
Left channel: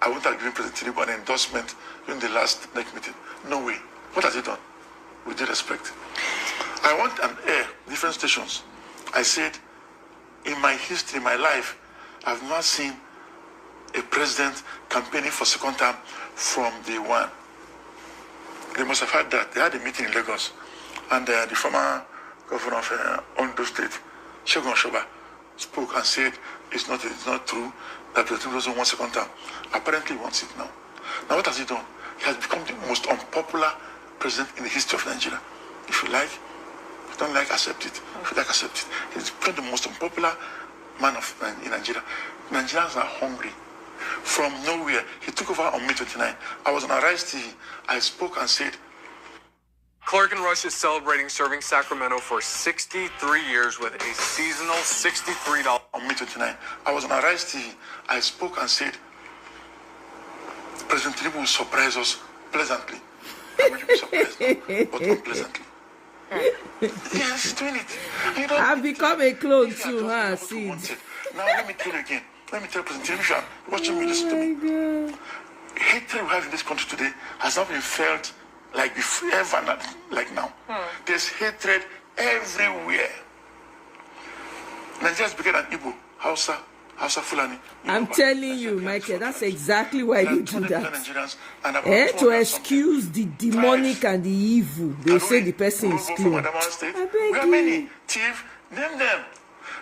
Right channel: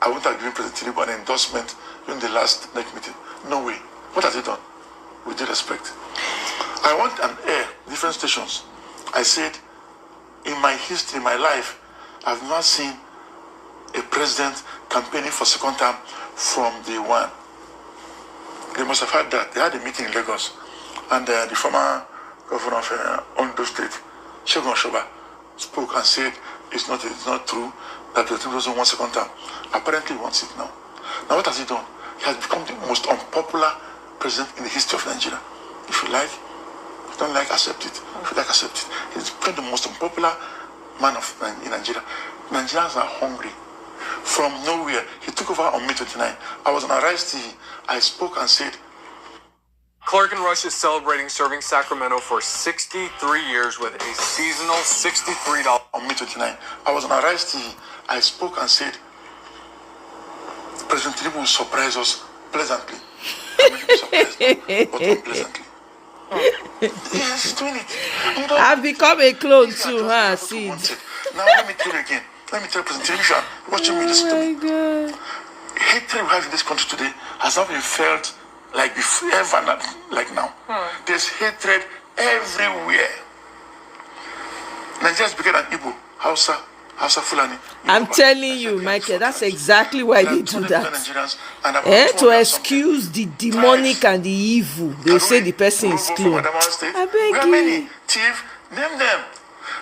I wouldn't have given President Tinubu an endorsement during the last NEC meeting. No way. What has he done? With due respect, I want an air, different stations. I said, in my history, my life, I've not seen a president campaigning for second term from day one. They must have had that. They had a meeting in Lagos, and the former governor of Ondo State, Segun Oshoba, spoke and said it's not true that the President doesn't want second term. Apparently, he wants it now. Now, what has he done? He has become the most unpopular president in the history of Nigeria. If you like, if you don't like, accept it. If you like, accept it. He's become the most unpopular man in Nigeria. Nigerians are hungry. From nowhere, he took over on May 29. I was on Arise TV. I spoke and said, Clark and Rush is celebrating serving Sacramento for 63 years with a seasonal $63 on May 29. I was on Arise TV. I spoke and said, President Tinubu will surprise us pleasantly. But unpleasantly. Yes, he's doing it. I've become a clone too, huh, Sid? Now let me tell you again. Let me tell you, President Tinubu, watching me, listen to me. God. Hatred we have in this country today has not been felt like before, ever like now. There's hatred everywhere. Nigeria is bigger than Igbo, Hausa, Fulani. I'm telling you, Michael, that's exactly why they do that. To excuse the demonic and the evil, they say the person is clone. I beg we are many. Thief, name them.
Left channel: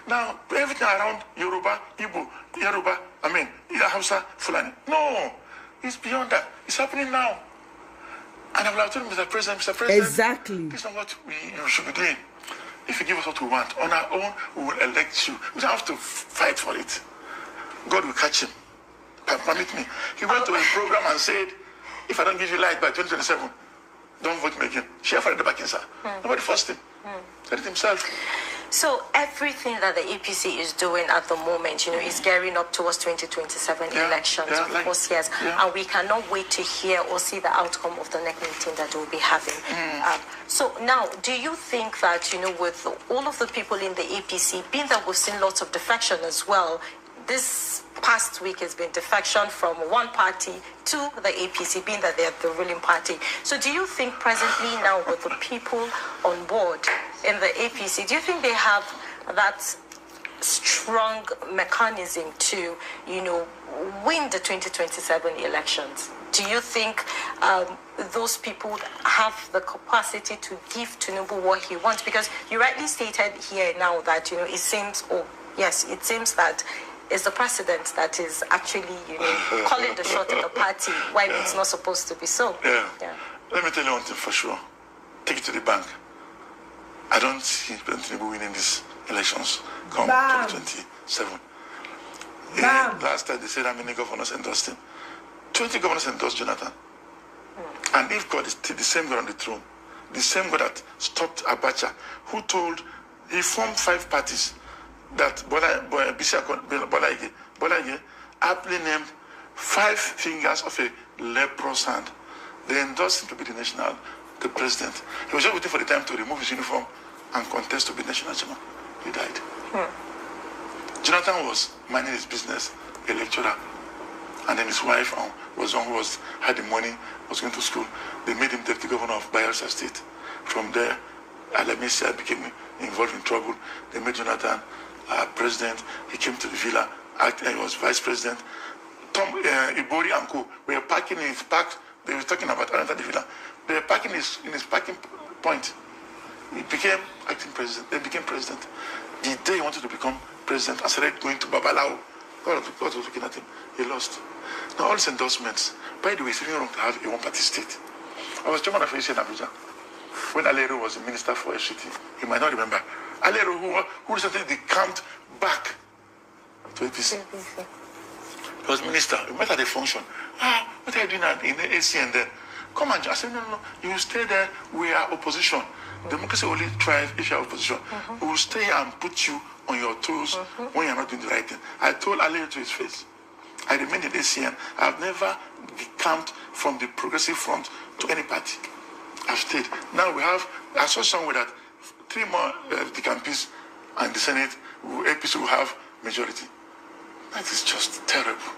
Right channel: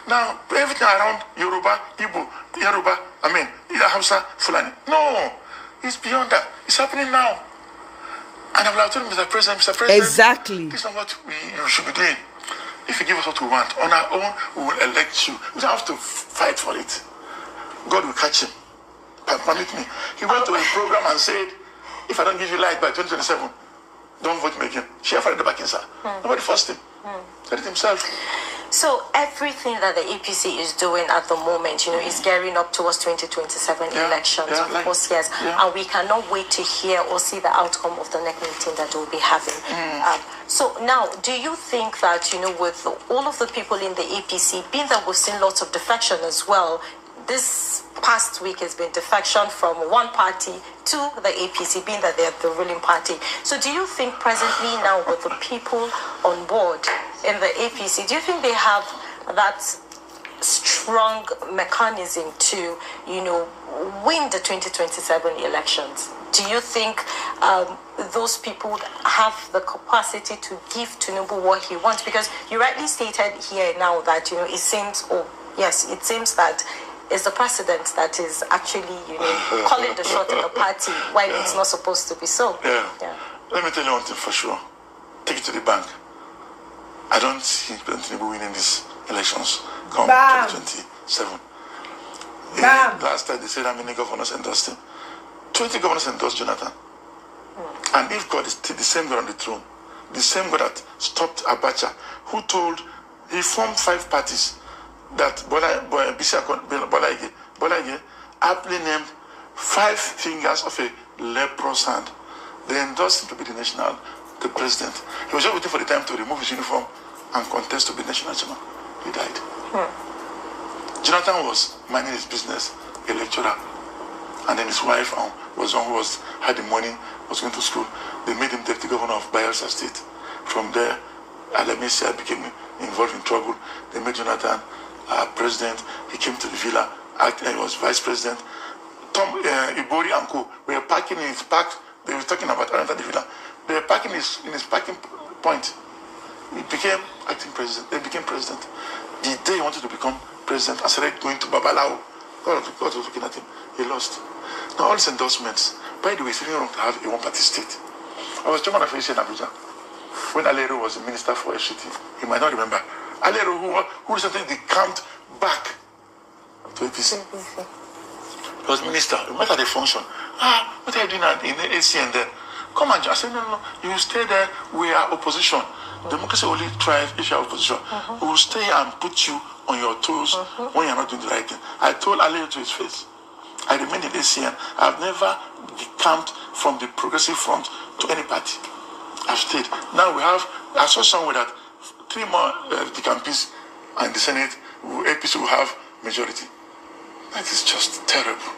Now, everything around Yoruba, Igbo, either Hausa, Fulani. No, it's beyond that. It's happening now. And I will have told Mr. President, exactly. This is not what you should be doing. If you give us what we want, on our own, we will elect you. We don't have to fight for it. God will catch him. Permit me. He went to a program and said, if I don't give you light by 2027, don't vote me again. Share for the back inside. Nobody forced him. Said it himself. So everything that the APC is doing at the moment, is gearing up towards 2027 elections, of course, yes. And we cannot wait to hear or see the outcome of the next meeting that we'll be having. So now, do you think that, with all of the people in the APC, being that we've seen lots of defection as well, this past week has been defection from one party to the APC, being that they're the ruling party. So do you think presently now with the people on board in the APC, do you think they have that strong mechanism to, win the 2027 elections? Do you think those people have the capacity to give Tinubu what he wants? Because you rightly stated here now that, it seems that it's the president that is actually, calling the shot in the party while it's not supposed to be so. Let me tell you one thing for sure. Take it to the bank. I don't see President Tinubu winning these elections come 2027. Last time they said how many governors endorsed him. 20 governors endorsed Jonathan. And if God is still the same God on the throne, the same God that stopped Abacha, he formed 5 parties that Bola Ige aptly named 5 fingers of a leprous hand. They endorsed him to be the president. He was just waiting for the time to remove his uniform and contest to be national chairman. He died. Jonathan was minding his business, a lecturer, and then his wife was one who had the money, was going to school. They made him deputy governor of Bayelsa State. From there, Amaechi became involved in trouble. They made Jonathan president. He came to the villa. He was vice president. Ibori and Co. were parking in his park. They were talking about another villa. They were parking in his parking point. He became acting president. They became president. The day he wanted to become president, I started going to Babalao. God was looking at him. He lost. Now all these endorsements. By the way, it's really wrong to have a one-party state. I was chairman of APC in Abuja when Alero was the minister for FCT. You might not remember. Alero, who recently decamped back to APC. He was minister. We met at a function. What are you doing in the ACN there? Come on, I said, no. You stay there. We are opposition. Democracy only thrives if you are opposition. We will stay and put you on your toes when you are not doing the right thing. I told Alero to his face. I remain in ACN. I've never decamped from the progressive front to any party. I've stayed. Now I saw somewhere that 3 more decampees and the Senate, APC will have majority. That is just terrible.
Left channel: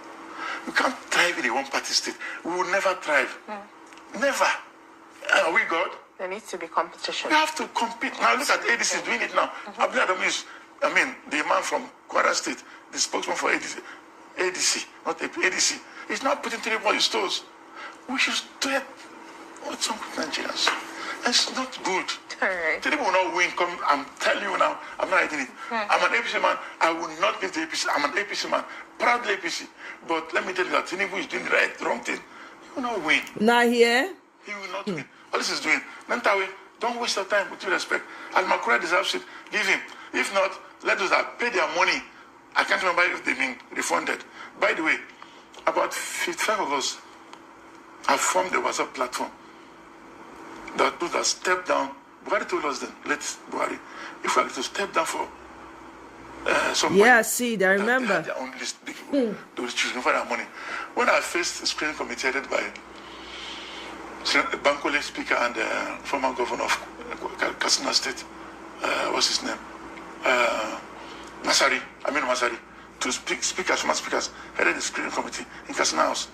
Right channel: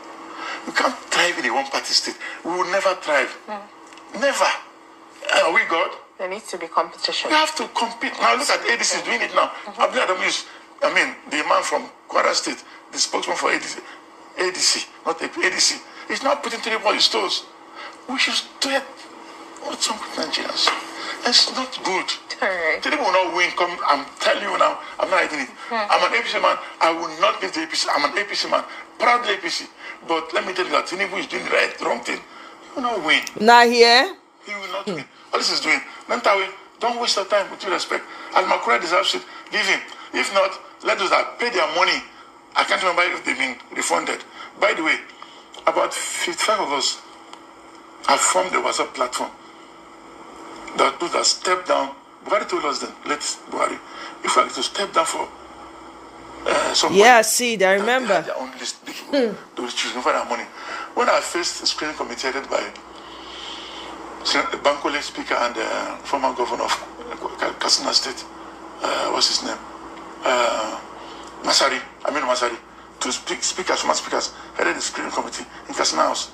You can't thrive in a one-party state. We will never thrive. Never. Are we God? There needs to be competition. We have to compete. Now look at ADC doing it now. The man from Kwara State, the spokesman for ADC, not ADC. He's not putting to the stores. We should do it. What's wrong with Nigerians? It's not good. Today we will not win. I'm telling you now, I'm not hiding it. I'm an APC man. I will not leave the APC. I'm an APC man. Proudly APC. But let me tell you that Tinubu is doing the wrong thing. He will not win. Not here. He will not win. All this is doing. Nantawe, don't waste your time with due respect. Al-Makura deserves it. Give him. If not, let those that pay their money. I can't remember if they've been refunded. By the way, about 55 of us have formed a WhatsApp platform that step down. Buhari told us then, let's Buhari, if we are to step down for somebody. Yeah, see, I remember. Their own list, they will choose for their money. When I faced a screening committee headed by Bankole Speaker and former governor of Katsina State, what's his name? Masari, to speakers, former speakers, headed the screening committee in Katsina House.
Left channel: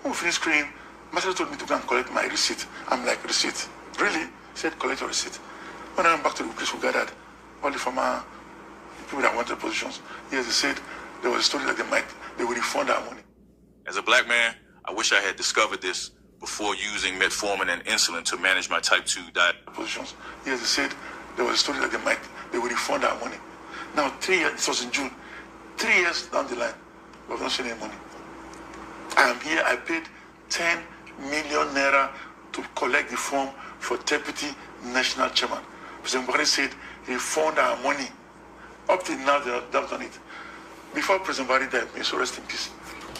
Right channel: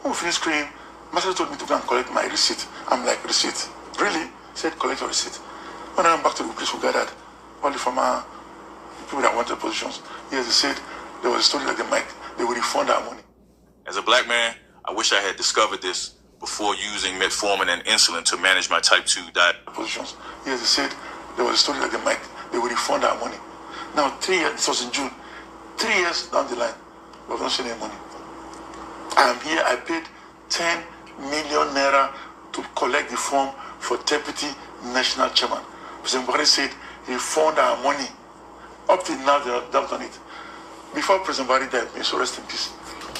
When we finished screening, Masari told me to go and collect my receipt. I'm like, receipt? Really? He said, collect your receipt. When I went back to the place we gathered, all the former people that wanted positions, yes, they said there was a story that they would refund our money. As a black man, I wish I had discovered this before using metformin and insulin to manage my type 2 diabetes. Positions. Yes, they said there was a story that they would refund our money. Now, 3 years, this was in June, 3 years down the line, we have not seen any money. I am here, I paid 10 million naira to collect the form for Deputy National Chairman. President Buhari said, refund our money. Up till now, they have done it. Before President Buhari died, may so rest in peace,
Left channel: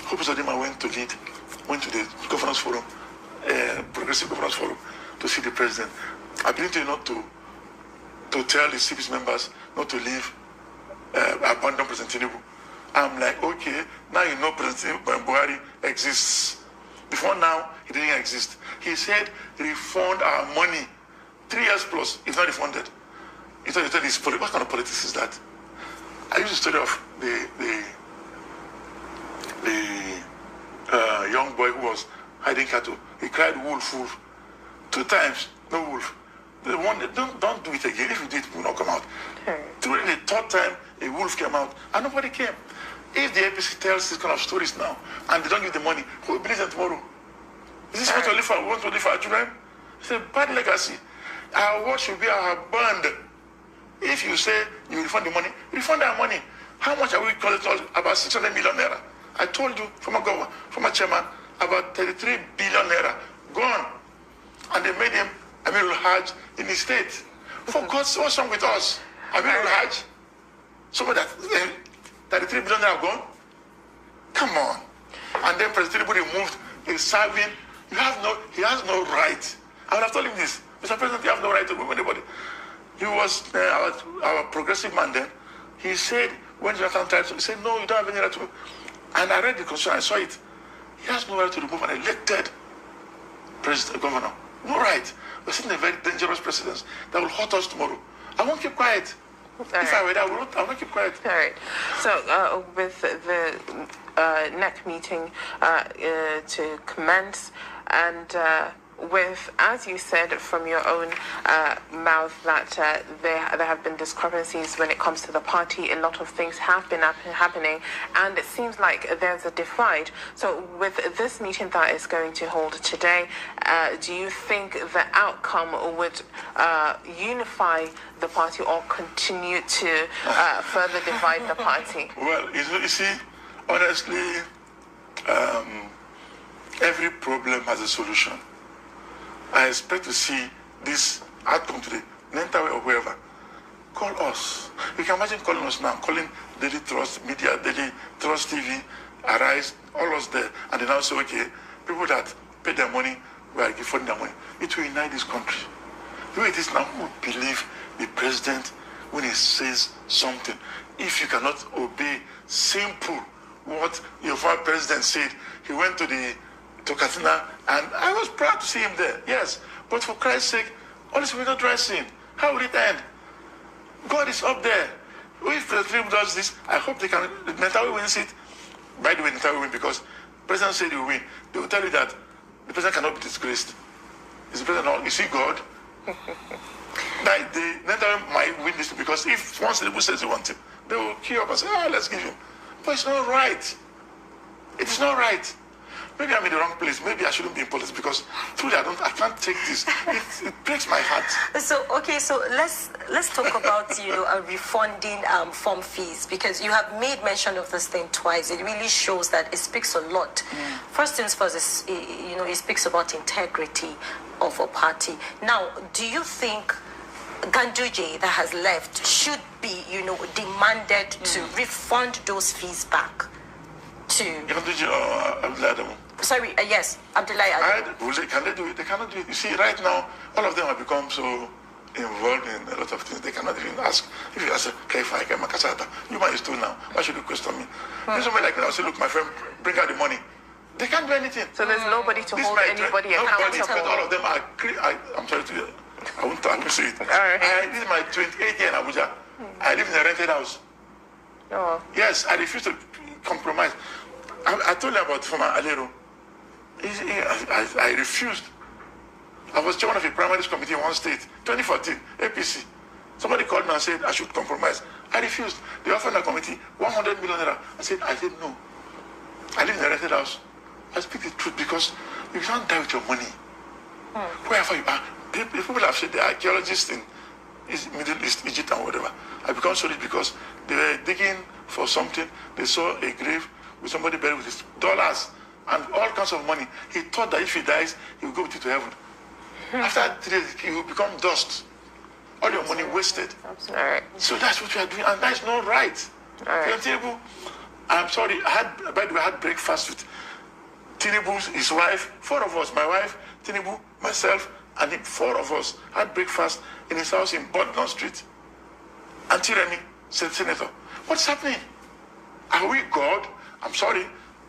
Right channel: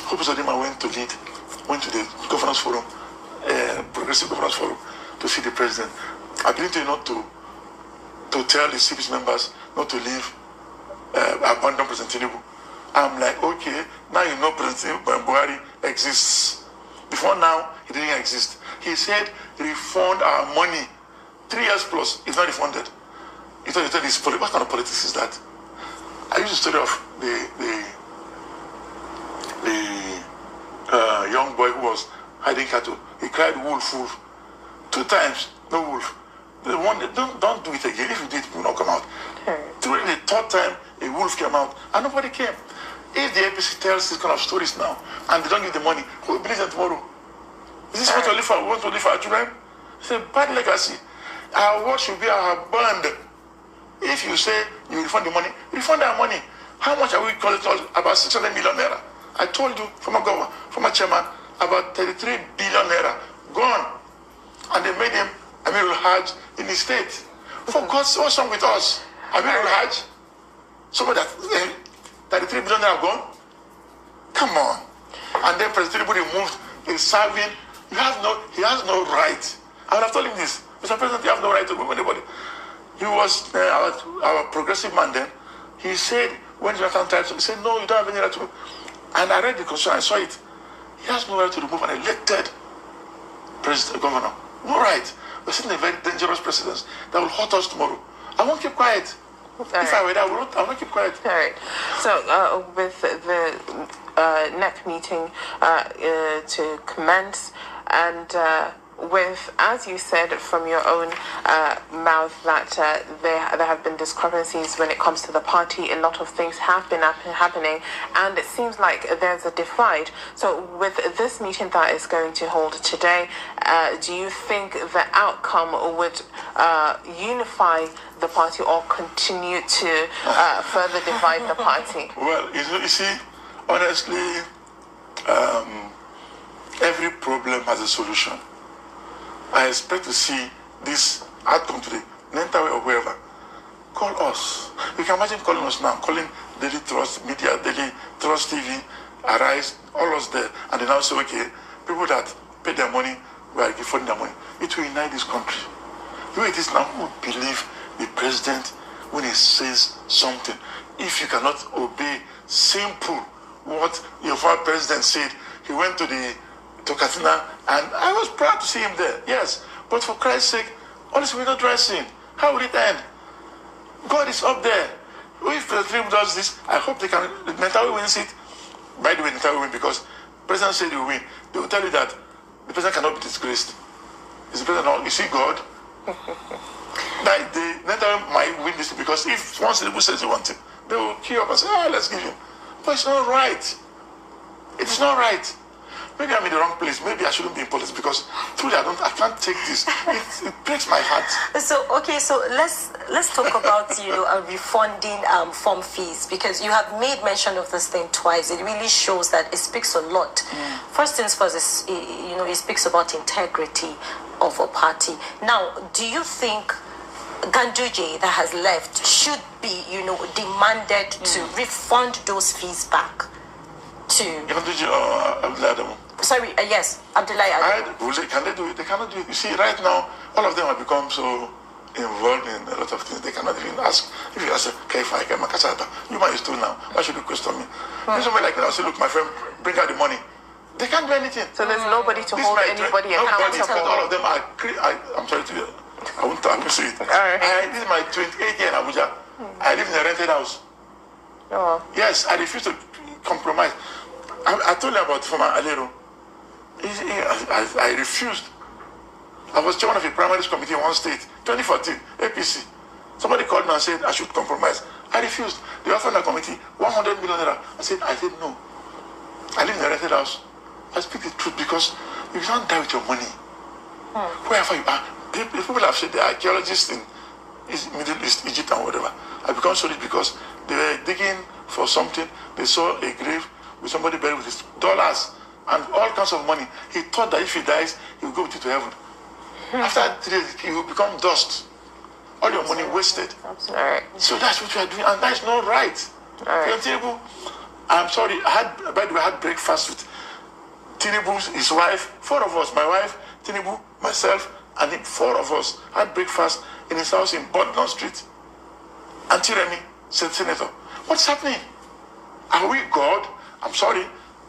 Hope Zodima went to the governance forum, progressive governance forum, to see the president. I believe they not to tell the CPC members not to leave, abandon President Tinubu. I'm like, okay, now you know President Buhari exists. Before now, he didn't exist. He said, refund our money. 3 years plus, it's not refunded. You tell this, what kind of politics is that? I used to study of the young boy who was hiding cattle. He cried wolf, wolf. 2 times, no wolf. The one, don't do it again. If you do it, it will not come out. During the 3rd time, a wolf came out, and nobody came. If the APC tells this kind of stories now, and they don't give the money, who will believe them tomorrow? Is this what we want to live for our children? It's a bad legacy. Our world should be our bond. If you say you refund the money, refund our money. How much are we collecting? About 600 million naira. I told you, former chairman, about 33 billion naira gone. And they made him Amirul Hajj in the state. For God's sake, what's wrong with us? Amirul Hajj? Somebody that 33 billion naira gone? Come on. And then President Tinubu removed a serving. He has no right. I would have told him this. Mr. President, you have no right to remove anybody. He was our progressive man then. He said, when Jonathan tried to, he said, no, you don't have any right to. And I read the constitution, I saw it. He has no right to remove an elected governor. No right. We're sitting in a very dangerous precedent that will hurt us tomorrow. I won't keep quiet. If I were there, I won't keep quiet. All right. So, with the NEC meeting to commence, and with, as you said from your own mouth, that there have been discrepancies when it comes to the party, a lot of things have been happening, and it seems like there's a divide. So with this meeting that is going to hold today, do you think the outcome would unify the party or continue to further divide the party? Well, you see, honestly, every problem has a solution. I expect to see this outcome today, Nentawe or whoever. Call us. You can imagine calling us now, calling Daily Trust, Media, Daily Trust TV, Arise, all us there, and they now say, okay, people that pay their money, we are giving their money. It will unite this country. The way it is now, who would believe the president when he says something? If you cannot obey simple what your former president said, he went to Katina, and I was proud to see him there. Yes, but for Christ's sake, honestly, we're not rising. How will it end? God is up there. If the team does this, I hope they can. Nentawe wins it. By the way, Nentawe win because the president said he will win. They will tell you that the president cannot be disgraced. Is the president not? Is he God? Like the Nentawe might win this because if once the people says they want it, they will queue up and say, "Oh, let's give you." But it's not right. It's not right. Maybe I'm in the wrong place. Maybe I shouldn't be in politics because truly I can't take this. It breaks my heart. So okay, so let's talk about refunding form fees, because you have made mention of this thing twice. It really shows that it speaks a lot. First things first, it speaks about integrity of a party. Now, do you think Ganduje that has left should be demanded to refund those fees back to Ganduje or Abdullah? Sorry, yes, Abdullah. Can they do it? They cannot do it. You see, right now, all of them have become so involved in a lot of things. They cannot even ask. If you ask, you might still now. Why should you question me? If somebody like me, I'll say, look, my friend, bring out the money. They can't do anything. So there's nobody to hold anybody accountable. All of them are. I'm sorry to you. I won't say it. This is my 28th year in Abuja. I live in a rented house. Oh. Yes, I refuse to compromise. I told you about Foma Alero. I refused. I was chairman of a primary school committee in one state, 2014, APC. Somebody called me and said I should compromise. I refused. They offered a committee 100 million naira. I said no. I live in a rented house. I speak the truth because you can't die with your money. Wherever you are. People have said the archaeologists in Middle East, Egypt and whatever. I become so rich because they were digging for something. They saw a grave with somebody buried with his dollars and all kinds of money. He thought that if he dies, he will go with it to heaven. After 3 days, he will become dust. All your money wasted. Right. So that's what we are doing, and that's not right. Tinubu, I'm sorry, by the way, I had breakfast with Tinubu, his wife, 4 of us, my wife, Tinubu, myself, and 4 of us had breakfast in his house in Bodnon Street. Auntie Remy said, Senator, what's happening? Are we God? I'm sorry.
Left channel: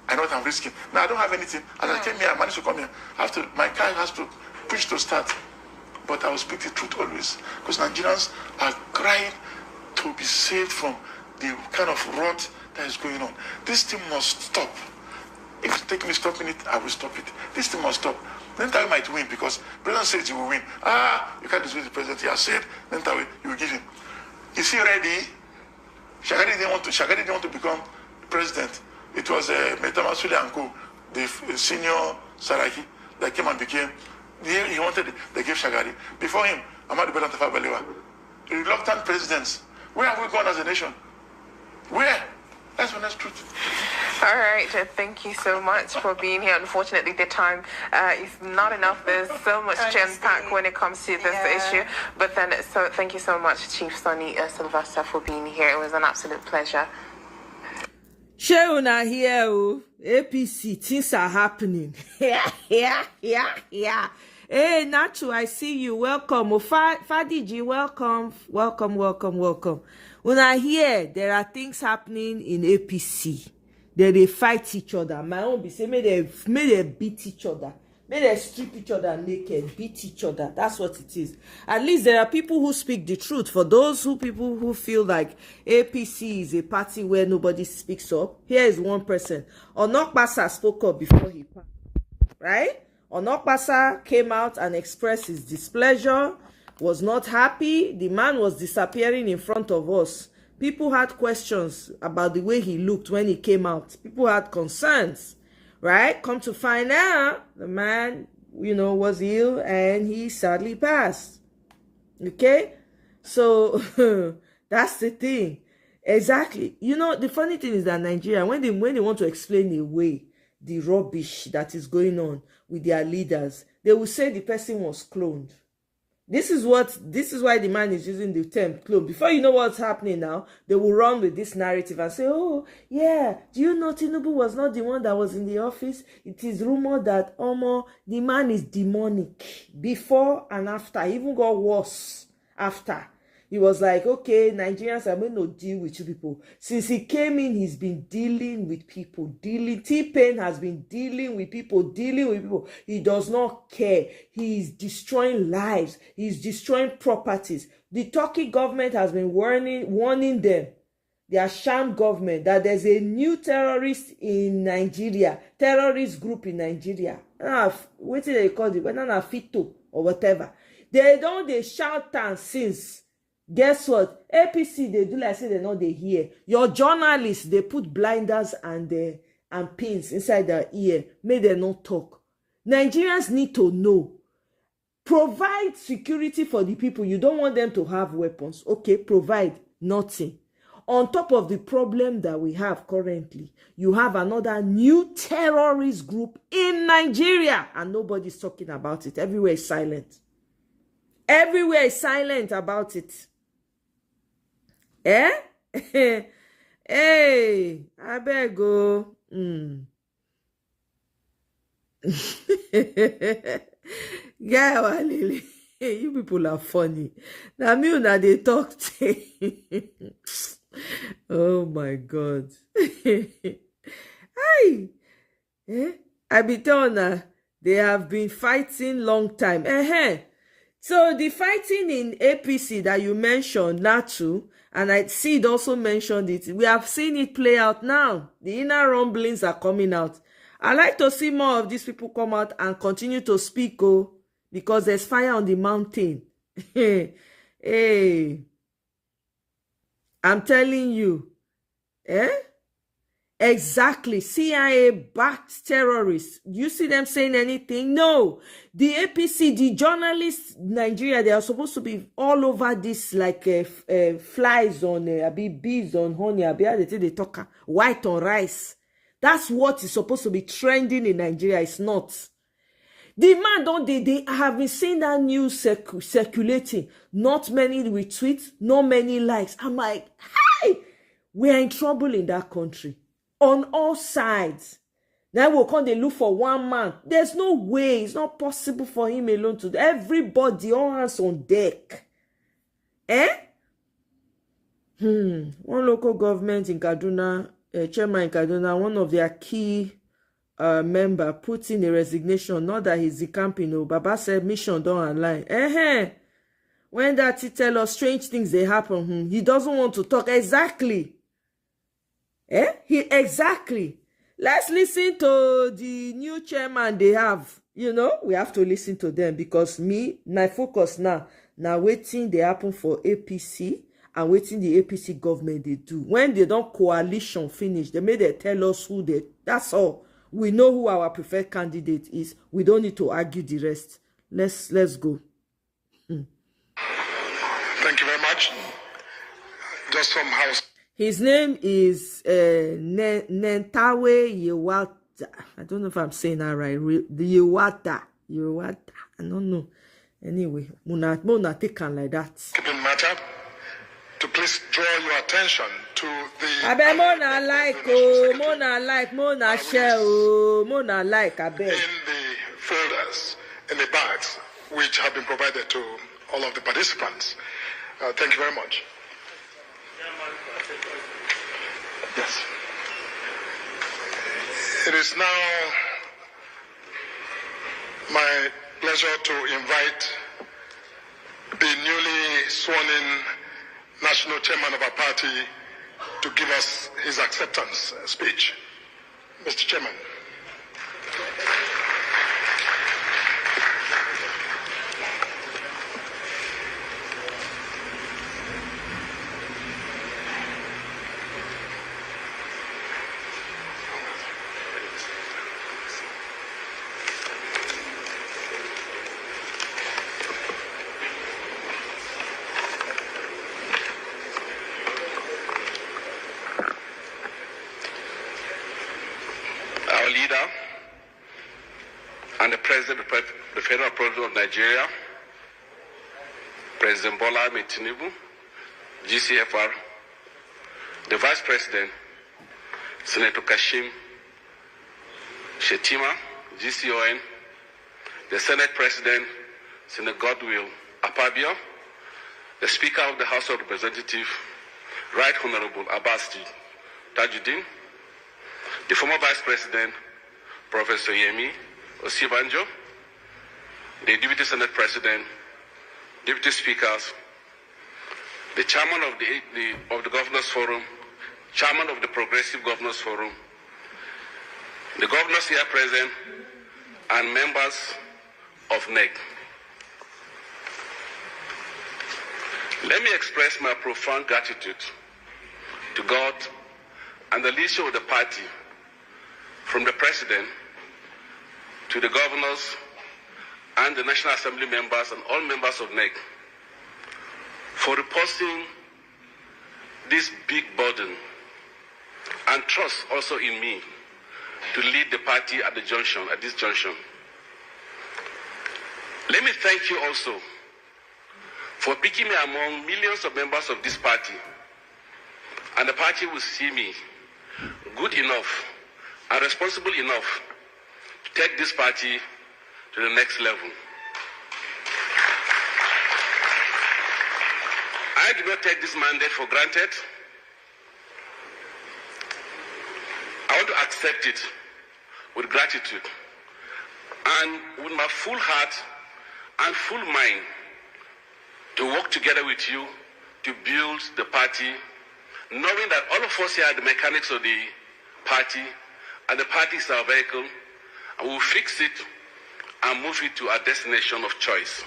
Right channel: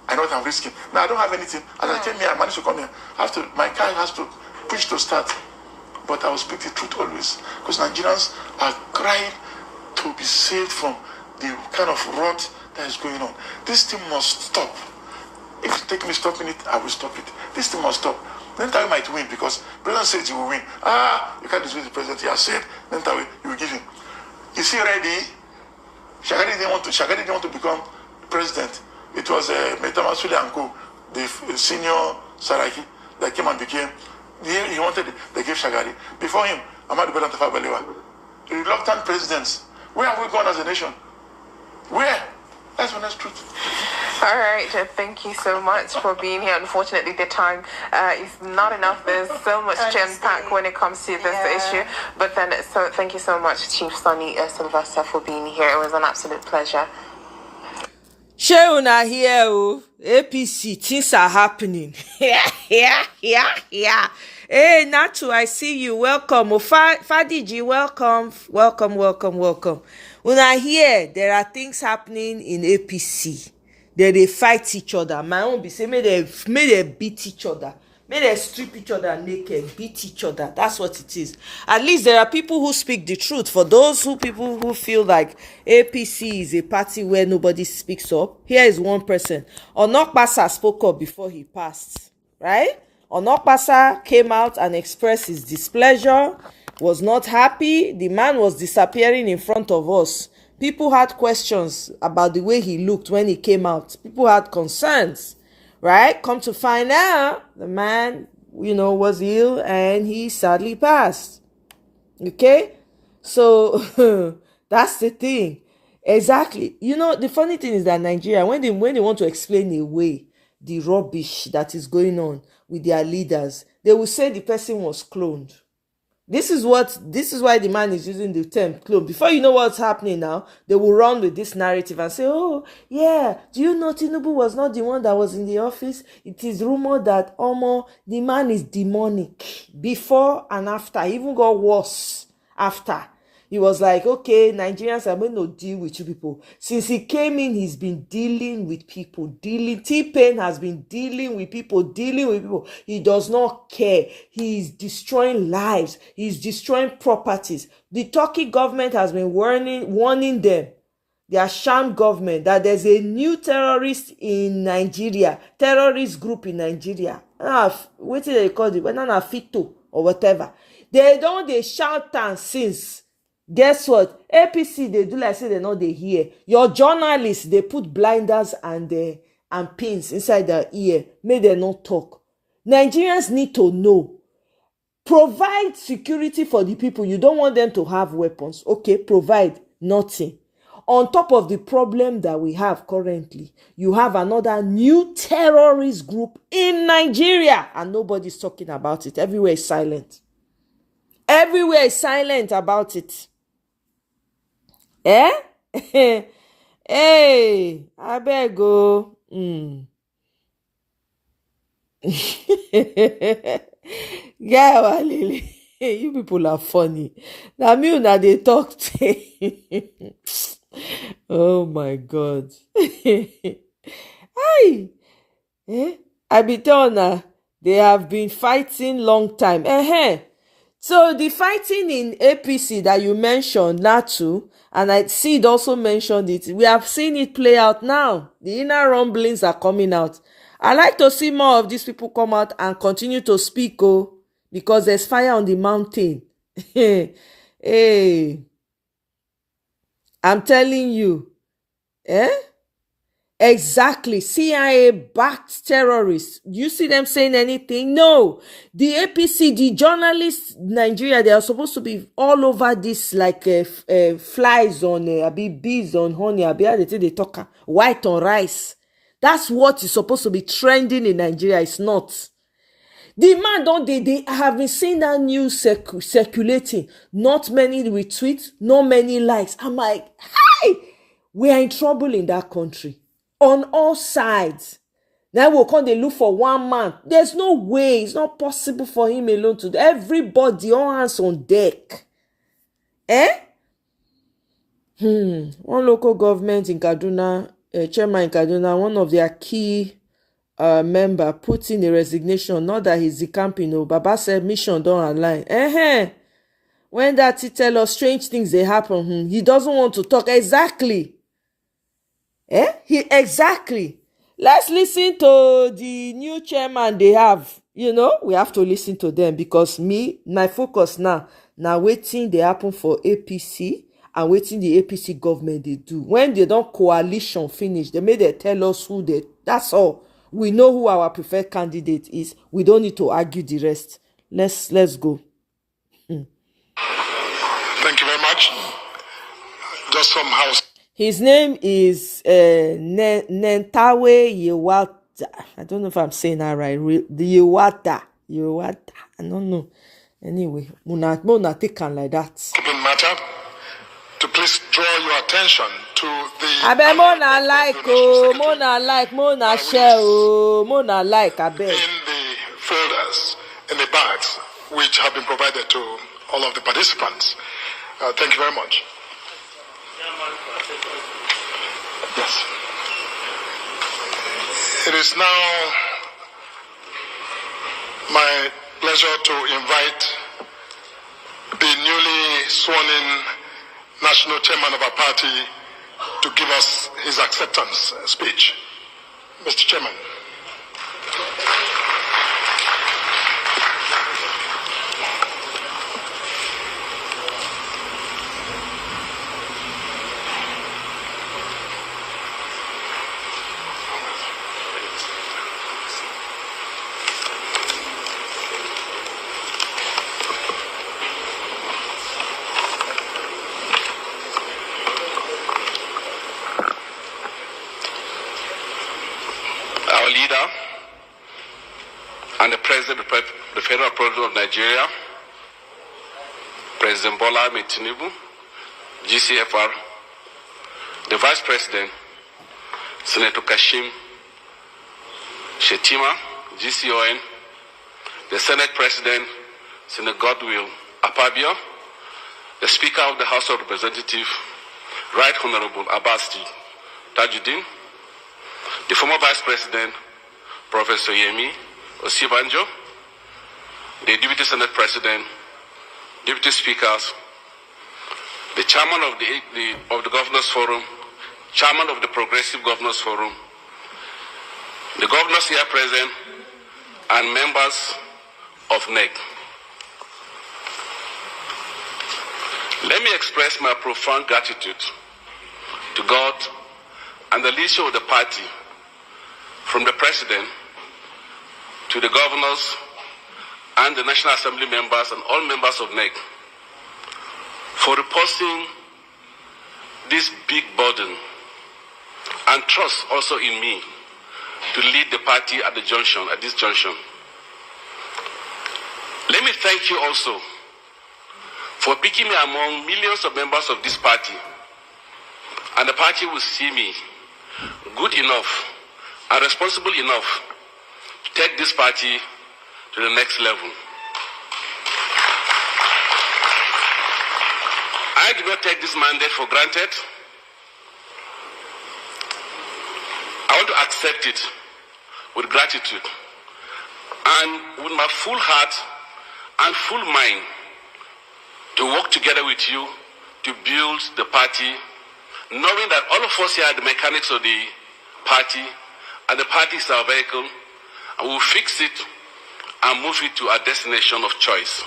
I know what I'm risking. Now, I don't have anything. As I came here, I managed to come here. My car has to push to start. But I will speak the truth always. Because Nigerians are crying to be saved from the kind of rot that is going on. This thing must stop. If you take me stopping it, I will stop it. This thing must stop. Nentawe might win because the president says he will win. You can't dismiss the president. He has said, Nentawe, you will give him. Is he ready? Shagari didn't want to become president. It was Metama Sule and Co, the senior Saraki, that came and became. He wanted it. They gave Shagari. Before him, Ahmed Datti, reluctant presidents. Where have we gone as a nation? Where? That's the honest truth. All right, thank you so much for being here. Unfortunately, the time is not enough. There's so much jam-packed when it comes to this issue. But then, so thank you so much, Chief Sonny Sylvester, for being here. It was an absolute pleasure. Sheuna here, APC, things are happening. Yeah. Hey, Natu, I see you. Welcome. Fadiji, welcome. Una here, there are things happening in APC. They fight each other. My own be say, may they beat each other. May they strip each other naked, beat each other. That's what it is. At least there are people who speak the truth. For those people who feel like APC is a party where nobody speaks up, here is one person. Onokpasa spoke up before he passed. Right? Onokpasa came out and expressed his displeasure, was not happy. The man was disappearing in front of us. People had questions about the way he looked when he came out. People had concerns, right? Come to find out, the man, was ill and he sadly passed. Okay? So, that's the thing. Exactly. The funny thing is that Nigeria, when they want to explain away the rubbish that is going on with their leaders, they will say the person was cloned. This is why the man is using the term clone. Before you know what's happening now, they will run with this narrative and say, oh, yeah, do you know Tinubu was not the one that was in the office? It is rumored that the man is demonic. Before and after, he even got worse after. He was like, okay, Nigerians are going to deal with you people. Since he came in, he's been dealing with people. T-Pain has been dealing with people. He does not care. He's destroying lives. He's destroying properties. The Turkey government has been warning them, their sham government, that there's a new terrorist in Nigeria, terrorist group in Nigeria. What do they call it? Whether not Fito or whatever. They shout and since. Guess what? APC, they do like say they know they hear. Your journalists, they put blinders and pins inside their ear. Make them not talk. Nigerians need to know. Provide security for the people. You don't want them to have weapons. Okay, provide nothing. On top of the problem that we have currently, you have another new terrorist group in Nigeria. And nobody's talking about it. Everywhere is silent. Everywhere is silent about it. Hey, I better go. Yeah, Walili. You people are funny. Now me una they talk. Oh my God. Hi. I be telling they have been fighting long time. So the fighting in APC that you mentioned, Natu, and I see it also mentioned it. We have seen it play out now. The inner rumblings are coming out. I like to see more of these people come out and continue to speak, because there's fire on the mountain. Hey, I'm telling you. Exactly. CIA-backed terrorists. You see them saying anything? No. The APC, the journalists in Nigeria, they are supposed to be all over this like flies on, bees on honey, how they talk, white on rice. That's what is supposed to be trending in Nigeria. It's not. The man, they have been seeing that news circulating. Not many retweets, not many likes. I'm like, hey, we are in trouble in that country. On all sides. Now we'll come they look for one man. There's no way. It's not possible for him alone to do. Everybody, all hands on deck. One local government in Kaduna, chairman in Kaduna, one of their key member put in a resignation. Not that he's decamping. Baba said mission don't align. When that he tell us strange things they happen, he doesn't want to talk. Exactly. Exactly. Let's listen to the new chairman they have. We have to listen to them because my focus now waiting they happen for APC and waiting the APC government they do. When they don't coalition finish, they may they tell us who they. That's all. We know who our preferred candidate is. We don't need to argue the rest. Let's go. Thank you very much. Just from house. His name is Nentawe Yewata. I don't know if I'm saying that right. The Yewata. I don't know. Anyway, Muna take on like that. Matter to please draw your attention to the. I bet Mona share, Mona like. I bet. In the folders, in the bags, which have been provided to all of the participants. Thank you very much. Yes. It is now my pleasure to invite the newly sworn-in national chairman of our party to give us his acceptance speech. Mr. Chairman. our leader and the President of the Federal President of Nigeria, President Bola Ahmed Tinubu, GCFR, the Vice President, Senator Kashim Shettima, GCON, the Senate President, Senator Godwill Akpabio, the Speaker of the House of Representatives, Right Honorable Abbas Tajuddin, the former Vice President, Professor Yemi Osibanjo, the Deputy Senate President, Deputy Speakers, the Chairman of the Governors Forum, Chairman of the Progressive Governors Forum, the governors here present, and members of NEC. Let me express my profound gratitude to God and the leadership of the party, from the President to the governors and the National Assembly members and all members of NEC, for reposing this big burden and trust also in me to lead the party at this junction. Let me thank you also for picking me among millions of members of this party, and the party will see me good enough and responsible enough to take this party to the next level. I do not take this mandate for granted. I want to accept it with gratitude and with my full heart and full mind to work together with you to build the party, knowing that all of us here are the mechanics of the party, and the party is our vehicle, and we'll fix it and move it to our destination of choice.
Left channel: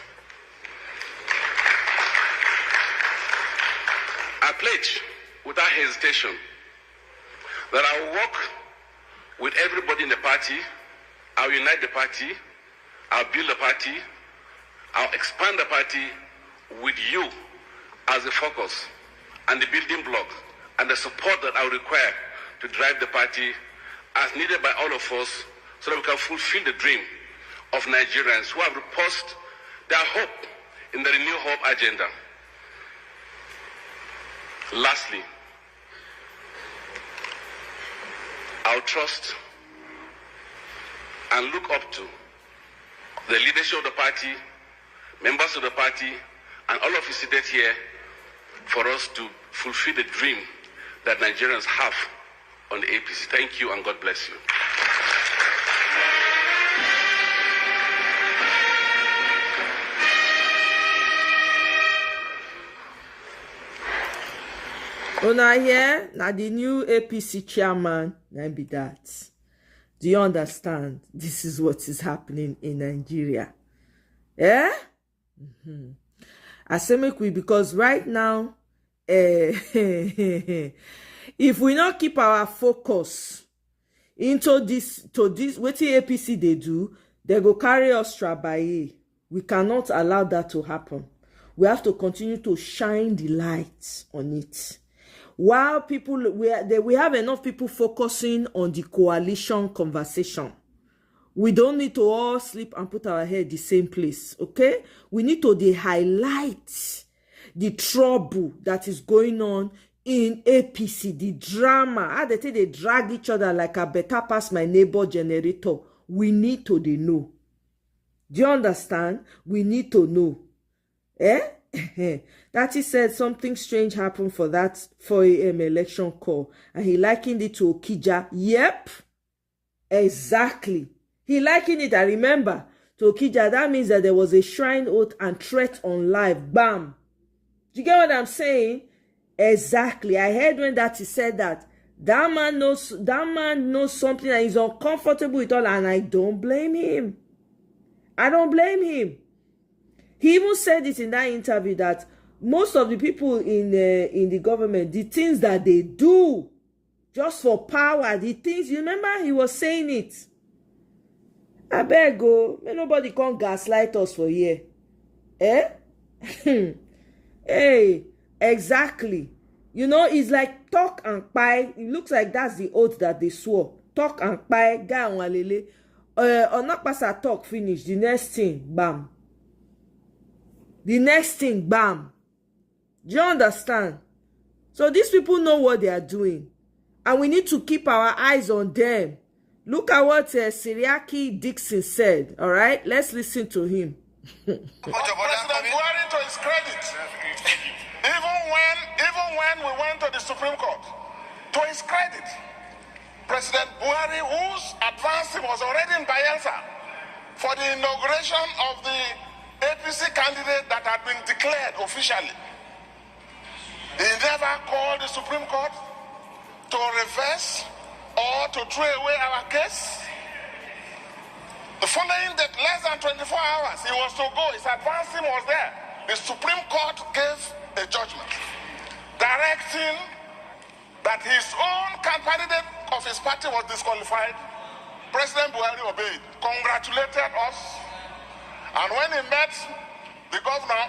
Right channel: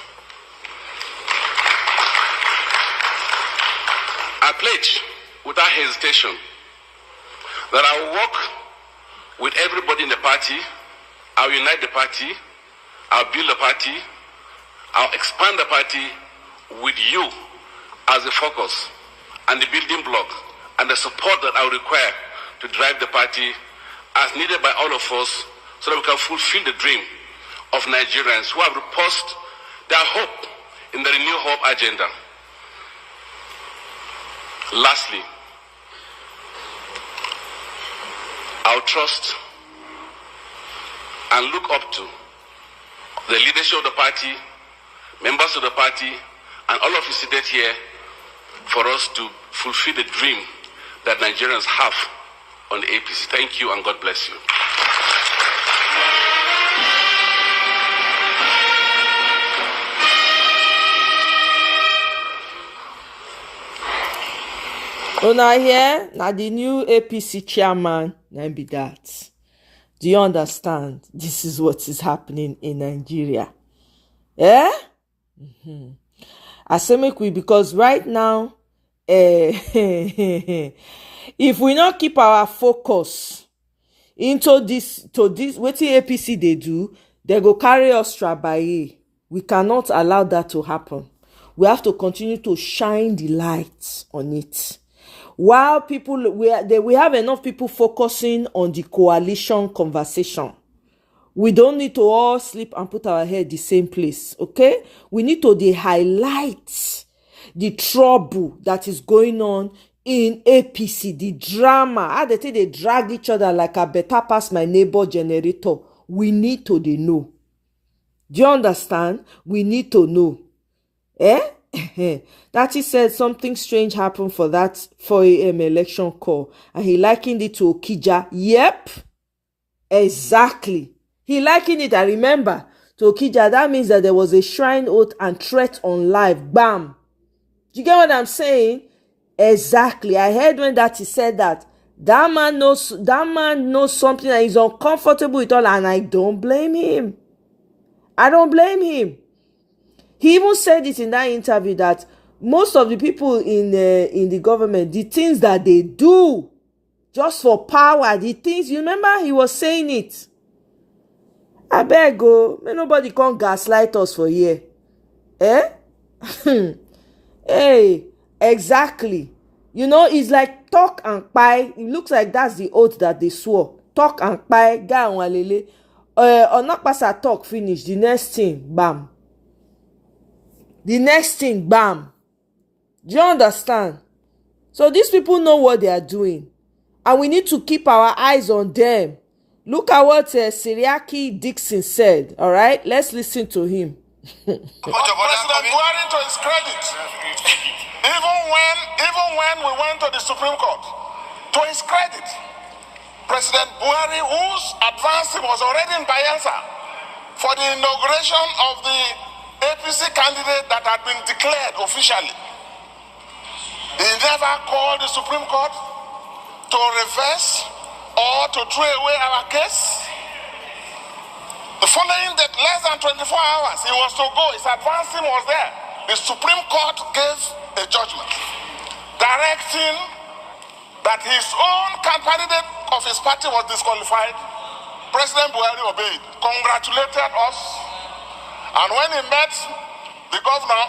I pledge without hesitation that I will work with everybody in the party, I'll unite the party, I'll build the party, I'll expand the party with you as the focus and the building block and the support that I will require to drive the party as needed by all of us, so that we can fulfill the dream of Nigerians who have reposed their hope in the Renew Hope agenda. Lastly, I'll trust and look up to the leadership of the party, members of the party, and all of you seated here for us to fulfill the dream that Nigerians have on the APC. Thank you and God bless you. Una here, now the new APC chairman, now be that. Do you understand? This is what is happening in Nigeria. Eh? I say make we, because right now, if we not keep our focus into this, what the APC they do, they go carry us trabaye. We cannot allow that to happen. We have to continue to shine the light on it. While people, we have enough people focusing on the coalition conversation. We don't need to all sleep and put our head the same place, okay? We need to highlight the trouble that is going on in APC, the drama. How they think they drag each other like a better pass my neighbor generator. We need to know. Do you understand? We need to know. Eh? Datti said something strange happened for that 4 a.m. election call, and he likened it to Okija. Yep, exactly. He likened it, I remember, to Okija. That means that there was a shrine oath and threat on live. Bam. Do you get what I'm saying? Exactly. I heard when Datti said that. That man knows something that he's uncomfortable with all, and I don't blame him. I don't blame him. He even said it in that interview that most of the people in the government, the things that they do just for power, the things, you remember he was saying it. I beg go, may nobody come gaslight us for here. Eh? Hey, exactly. You know, it's like talk and pie. It looks like that's the oath that they swore. talk and buy guy on walele. Onakpasa talk finish. The next thing, bam. The next thing, bam. Do you understand? So these people know what they are doing. And we need to keep our eyes on them. Look at what Siriaki Dixon said. All right? Let's listen to him. President Buhari, to his credit, even when we went to the Supreme Court, to his credit, President Buhari, whose advancing was already in Bayelsa for the inauguration of the APC candidate that had been declared officially, he never called the Supreme Court to reverse or to throw away our case. The following day, less than 24 hours, he was to go. His advancing was there. The Supreme Court gave a judgment directing that his own candidate of his party was disqualified. President Buhari obeyed, congratulated us, and when he met the governor,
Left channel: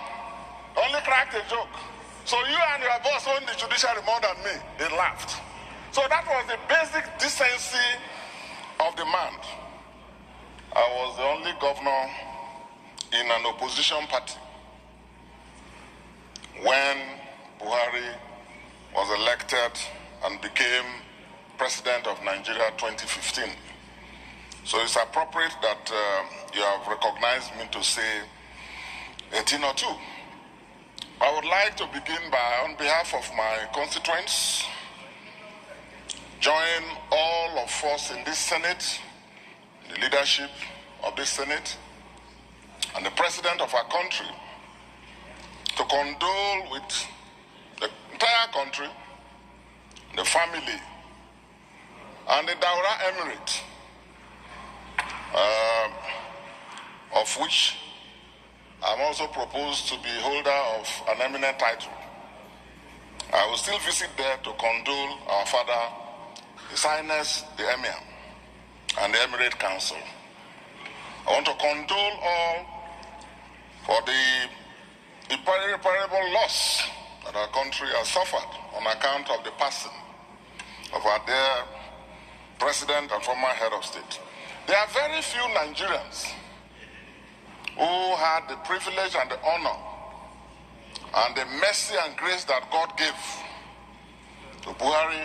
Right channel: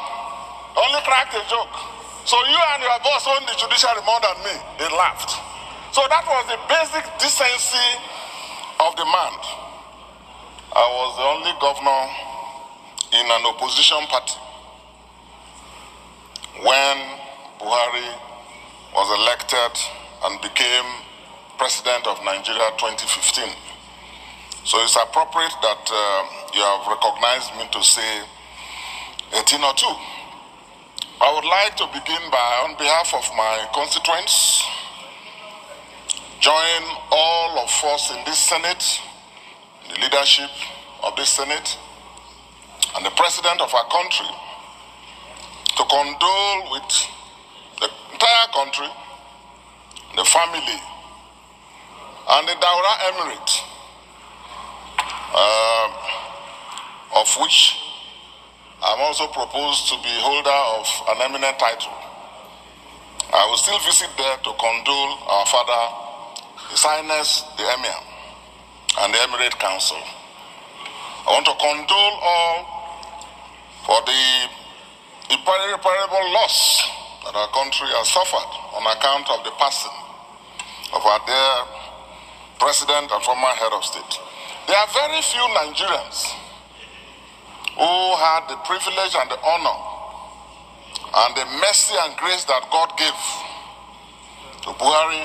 only cracked a joke. So you and your boss own the judiciary more than me. He laughed. So that was the basic decency of the man. I was the only governor in an opposition party when Buhari was elected and became president of Nigeria 2015. So it's appropriate that you have recognized me to say a thing or two. I would like to begin by, on behalf of my constituents, join all of us in this Senate, the leadership of this Senate, and the President of our country to condole with the entire country, the family, and the Daura Emirate, of which I'm also proposed to be holder of an eminent title. I will still visit there to condole our father, His Highness the Emir, and the Emirate Council. I want to condole all for the irreparable loss that our country has suffered on account of the passing of our dear President and former head of state. There are very few Nigerians who had the privilege and the honor and the mercy and grace that God gave to Buhari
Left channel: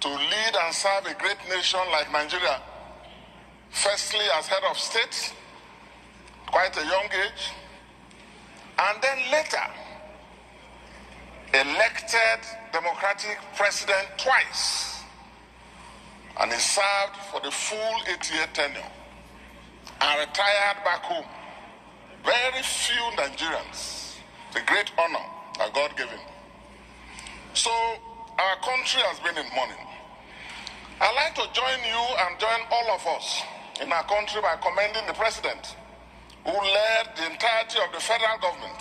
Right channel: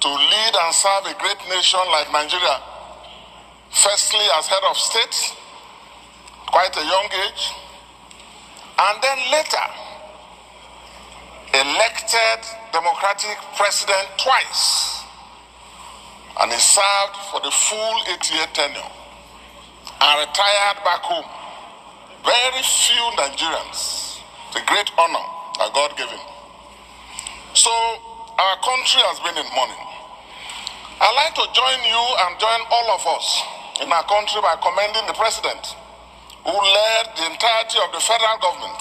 to lead and serve a great nation like Nigeria, firstly as head of state, quite a young age, and then later elected democratic president twice, and he served for the full 8-year tenure and retired back home. Very few Nigerians, the great honor that God gave him. So our country has been in mourning. I'd like to join you and join all of us in our country by commending the president who led the entirety of the federal government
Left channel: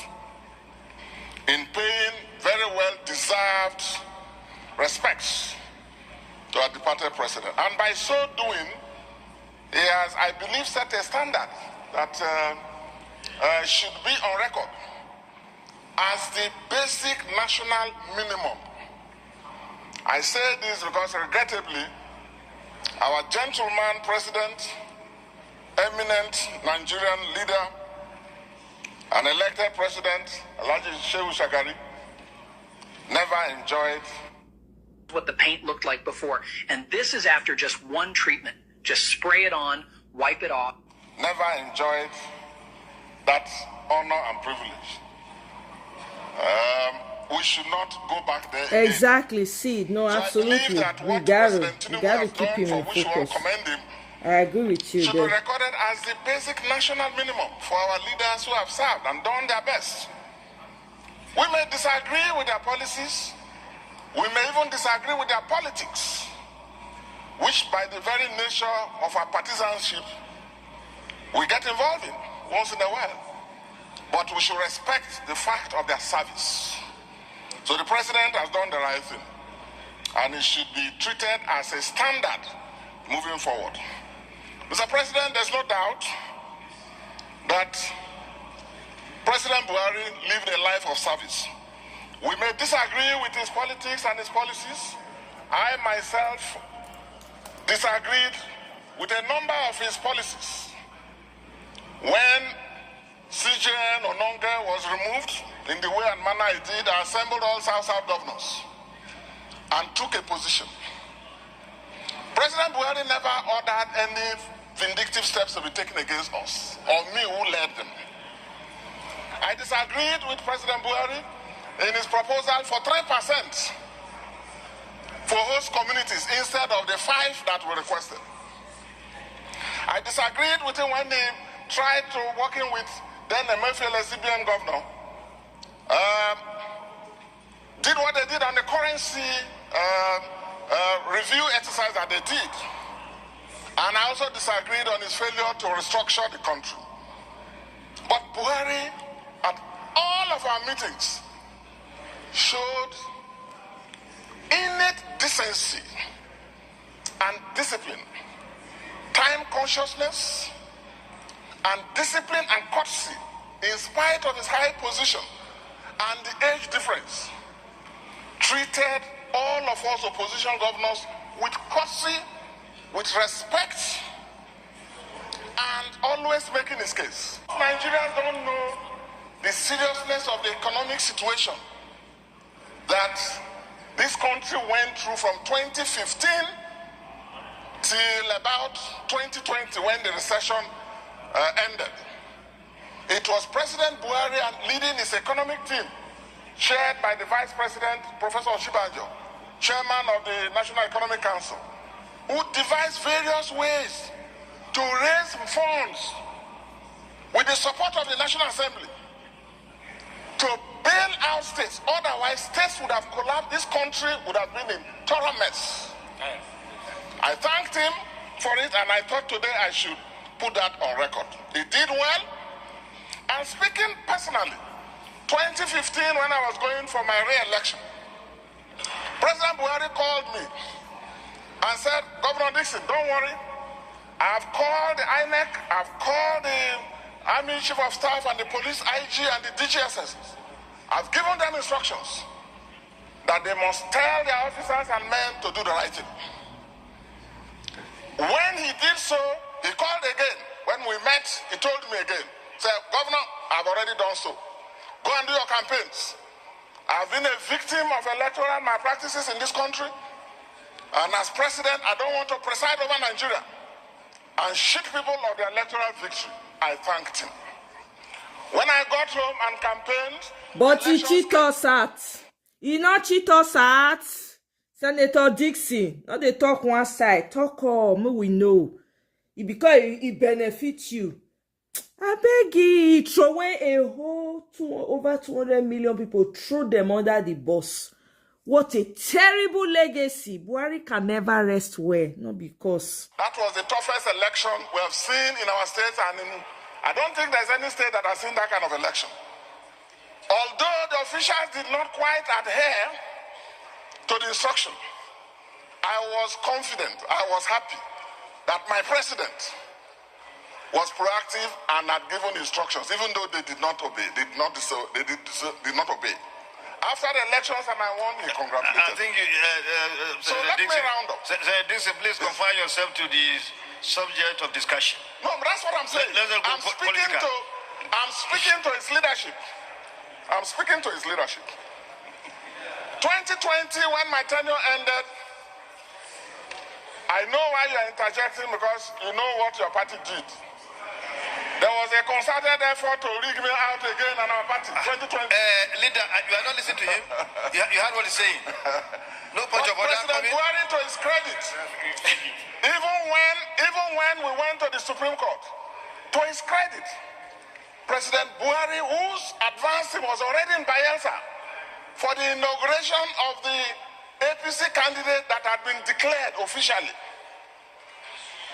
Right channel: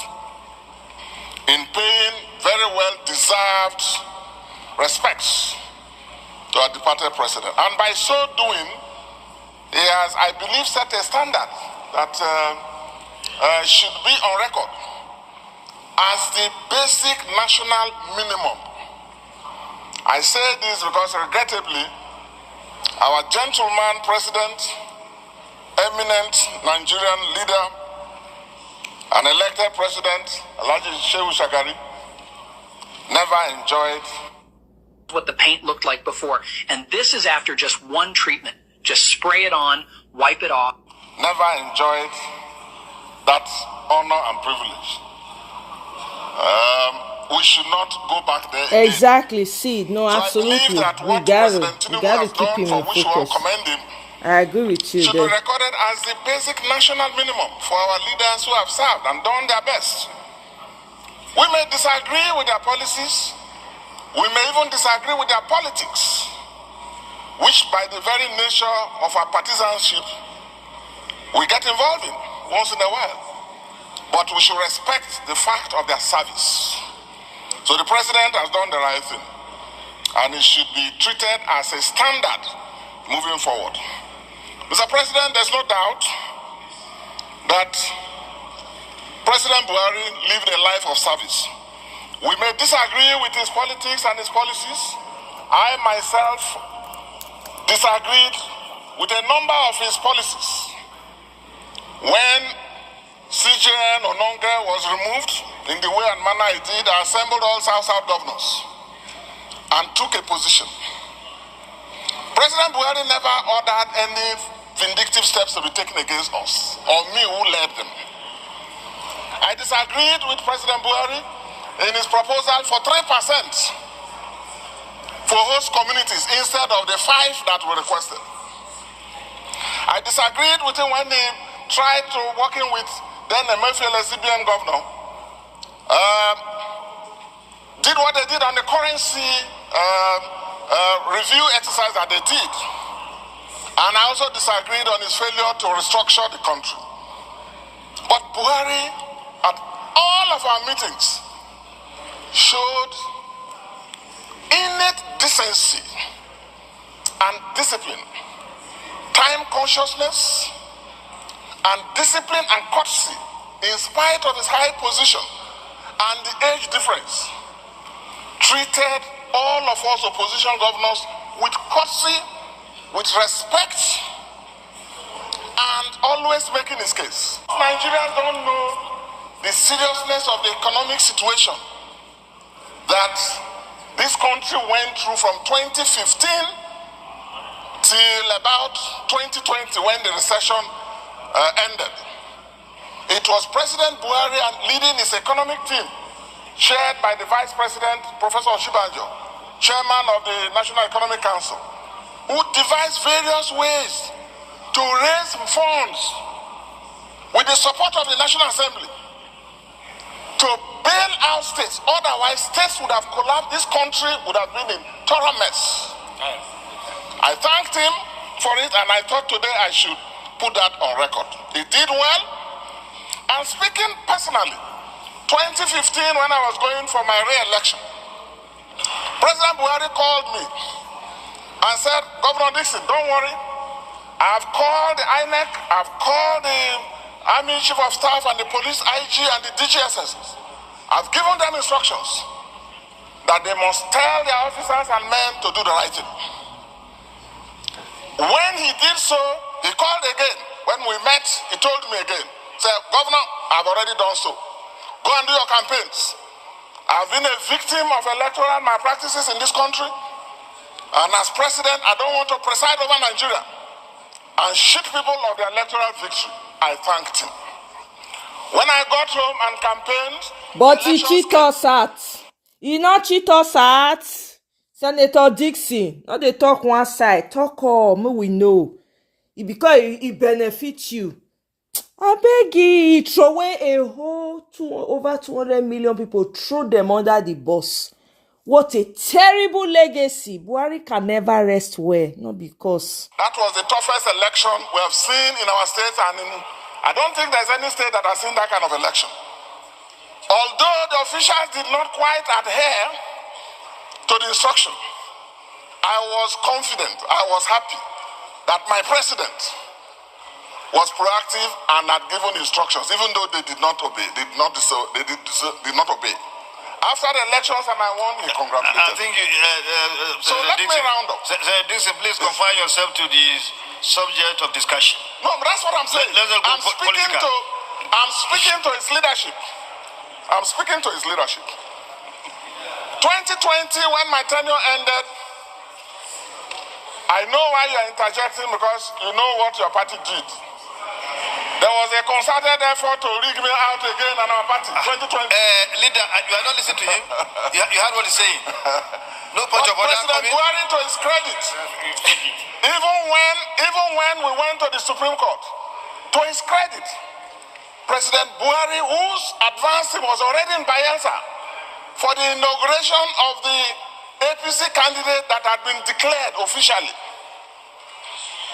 in paying very well deserved respects to our departed president. And by so doing, he has, I believe, set a standard that should be on record as the basic national minimum. I say this because regrettably, our gentleman president, eminent Nigerian leader, and elected president, Alhaji Shehu Shagari, never enjoyed what the paint looked like before. And this is after just one treatment. Just spray it on, wipe it off. Never enjoyed that honor and privilege. We should not go back there again. Exactly, see, no, so absolutely. We got to keep him in focus. I agree with you. Should be recorded as the basic national minimum for our leaders who have served and done their best. We may disagree with their policies. We may even disagree with their politics, which by the very nature of our partisanship, we get involved in once in a while. But we should respect the fact of their service. So the president has done the right thing, and it should be treated as a standard moving forward. Mr. President, there's no doubt that President Buhari lived a life of service. We may disagree with his politics and his policies. I myself disagreed with a number of his policies. When CJN Ononge was removed in the way and manner it did, I assembled all South governors and took a position. President Buhari never ordered any vindictive steps to be taken against us, or me who led them. I disagreed with President Buhari in his proposal for 3% for host communities instead of the 5 that were requested. I disagreed with him when he tried to, working with then Emefiele CBN governor, did what they did on the currency review exercise that they did. And I also disagreed on his failure to restructure the country. But Buhari, at all of our meetings, showed innate decency and discipline, time consciousness, and discipline and courtesy, in spite of his high position and the age difference, treated all of us opposition governors with courtesy, with respect, and always making his case. Nigerians don't know the seriousness of the economic situation that this country went through from 2015 till about 2020 when the recession ended. It was President Buhari and leading his economic team, chaired by the Vice President, Professor Shibanjo, Chairman of the National Economic Council, who devised various ways to raise funds with the support of the National Assembly to bail out states. Otherwise, states would have collapsed. This country would have been in thorough mess. I thanked him for it, and I thought today I should put that on record. He did well. And speaking personally, 2015, when I was going for my re-election, President Buhari called me and said, Governor Dixon, don't worry. I've called the INEC, I've called the Army Chief of Staff and the Police IG and the DGSS. I've given them instructions that they must tell their officers and men to do the right thing. When he did so, he called again. When we met, he told me again, said, Governor, I've already done so. Go and do your campaigns. I've been a victim of electoral malpractices in this country. And as president, I don't want to preside over Nigeria and cheat people of their electoral victory. I thanked him. When I got home and campaigned... But he cheat us at. He not cheat us at. Senator Dixon, not they talk one side. Talk all, we know. Because it benefits you. I beg you, throw away a whole over 200 million people, throw them under the bus. What a terrible legacy. Buhari can never rest well, not because. That was the toughest election we have seen in our state, and I don't think there's any state that has seen that kind of election. Although the officials did not quite adhere to the instruction, I was confident, I was happy that my president was proactive and had given instructions, even though they did not obey. Did not obey. After the elections and I won, he congratulated. I think so let me round up. Dixon, please confine yourself to the subject of discussion. No, but that's what I'm saying. I'm speaking to his leadership. I'm speaking to his leadership. 2020, when my tenure ended, I know why you're interjecting, because you know what your party did. There was a concerted effort to rig me out again on our party, 2020. Leader, you are not listening to him. You heard what he's saying. No point of order. President Buhari, to his credit, even when we went to the Supreme Court, to his credit, President Buhari, whose advance team was already in Bayelsa for the inauguration of the APC candidate that had been declared officially,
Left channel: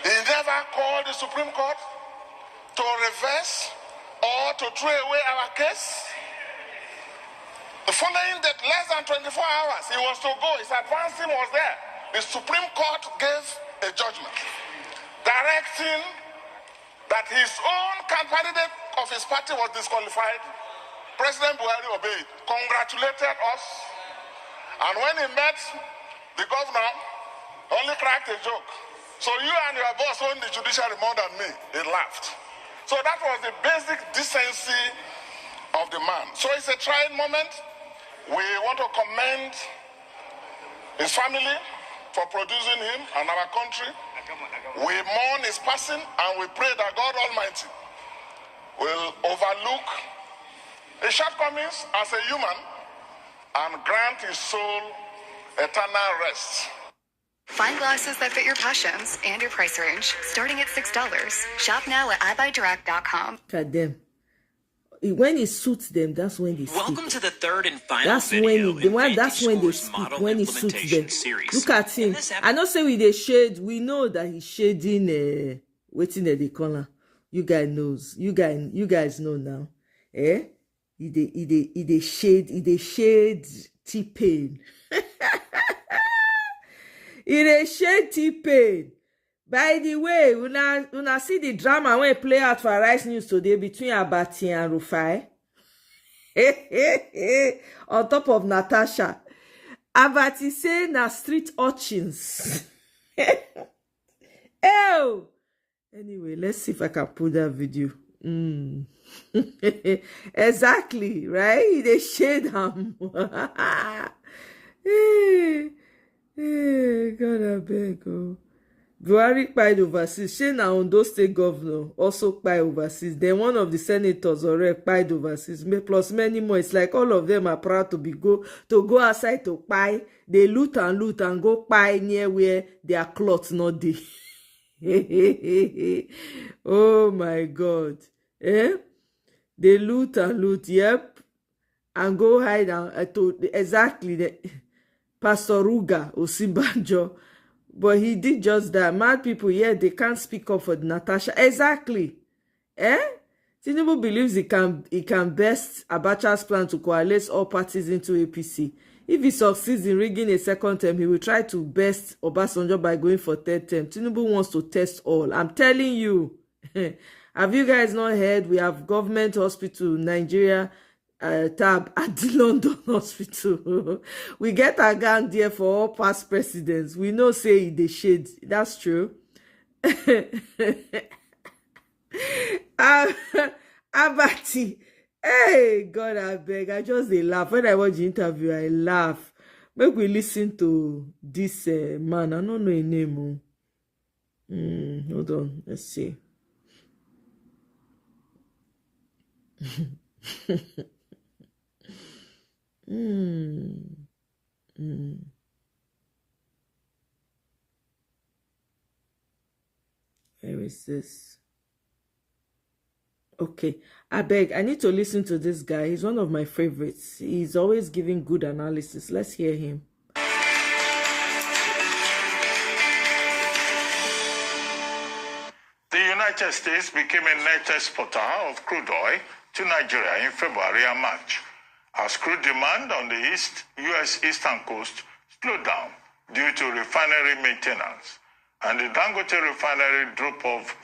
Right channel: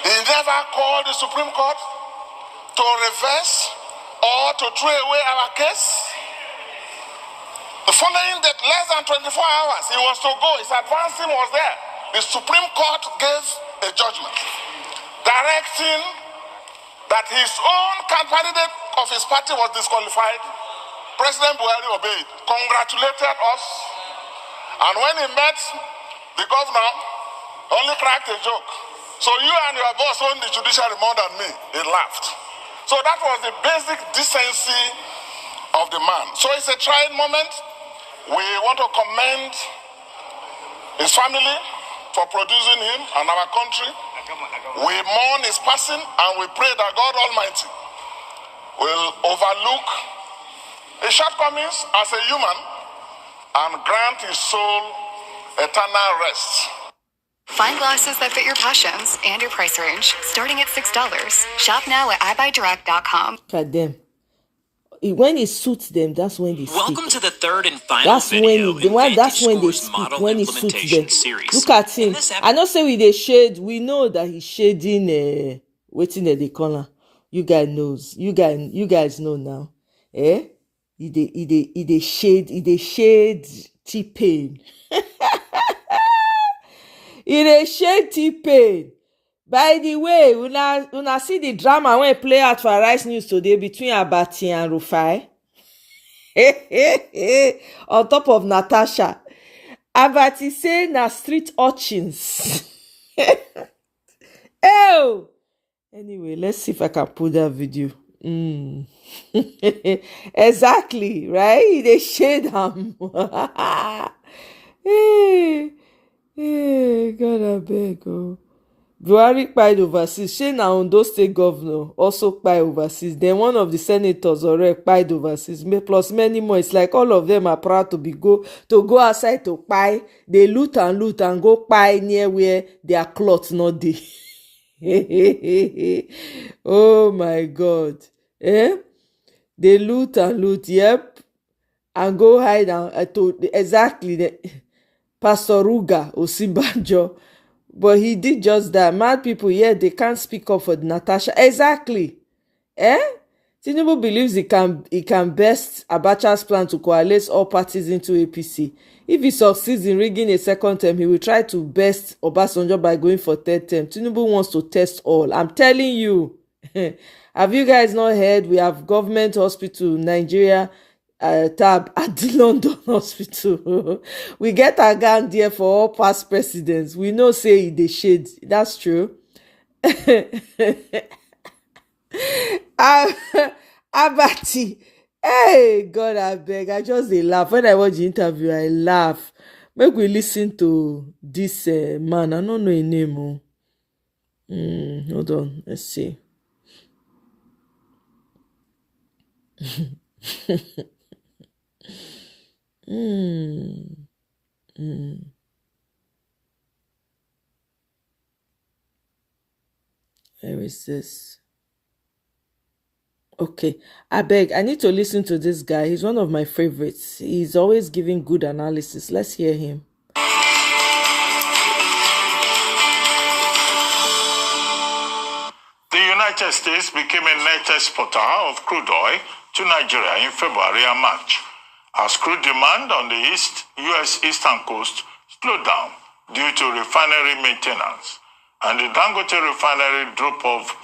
he never called the Supreme Court to reverse or to throw away our case. The following day, less than 24 hours, he was to go. His advance team was there. The Supreme Court gave a judgment directing that his own candidate of his party was disqualified. President Buhari obeyed, congratulated us, and when he met the governor, only cracked a joke. So you and your boss own the judiciary more than me. He laughed. So that was the basic decency of the man. So it's a trying moment. We want to commend his family for producing him and our country. We mourn his passing and we pray that God Almighty will overlook his shortcomings as a human and grant his soul eternal rest. Find glasses that fit your passions and your price range, starting at $6. Shop now at iBuyDirect.com. God damn. When it suits them, that's when they speak. Welcome to the third and final that's video that's when they speak, when it suits them. Look at him. I don't say with the shade, we know that he's shading waiting at the corner. You guys knows. You guys know now. Eh? He shade T-Pain. He shade T-Pain. By the way, una see the drama when play out for Rice News today between Abati and Rufai. On top of Natasha. Abati say na street urchins. Ew. Anyway, let's see if I can put that video. Exactly, right? They shade them. God, I beg. Oh. Buhari kpai overseas. Shey na Ondo State Governor also kpai overseas. Then one of the senators already kpai overseas. Plus many more. It's like all of them are proud to go outside to kpai. They loot and go kpai near where their cloth not dey. Oh my God. Eh? They loot, yep. And go hide exactly. Pastor Ruga Osinbajo. But he did just that. Mad people, yeah, they can't speak up for Natasha. Exactly. Eh? Tinubu believes he can best Abacha's plan to coalesce all parties into APC. If he succeeds in rigging a second term, he will try to best Obasanjo by going for third term. Tinubu wants to test all. I'm telling you. Have you guys not heard? We have government hospital, Nigeria, tab at the London hospital. We get a gun there for all past presidents. We know say they shade. That's true. Abati. Hey, God, I beg. I just laugh. When I watch the interview, I laugh. Make we listen to this man. I don't know his name. Hold on. Let's see. Where is this? Okay, I beg. I need to listen to this guy. He's one of my favorites. He's always giving good analysis. Let's hear him. The United States became a net exporter of crude oil to Nigeria in February and March, as crude demand on the U.S. eastern coast slowed down due to refinery maintenance, and the Dangote refinery drop of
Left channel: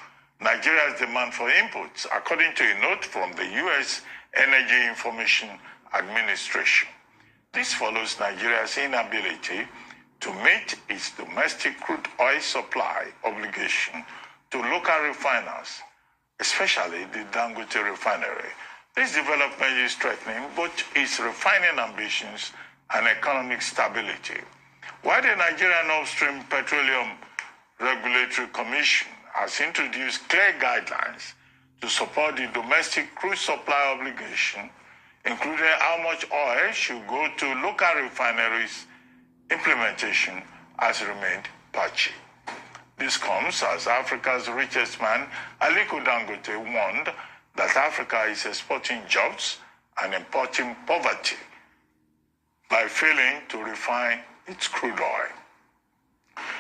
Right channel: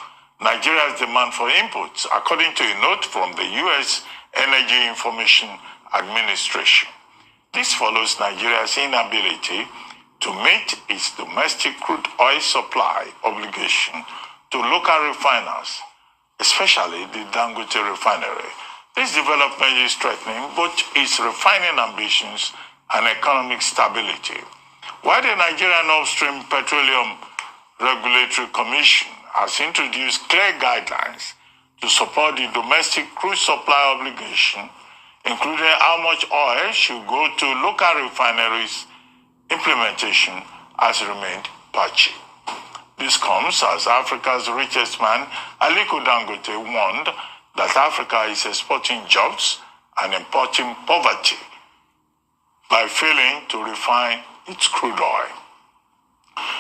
Nigeria's demand for inputs, according to a note from the U.S. Energy Information Administration. This follows Nigeria's inability to meet its domestic crude oil supply obligation to local refiners, especially the Dangote refinery. This development is threatening both its refining ambitions and economic stability. While the Nigerian Upstream Petroleum Regulatory Commission has introduced clear guidelines to support the domestic crude supply obligation, including how much oil should go to local refineries, implementation has remained patchy. This comes as Africa's richest man, Aliko Dangote, warned that Africa is exporting jobs and importing poverty by failing to refine its crude oil,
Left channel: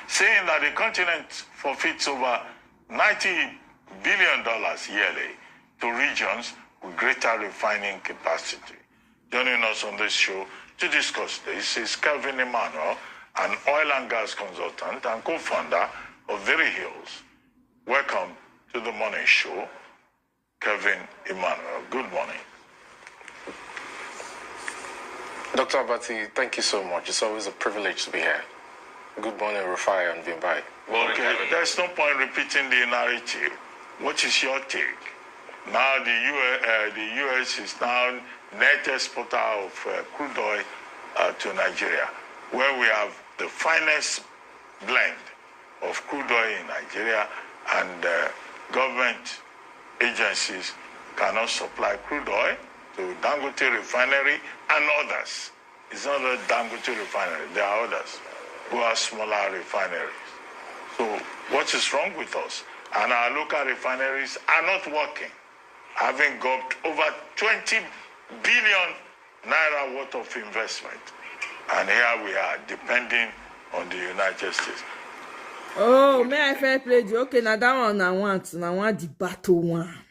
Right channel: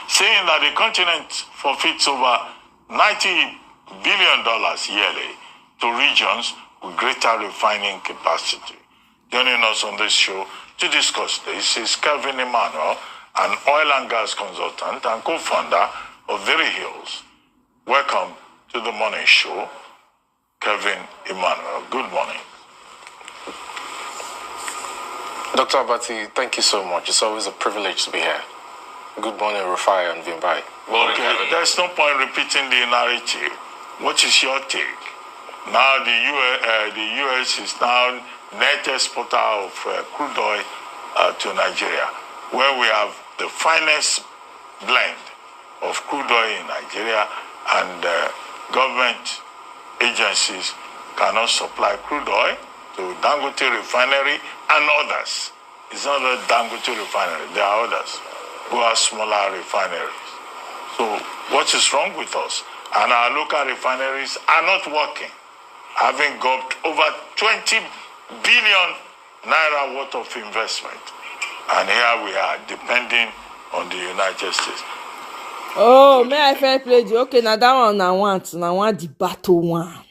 saying that the continent forfeits over $90 billion yearly to regions with greater refining capacity. Joining us on this show to discuss this is Kevin Emmanuel, an oil and gas consultant and co-founder of Very Hills. Welcome to the morning show, Kevin Emmanuel. Good morning. Dr. Abati, thank you so much. It's always a privilege to be here. Good morning, Rufai and Vimbai. Okay, there's no point repeating the narrative. What is your take? Now the U.S. is now net exporter of crude oil to Nigeria, where we have the finest blend of crude oil in Nigeria, and government agencies cannot supply crude oil to Dangote refinery and others. It's not a Dangote refinery, there are others who are smaller refineries. So what is wrong with us? And our local refineries are not working, having got over 20 billion naira worth of investment. And here we are, depending on the United States. Oh, may I fair play you? Okay, now that one I want the battle one.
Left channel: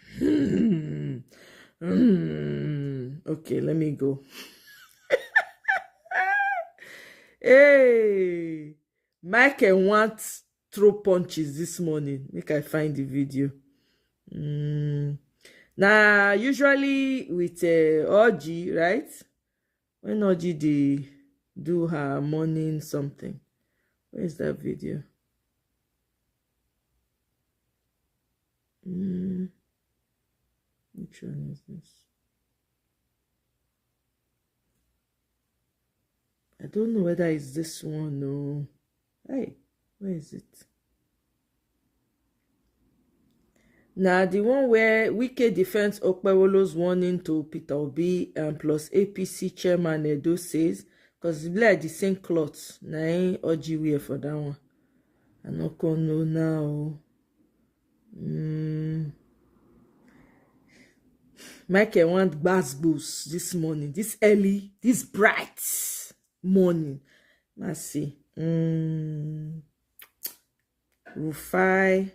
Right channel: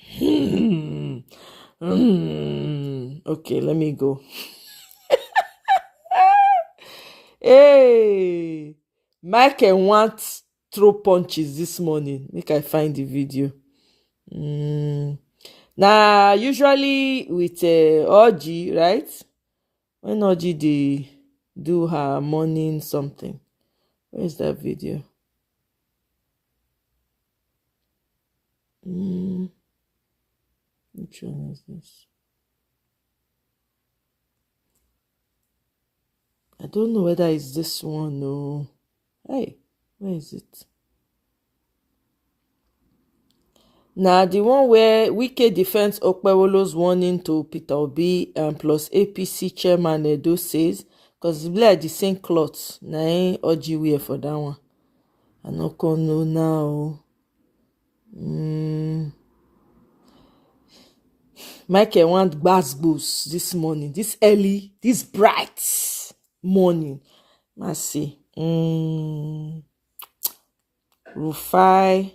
Okay, let me go. Hey, Michael wants throw punches this morning. Make I find the video. Now, usually with Oji, right? When Oji they do her morning something. Where's that video? Which one is this? I don't know whether it's this one or... Hey, where is it? Now, the one where Wike defends Okpewolo's warning to Peter Obi and plus APC Chairman Edo says, because it's like the same cloths. Now, ain't Oji wear for that one. I no know now. Michael want gbas this morning, this early, this bright morning. Let's see. Rufai.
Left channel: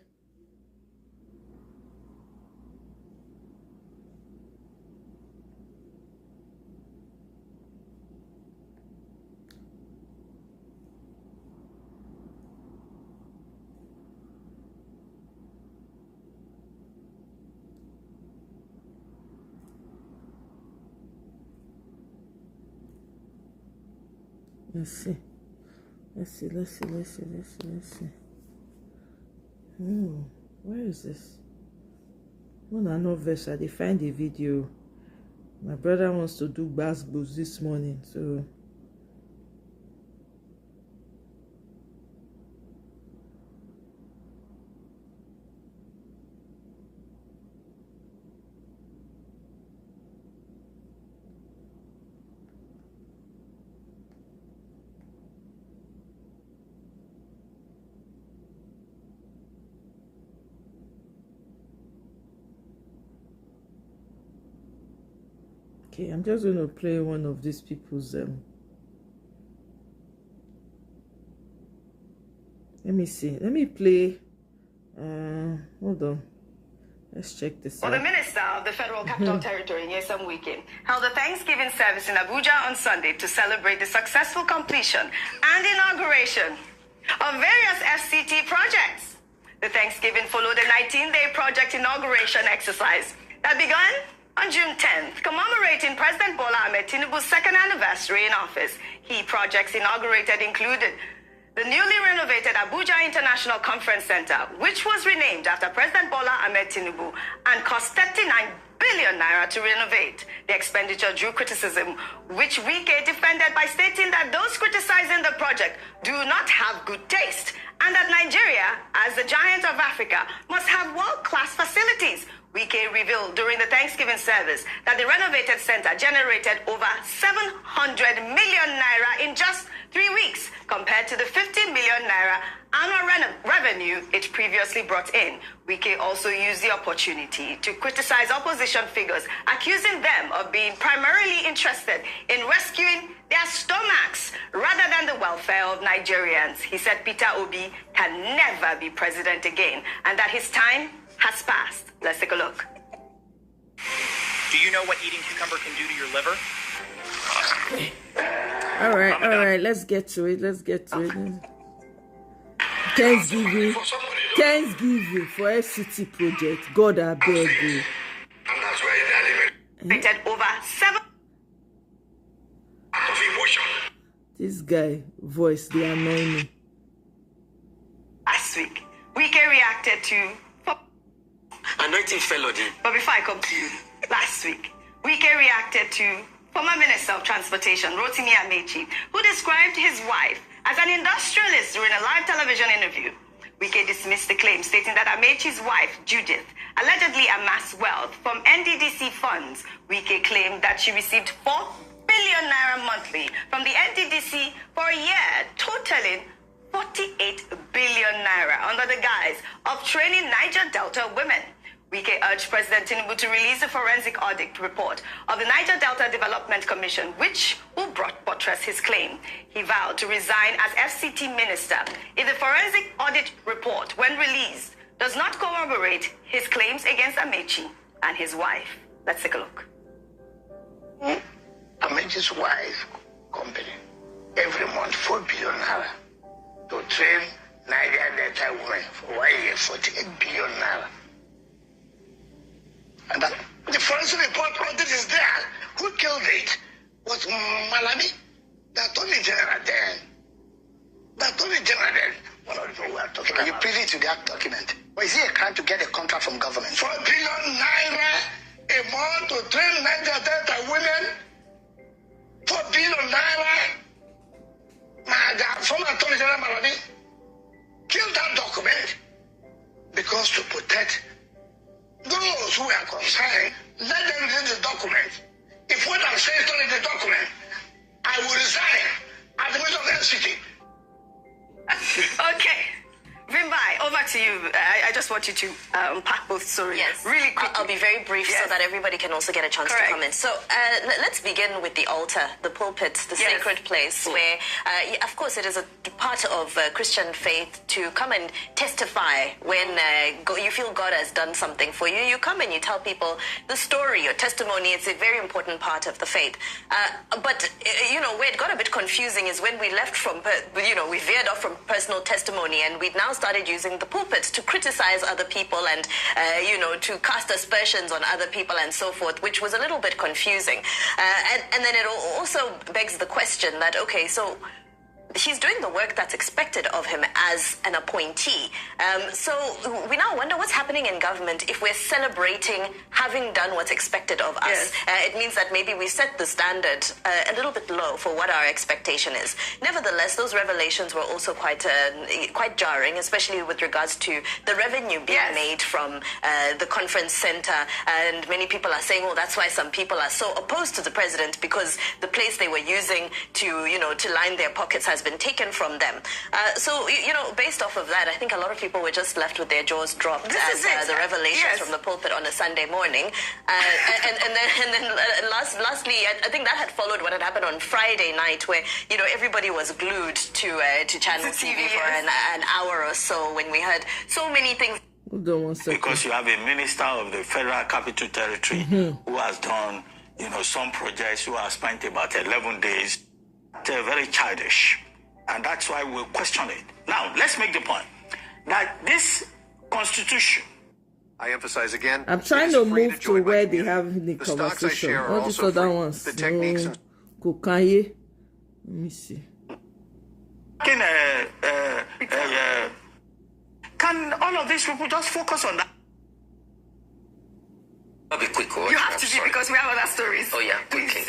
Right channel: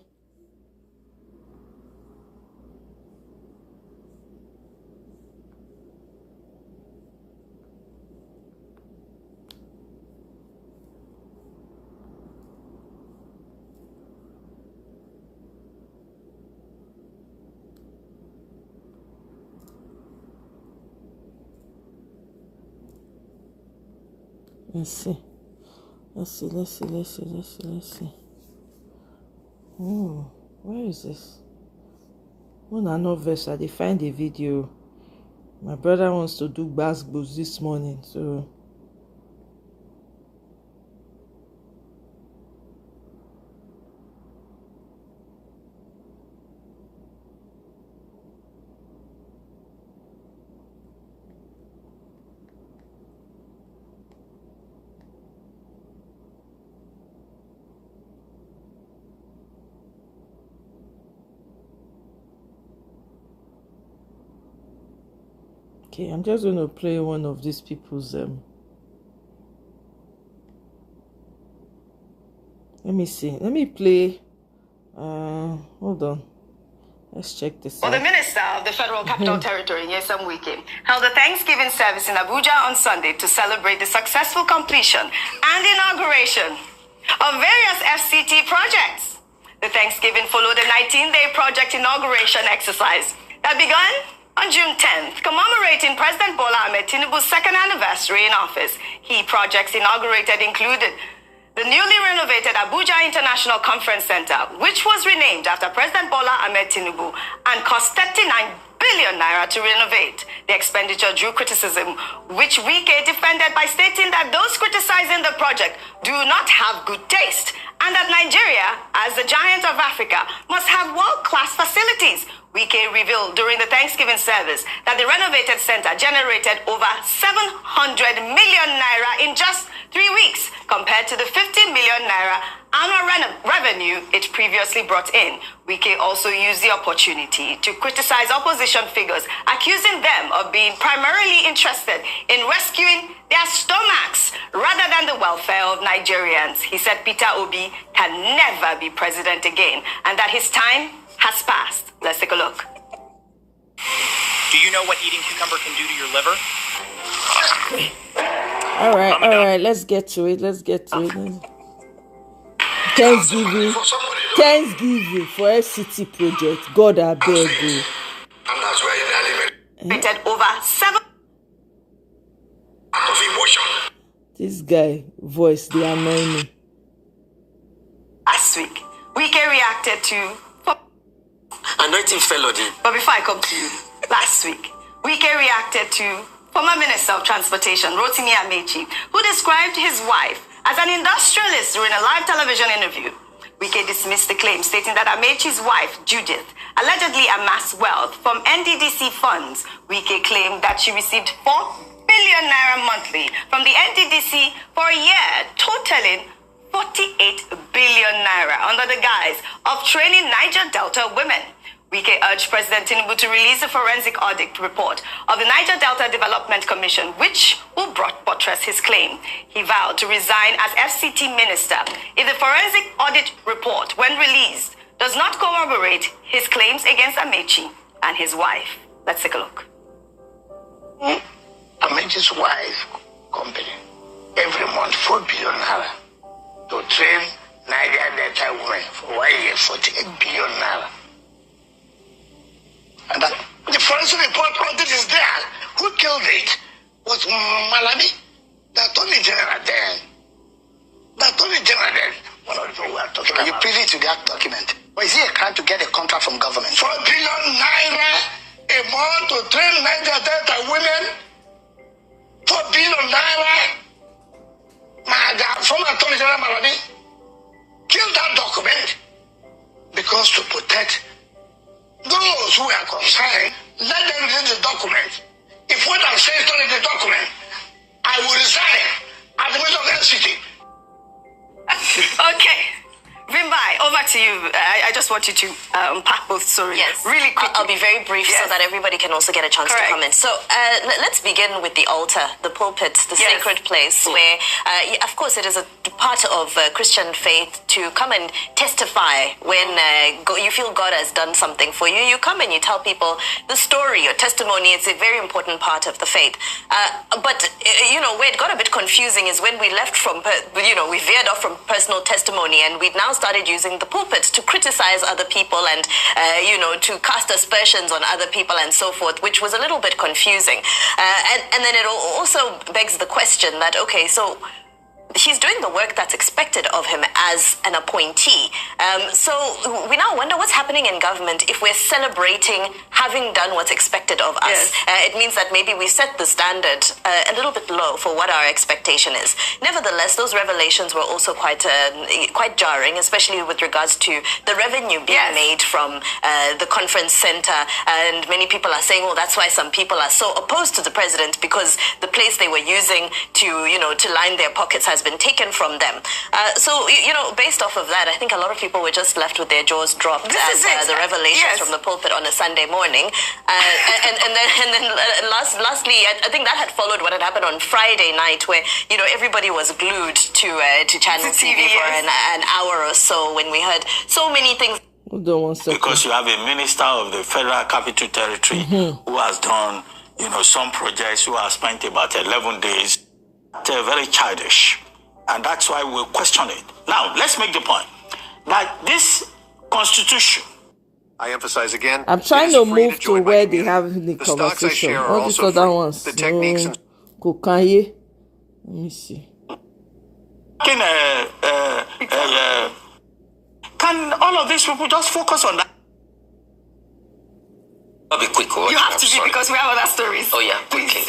Let's see. Oh, where is this? When I know verse, I find the video. My brother wants to do gbas this morning, so okay, I'm just going to play one of these people's let me see. Let me play hold on. Let's check this out. The Minister of the Federal Capital Territory, Nyesom Wike, held a Thanksgiving service in Abuja on Sunday to celebrate the successful completion and inauguration of various FCT projects. The Thanksgiving followed a 19-day project inauguration exercise that began on June 10th, commemorating President Bola Ahmed Tinubu's second anniversary in office. Key projects inaugurated included the newly renovated Abuja International Conference Center, which was renamed after President Bola Ahmed Tinubu and cost 39 billion naira to renovate. The expenditure drew criticism, which Wike defended by stating that those criticizing the project do not have good taste, and that Nigeria, as the giant of Africa, must have world-class facilities. Wike revealed during the Thanksgiving service that the renovated center generated over 700 million naira in just 3 weeks, compared to the 50 million naira annual revenue it previously brought in. Wike also used the opportunity to criticize opposition figures, accusing them of being primarily interested in rescuing their stomachs rather than the welfare of Nigerians. He said Peter Obi can never be president again and that his time has passed. Let's take a look. Do you know what eating cucumber can do to your liver? All right, let's get to it. Thanksgiving for FCT project. God, I beg you. Over 7. This guy voice, they annoy me. Last week, Wike reacted to... Anointing felony. But before I come to you, last week, Wike reacted to former Minister of Transportation, Rotimi Amaechi, who described his wife as an industrialist during a live television interview. Wike dismissed the claim, stating that Amaechi's wife, Judith, allegedly amassed wealth from NDDC funds. Wike claimed that she received 4 billion naira monthly from the NDDC for a year, totaling 48 billion naira under the guise of training Niger Delta women. Wike urged President Tinubu to release a forensic audit report of the Niger Delta Development Commission, which will buttress his claim. He vowed to resign as FCT minister if the forensic audit report, when released, does not corroborate his claims against Amaechi and his wife. Let's take a look. Amaechi's wife company every month 4 billion naira to train Niger Delta women for 1 year, 48 billion naira. And that, the forensic report audit is there. Who killed it? Was Malami? The Attorney General then. The Attorney General then. One of the people we are talking about. You privy to that document? Or is it a crime to get a contract from government? 4 billion naira a month to train Niger Delta women. 4 billion naira. My former Attorney General Malami killed that document because to protect those who are concerned. Let them read the document. If what I'm saying is not in the document, I will resign at the middle of the city. Okay. Vimbai, over to you. I just want you to unpack both stories. Yes. Really quickly. I'll be very brief so that everybody can also get a chance to comment. So let's begin with the altar, the pulpit, the sacred place where, of course, it is a part of Christian faith to come and testify when you feel God has done something for you. You come and you tell people the story, your testimony. It's a very important part of the faith. But, where it got a bit confusing is when we left from, we veered off from personal testimony and we've now started using the pulpit to criticize other people and, to cast aspersions on other people and so forth, which was a little bit confusing. And then it also begs the question that, okay, so he's doing the work that's expected of him as an appointee. So we now wonder what's happening in government if we're celebrating having done what's expected of us. It means that maybe we set the standard a little bit low for what our expectation is. Nevertheless, those revelations were also quite jarring, especially with regards to the revenue being made from the conference center. And many people are saying, well, that's why some people are so opposed to the president, because the place they were using to line their pockets has been taken from them. So, based off of that, I think a lot of people were just left with their jaws dropped as the revelations from the pulpit on a Sunday morning. And then lastly, I think that had followed what had happened on Friday night, where, everybody was glued to Channel TV for an hour or so when we heard so many things. Hold on 1 second. Because you have a minister of the Federal Capital Territory who has done, some projects, who has spent about 11 days. They're very childish. And that's why we'll question it. Now, let's make the point that this constitution... I emphasize again... I'm trying to move to where they have the conversation. All these other ones. The techniques and... Let me see. Can all of these people just focus on that? I'll be quick. You have to be, because we have other stories. Oh, yeah. Okay.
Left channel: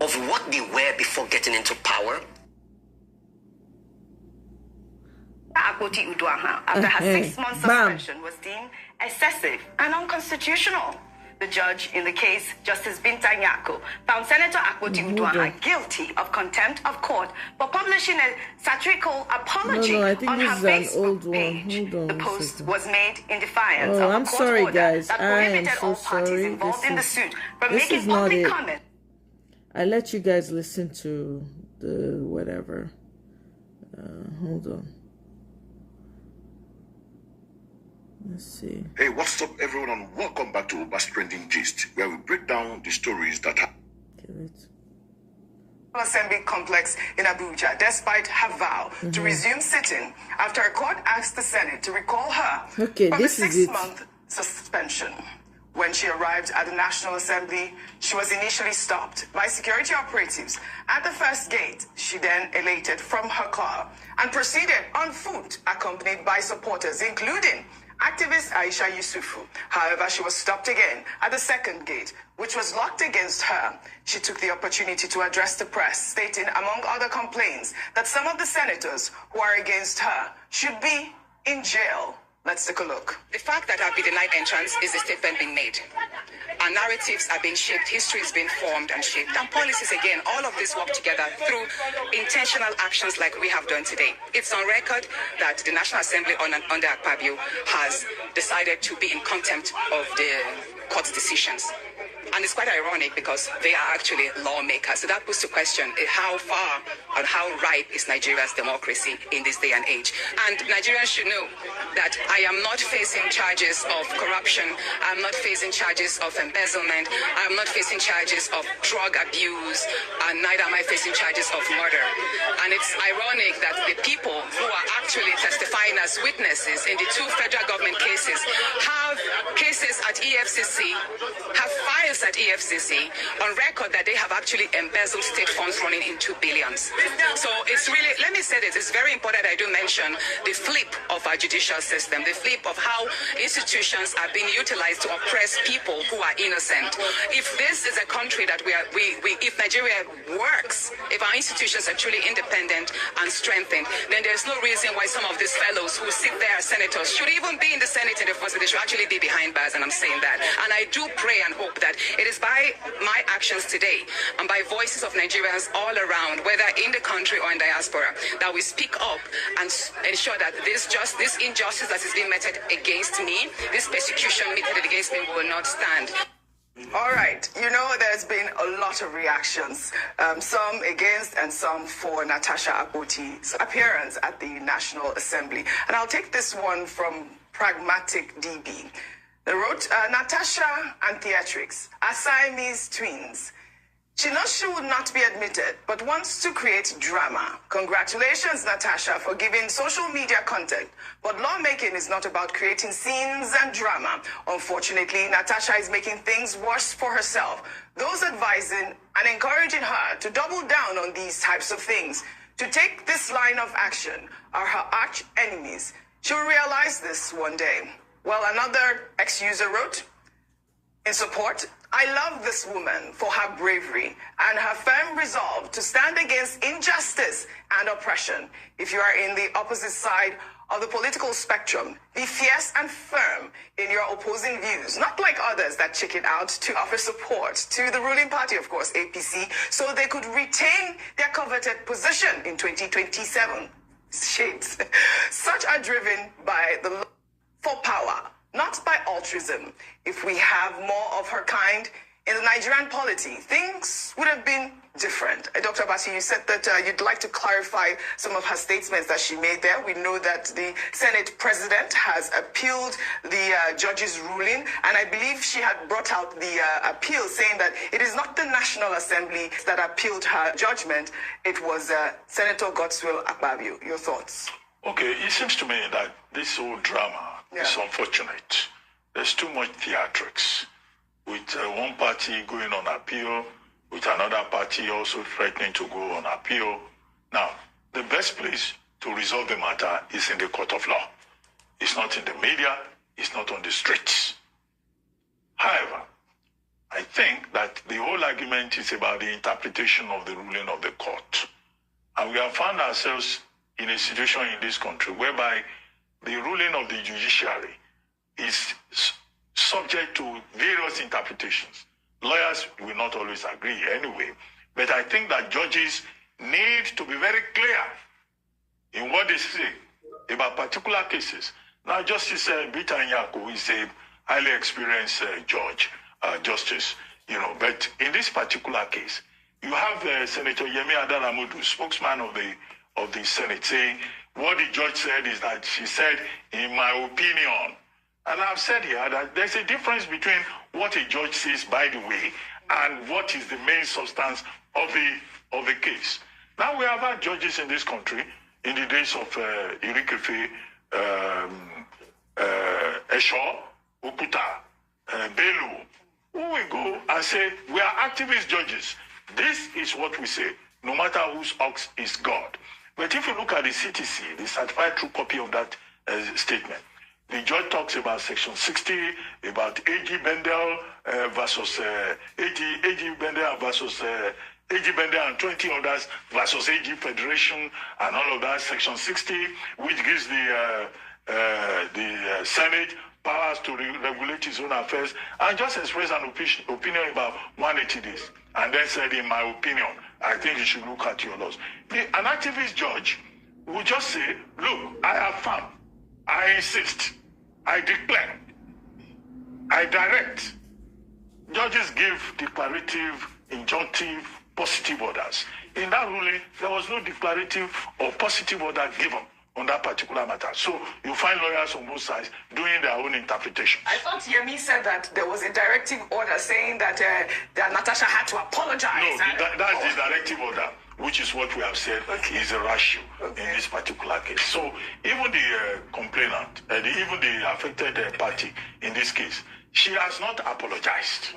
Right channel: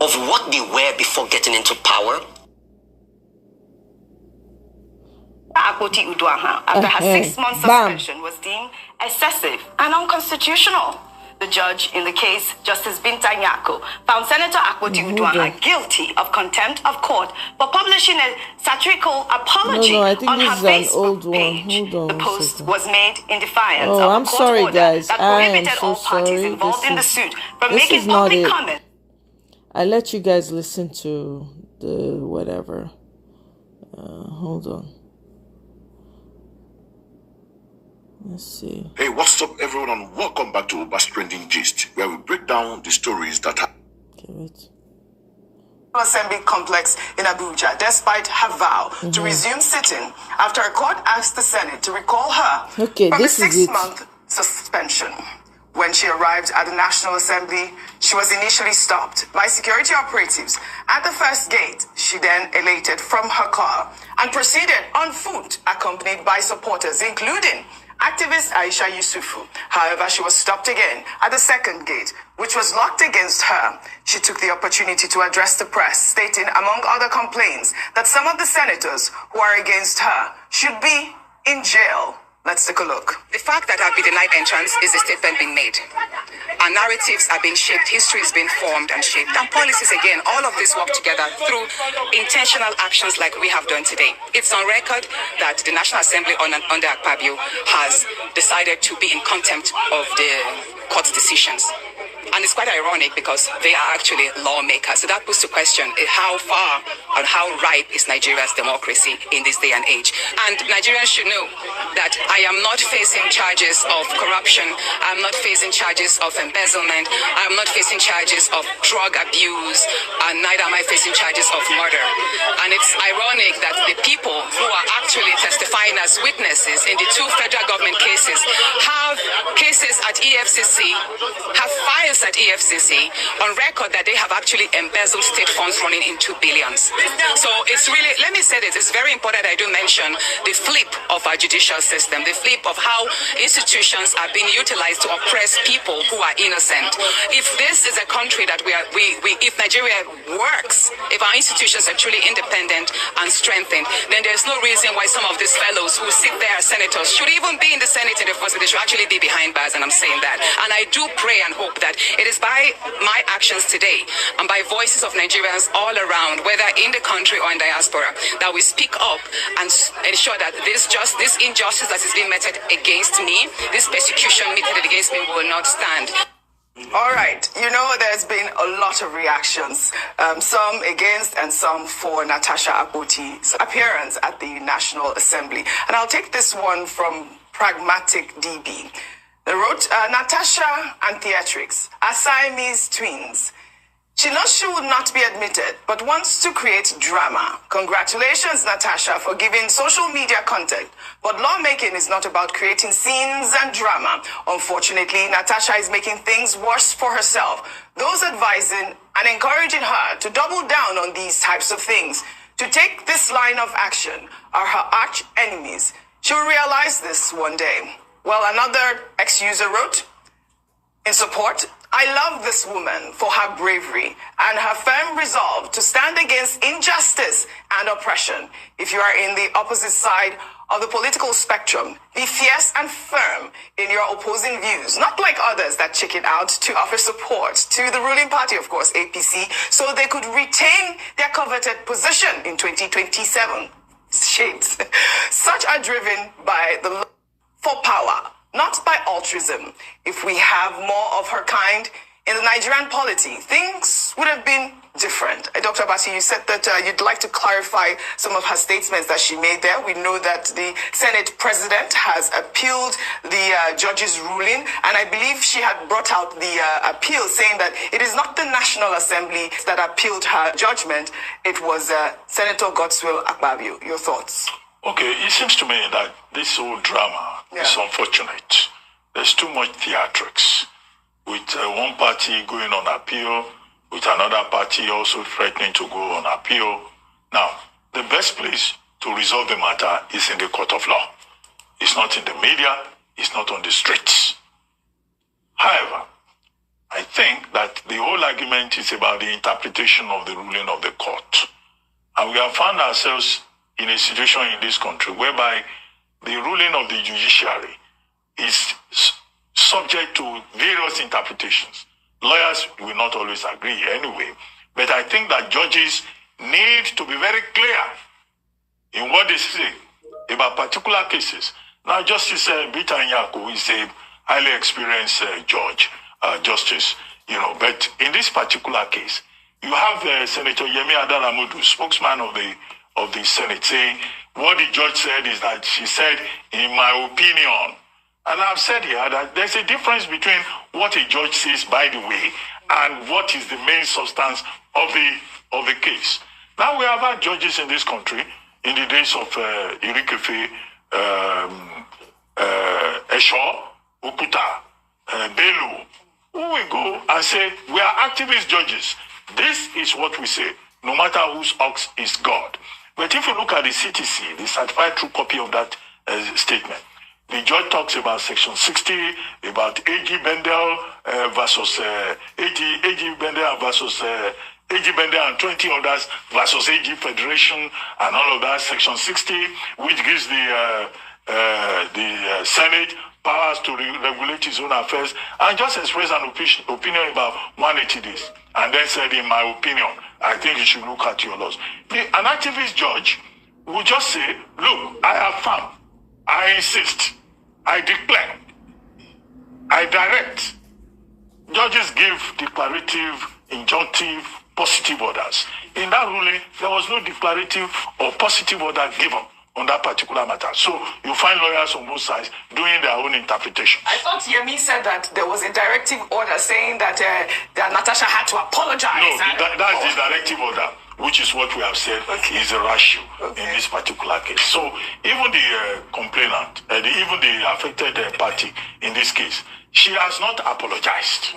Of what they were before getting into power. Akpoti Uduaha, after her 6-month suspension, was deemed excessive and unconstitutional. The judge in the case, Justice Binta Nyako, found Senator Akpoti Uduaha guilty of contempt of court for publishing a satirical apology I think on this her is an Facebook old one. page. Hold on the post was made in defiance of a I'm court sorry, order guys. that I am prohibited so all parties sorry. involved in the suit from This making is not public it. comment. I let you guys listen to the whatever. Hold on. Let's see. Hey, what's up, everyone, and welcome back to Uber's Trending Gist, where we break down the stories that have... Assembly complex in Abuja, despite her vow to resume sitting after a court asked the Senate to recall her from a 6-month suspension. When she arrived at the National Assembly, she was initially stopped by security operatives at the first gate. She then elated from her car and proceeded on foot, accompanied by supporters, including activist Aisha Yusufu. However, she was stopped again at the second gate, which was locked against her. She took the opportunity to address the press, stating, among other complaints, that some of the senators who are against her should be in jail. Let's take a look. The fact that I've been denied entrance is a statement being made. Our narratives are being shaped, history is being formed and shaped, and policies, again, all of this work together through intentional actions like we have done today. It's on record that the National Assembly under Akpabio has decided to be in contempt of the court's decisions. And it's quite ironic because they are actually lawmakers. So that puts to question how far and how ripe is Nigeria's democracy in this day and age. And Nigerians should know that I am not facing charges of corruption. I'm not facing charges of embezzlement. I'm not facing charges of drug abuse. And neither am I facing charges of murder. And it's ironic that the people who are actually testifying as witnesses in the two federal government cases have cases at EFCC, have files at EFCC on record that they have actually embezzled state funds running into billions. So it's really, let me say this, it's very important I do mention the flip of our judicial system, the flip of how institutions are being utilized to oppress people who are innocent. If this is a country that if Nigeria works, if our institutions are truly independent and strengthened, then there's no reason why some of these fellows who sit there as senators should even be in the Senate in the first place. They should actually be behind bars, and I'm saying that. And I do pray and hope that it is by my actions today and by voices of Nigerians all around, whether in the country or in diaspora, that we speak up and ensure that this injustice that is being meted against me, this persecution meted against me, will not stand. All right, you know, there's been a lot of reactions, some against and some for Natasha Akpoti's appearance at the National Assembly. And I'll take this one from Pragmatic DB. They wrote, Natasha and Theatrics are Siamese twins. She knows she would not be admitted, but wants to create drama. Congratulations, Natasha, for giving social media content. But lawmaking is not about creating scenes and drama. Unfortunately, Natasha is making things worse for herself. Those advising and encouraging her to double down on these types of things, to take this line of action, are her arch enemies. She will realize this one day. Well, another ex-user wrote, in support, I love this woman for her bravery and her firm resolve to stand against injustice and oppression. If you are in the opposite side of the political spectrum, be fierce and firm in your opposing views, not like others that chicken out to offer support to the ruling party, of course, APC, so they could retain their coveted position in 2027. Shades. Such are driven by the love for power, not by altruism. If we have more of her kind in the Nigerian polity, things would have been different. Dr. Basi, you said that you'd like to clarify some of her statements that she made there. We know that the Senate president has appealed the judge's ruling, and I believe she had brought out the appeal saying that it is not the National Assembly that appealed her judgment. It was Senator Godswill Akpabio. Your thoughts? Okay, it seems to me that this whole drama is unfortunate. There's too much theatrics, with one party going on appeal, with another party also threatening to go on appeal. Now, the best place to resolve the matter is in the court of law. It's not in the media, it's not on the streets. However, I think that the whole argument is about the interpretation of the ruling of the court. And we have found ourselves in a situation in this country whereby the ruling of the judiciary is subject to various interpretations. Lawyers will not always agree anyway, but I think that judges need to be very clear in what they say about particular cases. Now, Justice Bita Nyako is a highly experienced justice, but in this particular case, you have Senator Yemi Adaramudu, spokesman of the Senate, saying what the judge said is that she said, in my opinion. And I've said here that there's a difference between what a judge says, by the way, and what is the main substance of the case. Now, we have had judges in this country in the days of Irikefe, Esho, Okuta, Bello, who will go and say, we are activist judges. This is what we say, no matter whose ox is God. But if you look at the CTC, the certified true copy of that statement, the judge talks about Section 60, about A.G. Bendel versus A.G. Bendel versus A.G. Bendel and 20 others versus A.G. Federation and all of that. Section 60, which gives the Senate powers to regulate its own affairs, and just express an opinion about 180 days. And then said, in my opinion, I think you should look at your laws. An activist judge will just say, look, I affirm, I insist, I declare, I direct. Judges give declarative, injunctive, positive orders. In that ruling, there was no declarative or positive order given on that particular matter. So you find lawyers on both sides doing their own interpretation. I thought Yemi said that there was a directive order saying that Natasha had to apologize. No, that's the directive order, which is what we have said is a ratio in this particular case. So even the complainant, even the affected party in this case, she has not apologized.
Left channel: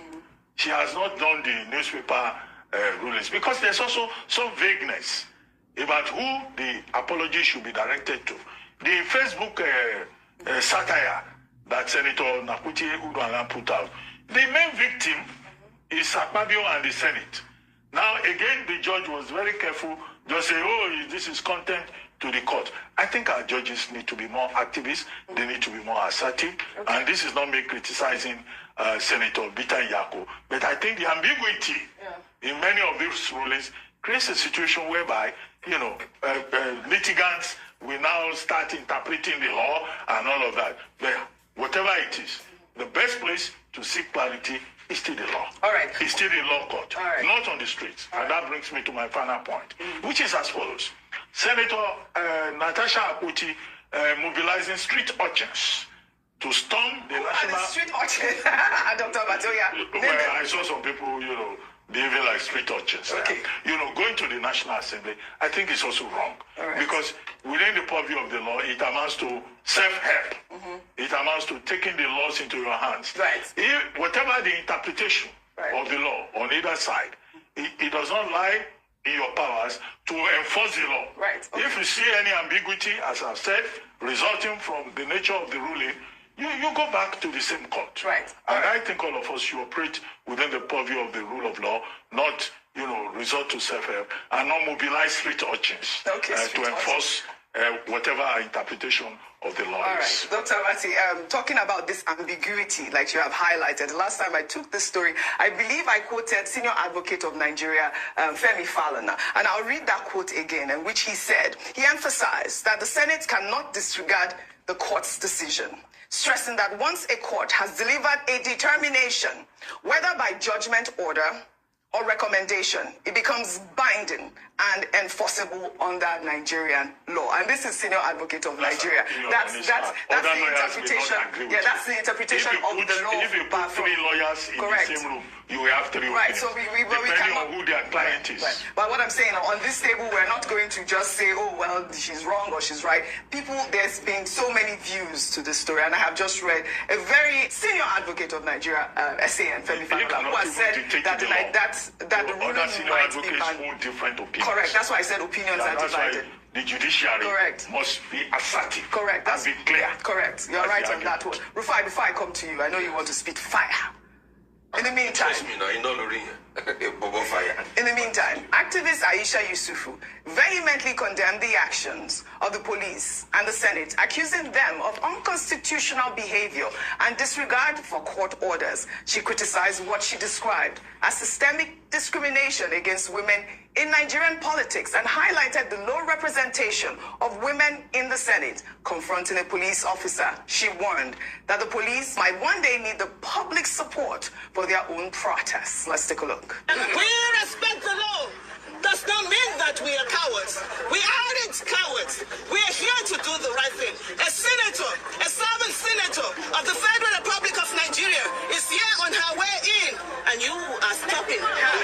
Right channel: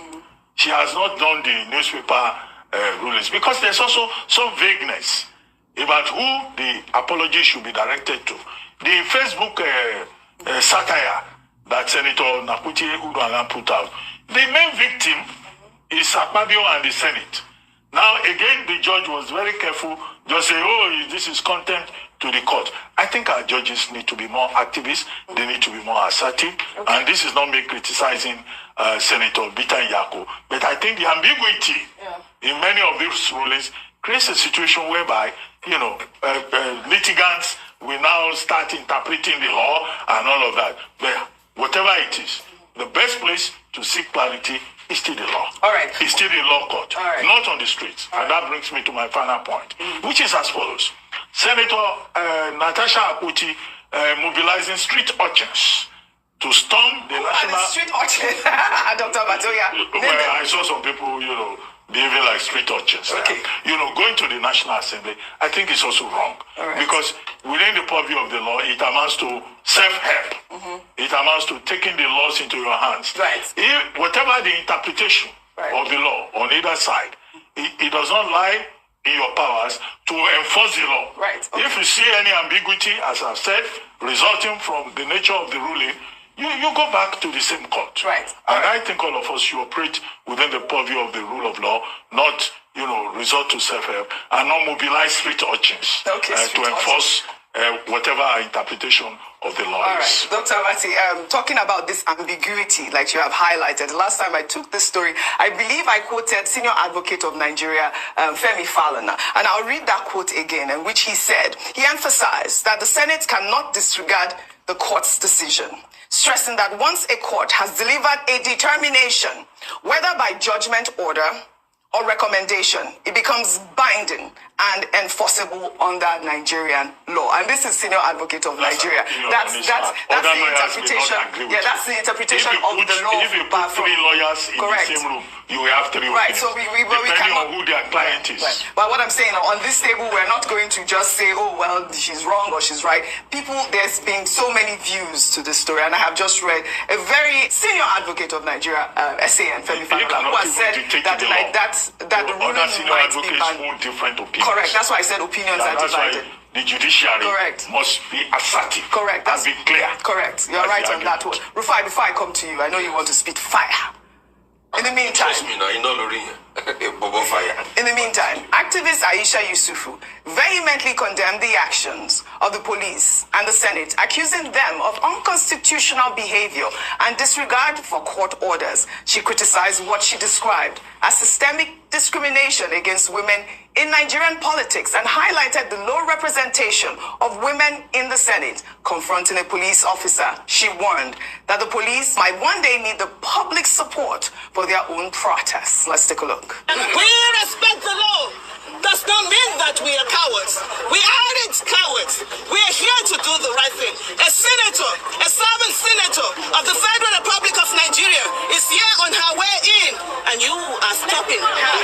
She has not done the newspaper rulings, because there's also some vagueness about who the apology should be directed to. The Facebook satire that Senator Akpoti put out, the main victim is Akpabio and the Senate. Now, again, the judge was very careful, just say, oh, this is contempt to the court. I think our judges need to be more activist, they need to be more assertive, and this is not me criticizing Senator Bita Yako, but I think the ambiguity in many of these rulings creates a situation whereby, litigants will now start interpreting the law and all of that. But whatever it is, the best place to seek clarity is still the law. All right. It's still the law court, not on the streets. And that brings me to my final point, which is as follows. Senator Natasha Akpoti mobilizing street urchins to storm the national... street urchins? Dr. Batoya. Well, I saw some people, behaving like street urchins. Okay. Going to the National Assembly, I think it's also wrong. Because within the purview of the law, it amounts to self-help. It amounts to taking the laws into your hands. Whatever the interpretation of the law on either side, it does not lie in your powers to enforce the law. If you see any ambiguity, as I've said, resulting from the nature of the ruling, you go back to the same court. And I think all of us should operate within the purview of the rule of law, not, resort to self-help, and not mobilize street urchins to enforce whatever our interpretation of the law is. Dr. Mati, talking about this ambiguity, like you have highlighted, the last time I took this story, I believe I quoted Senior Advocate of Nigeria, Femi Falana, and I'll read that quote again, in which he said, he emphasized that the Senate cannot disregard the court's decision, stressing that once a court has delivered a determination, whether by judgment order or recommendation, it becomes binding and enforceable under Nigerian law. And this is Senior Advocate of Nigeria. That's the interpretation. That's the interpretation of the law. If you put three lawyers in the same room, you will have three opinions, so we depending cannot, on who their client is. But what I'm saying, on this table, we're not going to just say, oh, well, she's wrong or she's right. There's been so many views to this story, and I have just read a very Senior Advocate of Nigeria, SAN, Femi Falana, who has said that the ruling might be banned. Different opinions. Correct. That's why I said opinions are divided. The judiciary must be assertive. Correct. And be clear. Correct. You're right on that one. Rufai, before I come to you, I know you want to spit fire. In the meantime, activist Aisha Yusufu vehemently condemned the actions of the police and the Senate, accusing them of unconstitutional behavior and disregard for court orders. She criticized what she described as systemic discrimination against women in Nigerian politics and highlighted the low representation of women in the Senate. Confronting a police officer, she warned that the police might one day need the public support for their own protests. Let's take a look. We respect the law. Does not mean that we are cowards. We aren't cowards. We are here to do the right thing. A senator, a serving senator of the Federal Republic of Nigeria is here on her way in, and you are stopping her.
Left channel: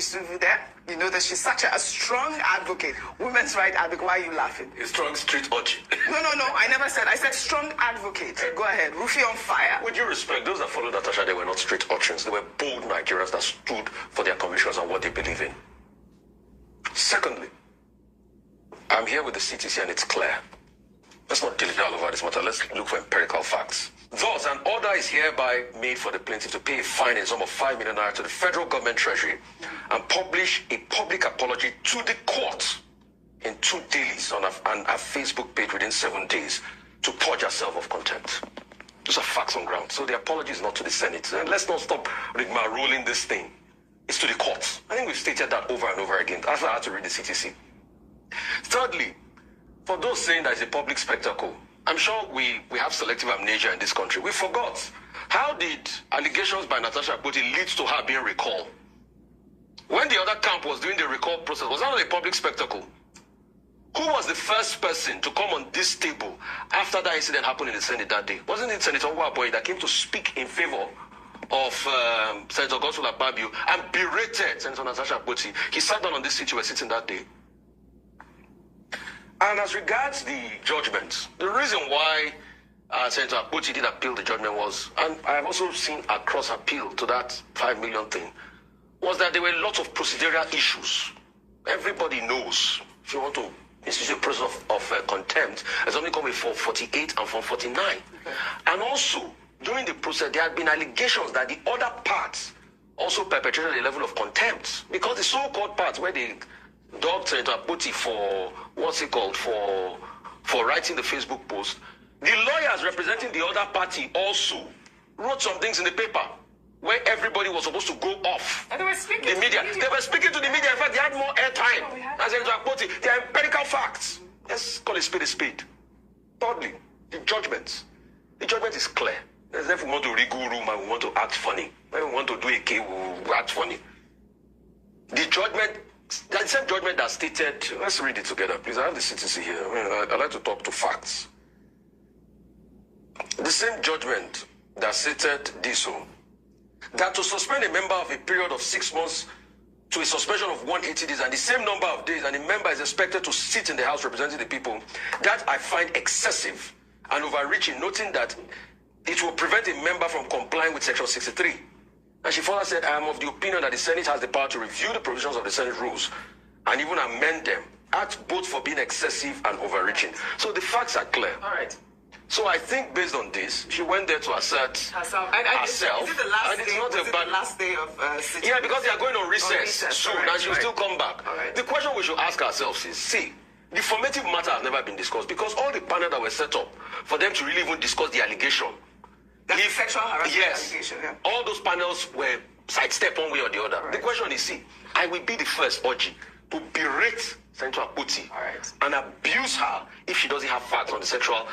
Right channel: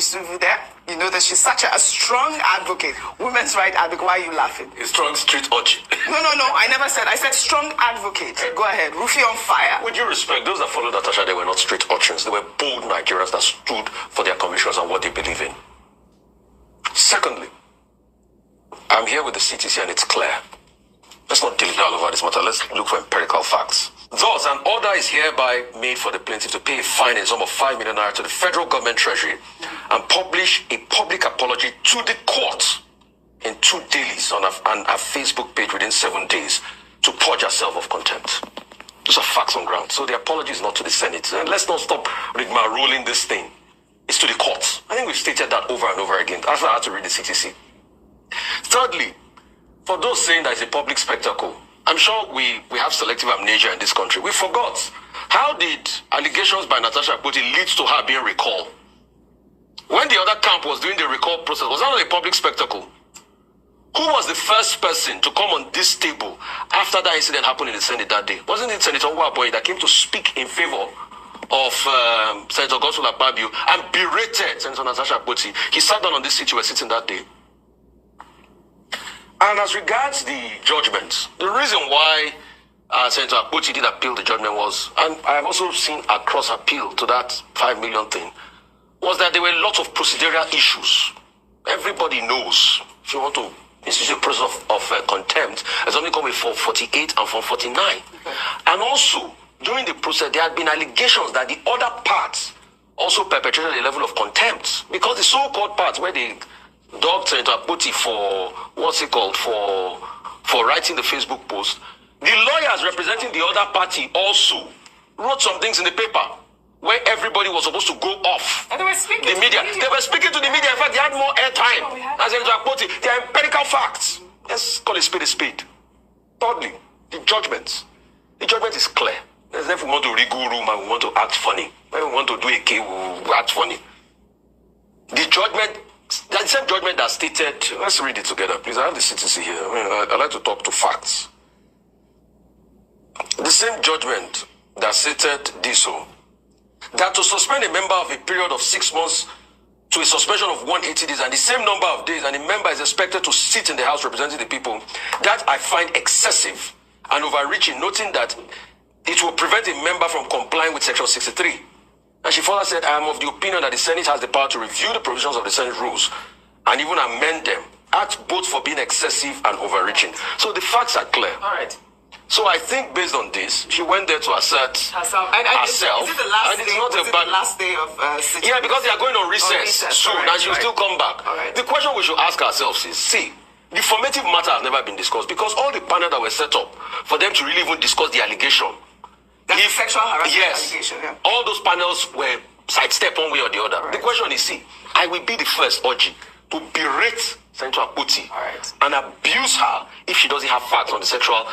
Yusufu there. You know that she's such a strong advocate, women's rights advocate. Why are you laughing? A strong street urchin. No, I never said. I said strong advocate. Go ahead. Rufy on fire. With due respect, those that followed Natasha, they were not street urchins. They were bold Nigerians that stood for their convictions and what they believe in. Secondly, I'm here with the CTC and it's clear. Let's not dilly all over this matter. Let's look for empirical facts. Thus, an order is hereby made for the plaintiff to pay a fine in sum of 5 million naira to the federal government treasury and publish a public apology to the court in 2 dailies on a Facebook page within 7 days to purge herself of contempt. Those are facts on ground. So the apology is not to the Senate. And let's not stop rigmaroling this thing. It's to the courts. I think we've stated that over and over again. That's why I had to read the CTC. Thirdly, for those saying that it's a public spectacle, I'm sure we have selective amnesia in this country. We forgot. How did allegations by Natasha Akpoti lead to her being recalled? When the other camp was doing the recall process, was that not a public spectacle? Who was the first person to come on this table after that incident happened in the Senate that day? Wasn't it Senator Waboy that came to speak in favor of Senator Godswill Akpabio and berated Senator Natasha Akpoti? He sat down on this seat you were sitting that day. And as regards the judgment, the reason why Senator Akpoti did appeal the judgment was, and I have also seen a cross appeal to that 5 million thing, was that there were lots of procedural issues. Everybody knows, if you want to institute a process of contempt, there's only coming from 48 and from 49. And also, during the process, there had been allegations that the other parts also perpetrated a level of contempt, because the so-called parts where they dogged Senator Akpoti for, for writing the Facebook post, the lawyers representing the other party also wrote some things in the paper where everybody was supposed to go off. And they were speaking to the media. They were speaking to the media. In fact, they had more airtime. As Senator Akpoti, they are empirical facts. Let's call a spade a spade. Thirdly, the judgment. The judgment is clear. If we want to regoo room and we want to act funny, when we want to do a K, we act funny. The judgment, the same judgment that stated, let's read it together, please. I have the CTC here. I like to talk to facts. The same judgment that stated this, that to suspend a member of a period of 6 months to a suspension of 180 days and the same number of days, and the member is expected to sit in the House representing the people, that I find excessive and overreaching, noting that it will prevent a member from complying with Section 63. And she further said, I am of the opinion that the Senate has the power to review the provisions of the Senate rules and even amend them, act both for being excessive and overreaching. So the facts are clear. All right. So I think based on this, she went there to assert herself. Is it the last day? Was it the last day of yeah, because they are going on recess soon, right, and she will still come back. Right. The question we should ask ourselves is, see, the formative matter has never been discussed because all the panel that were set up for them to really even discuss the allegation. That's the sexual harassment allegation, yeah. All those panels were sidestepped one way or the other. Right. The question is, see, I will be the first urging to berate Senator Akpoti and abuse her if she doesn't have facts on the sexual,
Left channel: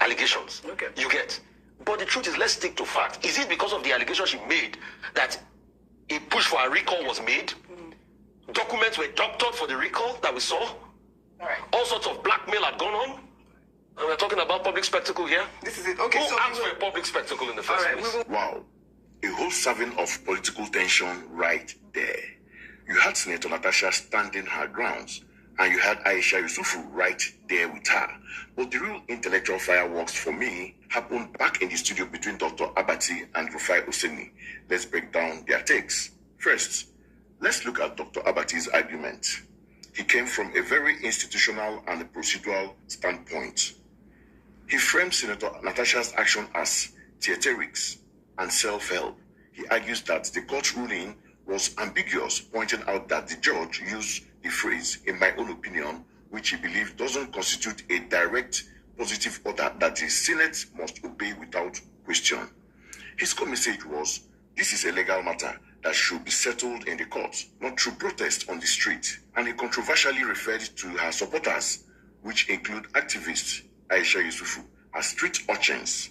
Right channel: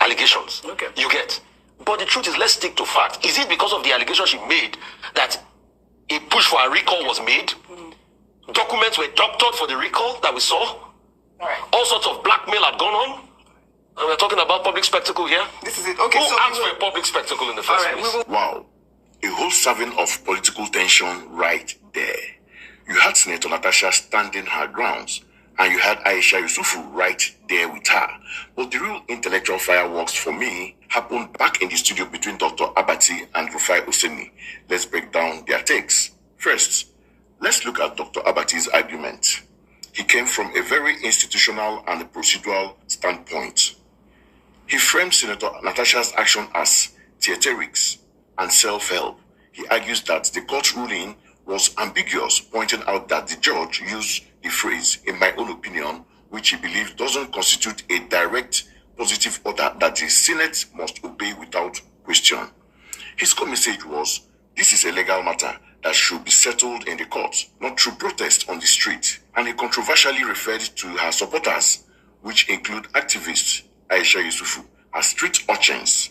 allegations. Okay. You get. But the truth is, let's stick to fact. Is it because of the allegation she made that a push for a recall was made? Mm-hmm. Documents were doctored for the recall that we saw? All sorts of blackmail had gone on? And we're talking about public spectacle here? This is it. Okay, Who asked for a public spectacle in the first place? Wow. A whole serving of political tension right there. You had Senator Natasha standing her grounds, and you had Aisha Yusufu right there with her. But the real intellectual fireworks for me happened back in the studio between Dr. Abati and Rufai Oseni. Let's break down their takes. First, let's look at Dr. Abati's argument. He came from a very institutional and procedural standpoint. He framed Senator Natasha's action as theatrics and self-help. He argues that the court ruling was ambiguous, pointing out that the judge used the phrase, in my own opinion, which he believes doesn't constitute a direct positive order that the Senate must obey without question. His core message was, this is a legal matter that should be settled in the court, not through protest on the street. And he controversially referred to her supporters, which include activists Aisha Yusufu, as street urchins.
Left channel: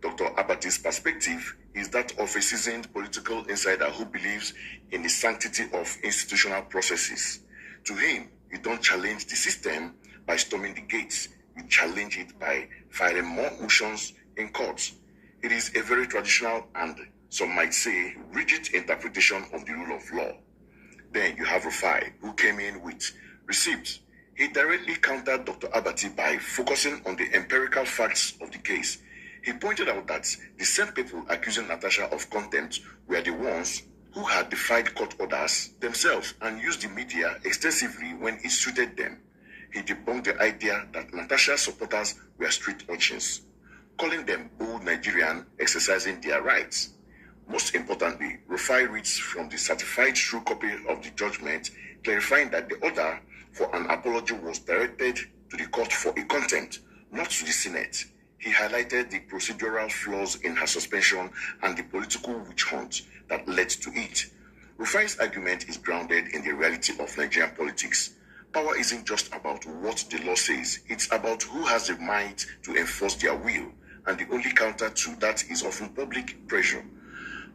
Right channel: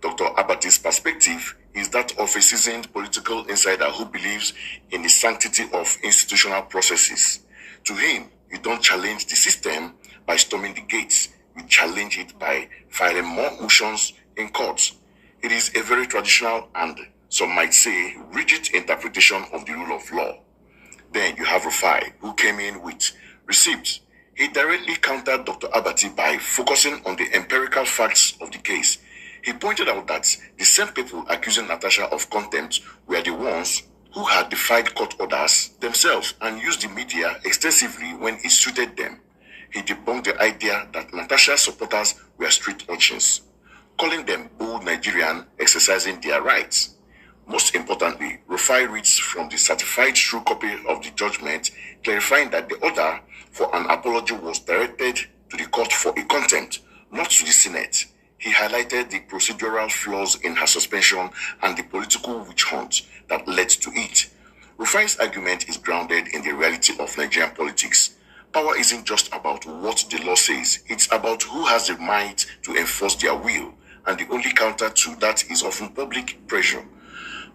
Dr. Abati's perspective is that of a seasoned political insider who believes in the sanctity of institutional processes. To him, you don't challenge the system by storming the gates. You challenge it by filing more motions in courts. It is a very traditional and some might say rigid interpretation of the rule of law. Then you have Rufai, who came in with receipts. He directly countered Dr. Abati by focusing on the empirical facts of the case. He pointed out that the same people accusing Natasha of contempt were the ones who had defied court orders themselves and used the media extensively when it suited them. He debunked the idea that Natasha's supporters were street urchins, calling them bold Nigerians exercising their rights. Most importantly, Rufai reads from the certified true copy of the judgment, clarifying that the order for an apology was directed to the court for a contempt, not to the Senate. He highlighted the procedural flaws in her suspension and the political witch hunt that led to it. Rufai's argument is grounded in the reality of Nigerian politics. Power isn't just about what the law says, it's about who has the might to enforce their will, and the only counter to that is often public pressure.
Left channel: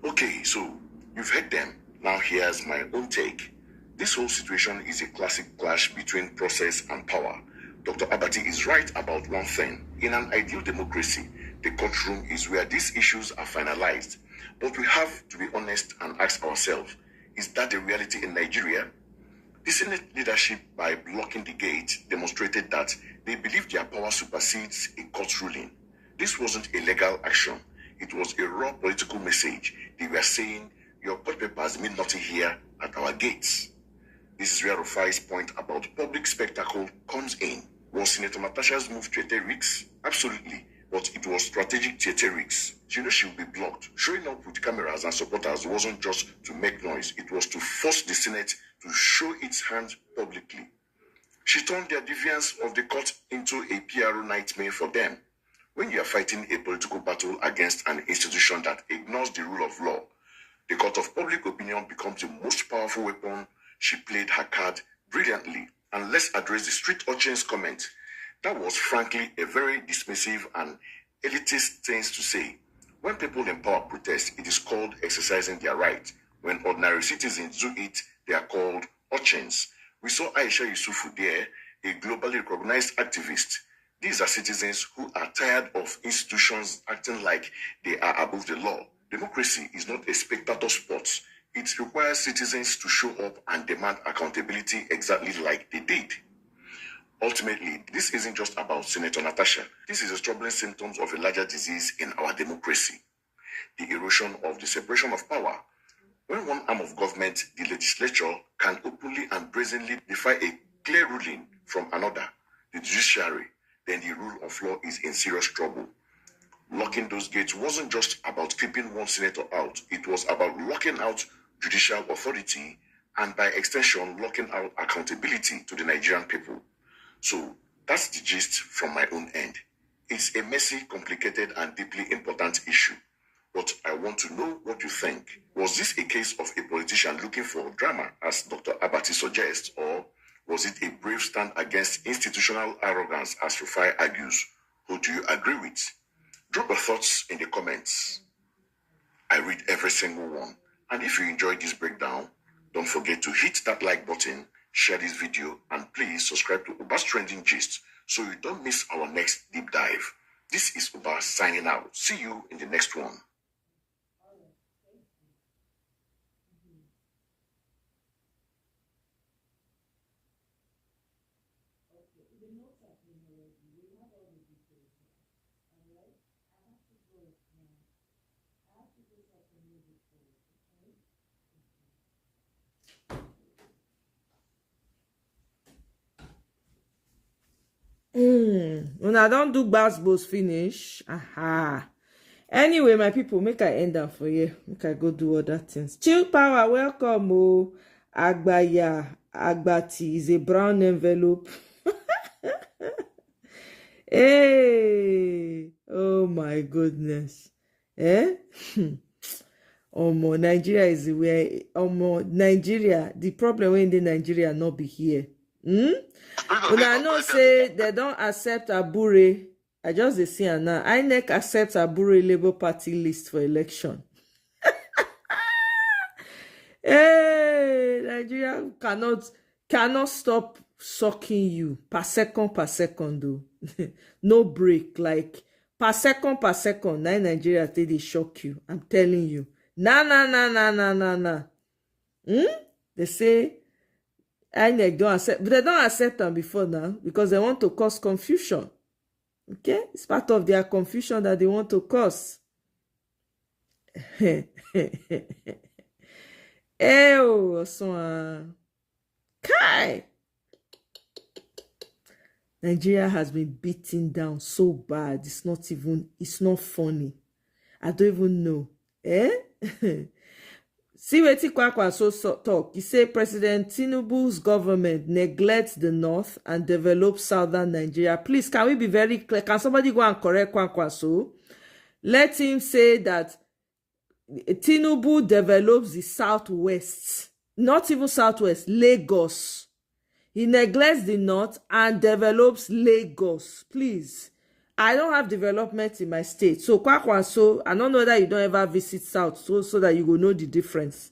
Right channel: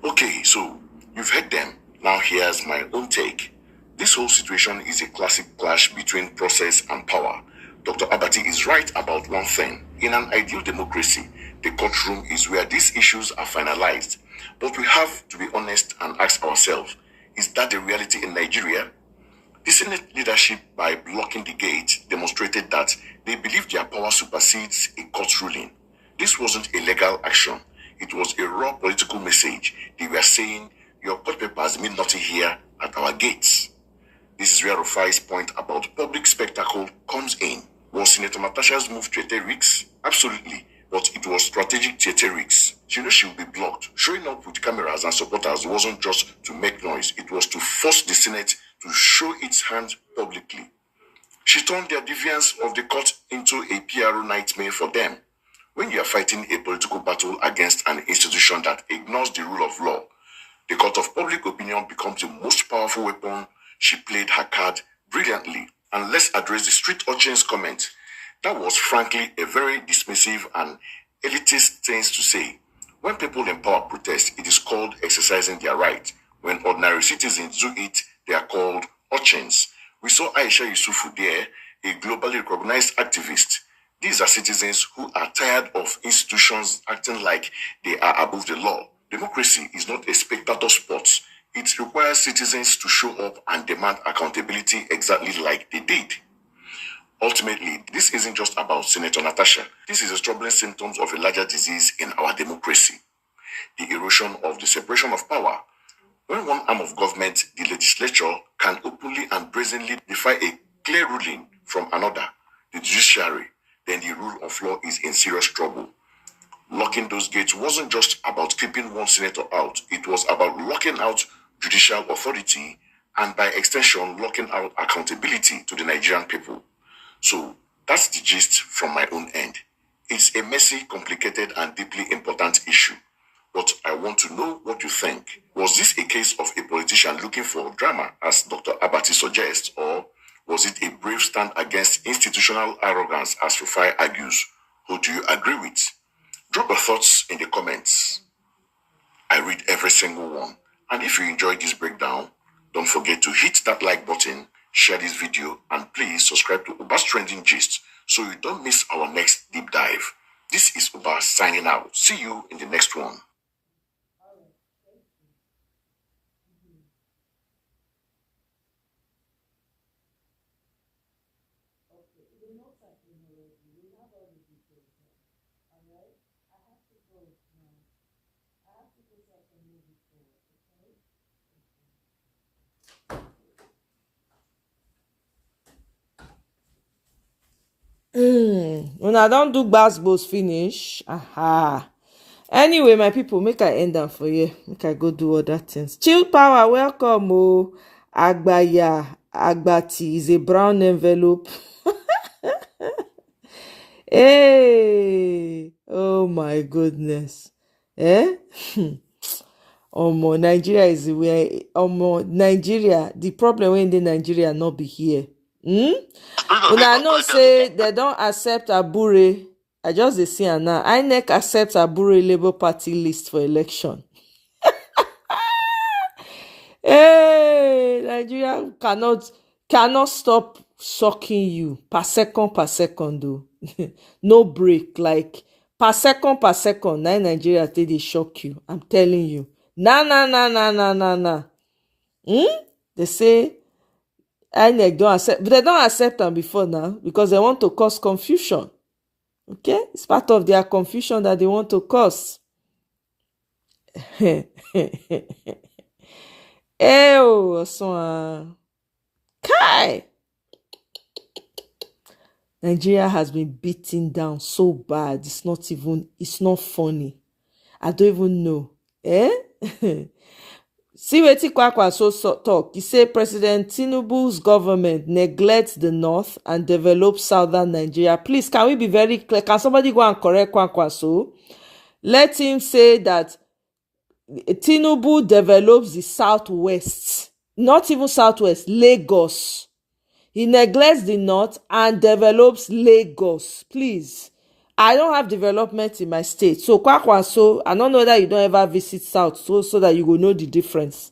Okay, so you've heard them. Now here's my own take. This whole situation is a classic clash between process and power. Dr. Abati is right about one thing. In an ideal democracy, the courtroom is where these issues are finalized. But we have to be honest and ask ourselves, is that the reality in Nigeria? The Senate leadership, by blocking the gate, demonstrated that they believe their power supersedes a court ruling. This wasn't a legal action. It was a raw political message. They were saying, your court papers mean nothing here at our gates. This is where Rufai's point about public spectacle comes in. Was Senator Natasha's move theatrics? Absolutely, but it was strategic theatrics. She knew she would be blocked. Showing up with cameras and supporters wasn't just to make noise. It was to force the Senate to show its hand publicly. She turned their defiance of the court into a PRO nightmare for them. When you are fighting a political battle against an institution that ignores the rule of law, the court of public opinion becomes the most powerful weapon. She played her card brilliantly. And let's address the street urchin's comment. That was frankly a very dismissive and elitist thing to say. When people in power protest, it is called exercising their right. When ordinary citizens do it, they are called urchins. We saw Aisha Yusufu there, a globally recognized activist. These are citizens who are tired of institutions acting like they are above the law. Democracy is not a spectator sport. It requires citizens to show up and demand accountability exactly like they did. Ultimately, this isn't just about Senator Natasha. This is a troubling symptom of a larger disease in our democracy. The erosion of the separation of power. When one arm of government, the legislature, can openly and brazenly defy a clear ruling from another, the judiciary, then the rule of law is in serious trouble. Locking those gates wasn't just about keeping one senator out. It was about locking out judicial authority and by extension, locking out accountability to the Nigerian people. So that's the gist from my own end. It's a messy, complicated, and deeply important issue. But I want to know what you think. Was this a case of a politician looking for drama, as Dr. Abati suggests, or was it a brave stand against institutional arrogance, as Rufai argues? Who do you agree with? Drop your thoughts in the comments. I read every single one. And if you enjoyed this breakdown, don't forget to hit that like button, share this video, and please subscribe to Uba's Trending Gist so you don't miss our next deep dive. This is Uba signing out. See you in the next one. When I don't do gbas finish. Aha. Anyway, my people, make I end am for you. Make I go do other things. Chill Power, welcome. Oh, Agbaya, Akpoti is a brown envelope. Hey, oh my goodness. Nigeria is where Nigeria, the problem when the Nigeria not be here. Una know say they don't accept Abure. I just dey see am now. INEC accepts Abure Labour Party list for election. Hey, Nigeria cannot stop sucking you per second though. No break, like per second. Now Nigeria take dey shock you. I'm telling you. Na. They say INEC don't accept, but they don't accept them before now because they want to cause confusion. Okay, it's part of their confusion that they want to cause. Kai. Nigeria has been beaten down so bad. It's not funny. I don't even know. See wetin Kwakwaso talk. He say President Tinubu's government neglects the north and develops southern Nigeria. Please, can we be very clear? Can somebody go and correct Kwakwaso? Let him say that Tinubu develops the southwest. Not even southwest, Lagos. He neglects the north and develops Lagos. Please. I don't have development in my state. So, Kwakwaso, I don't know that you don't ever visit south so that you will know the difference.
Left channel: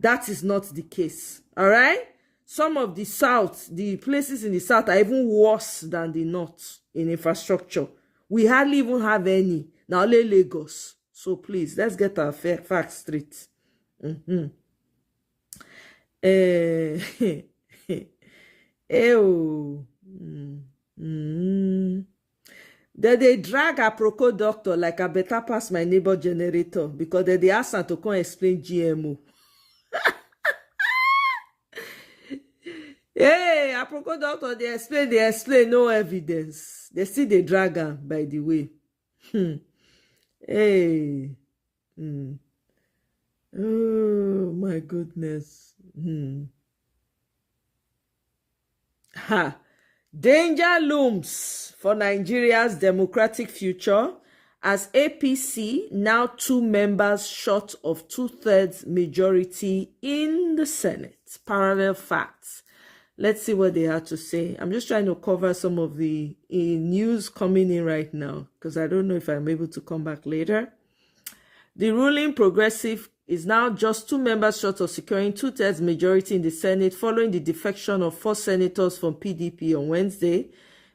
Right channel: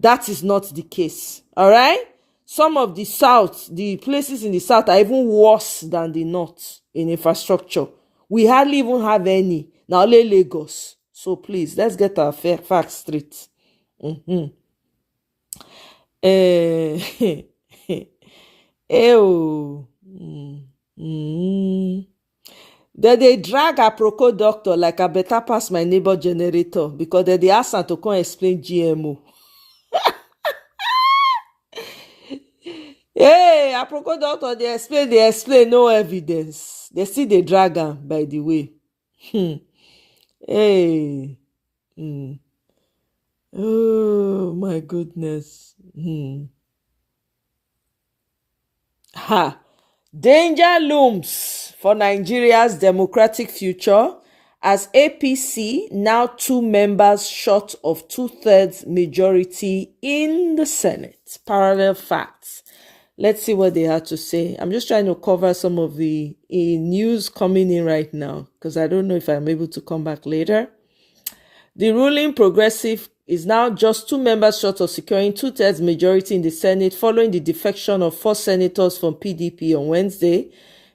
That is not the case. All right? Some of the south, the places in the south are even worse than the north in infrastructure. We hardly even have any. Now, only Lagos. So, please, let's get our facts straight. They drag a Proco doctor like I better pass my neighbor generator because they ask her to come explain GMO. Hey, a Proco doctor, they explain, no evidence. They see the drag her, by the way. Hey. Oh, my goodness. Ha. Danger looms for Nigeria's democratic future as APC, now 2 members short of 2/3 majority in the Senate. Parallel facts. Let's see what they had to say. I'm just trying to cover some of the news coming in right now because I don't know if I'm able to come back later. The ruling progressive is now just 2 members short of securing 2/3 majority in the Senate following the defection of 4 senators from PDP on Wednesday.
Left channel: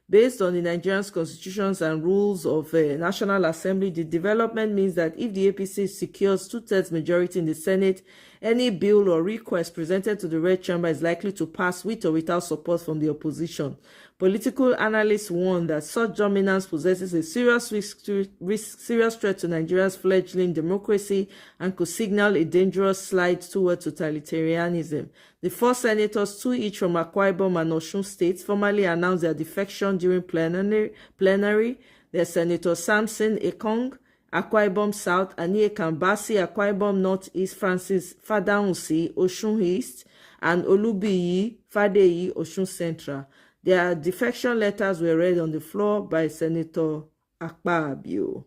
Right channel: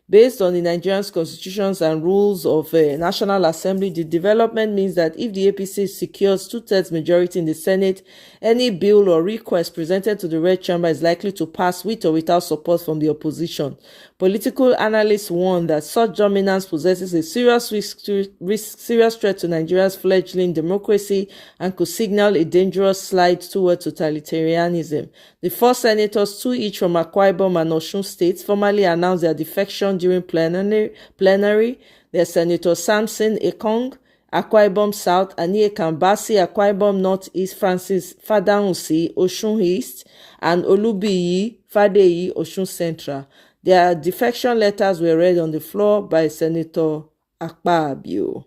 Based on the Nigerian constitutions and rules of National Assembly, the development means that if the APC secures 2/3 majority in the Senate, any bill or request presented to the Red Chamber is likely to pass with or without support from the opposition. Political analysts warn that such dominance possesses a serious threat to Nigeria's fledgling democracy and could signal a dangerous slide toward totalitarianism. The 4 senators, 2 each from Akwa Ibom and Osun states, formally announced their defection during plenary. They're Senator Samson Ekong, Akwa Ibom South, Anie Kambasi, Akwa Ibom North East, Francis Fadahunsi, Osun East, and Olubiyi Fadeyi, Osun Central. Their defection letters were read on the floor by Senator Akpabio.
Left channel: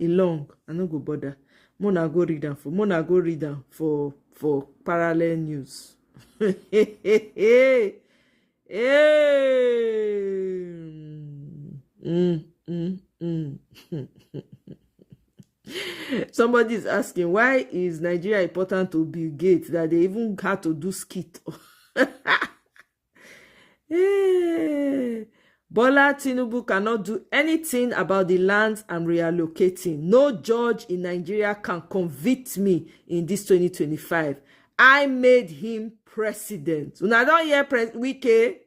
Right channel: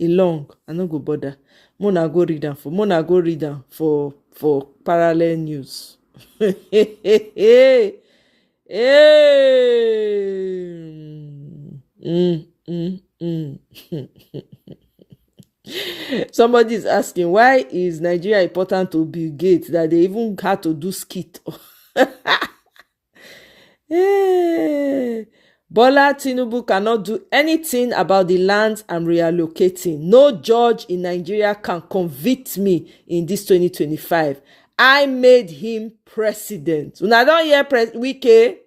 Long, I no go bother. Mona go read them for parallel news. Somebody is asking, why is Nigeria important to Bill Gates that they even had to do skit? Bola Tinubu cannot do anything about the lands I'm reallocating. No judge in Nigeria can convict me in this 2025. I made him president. Una don hear Wike?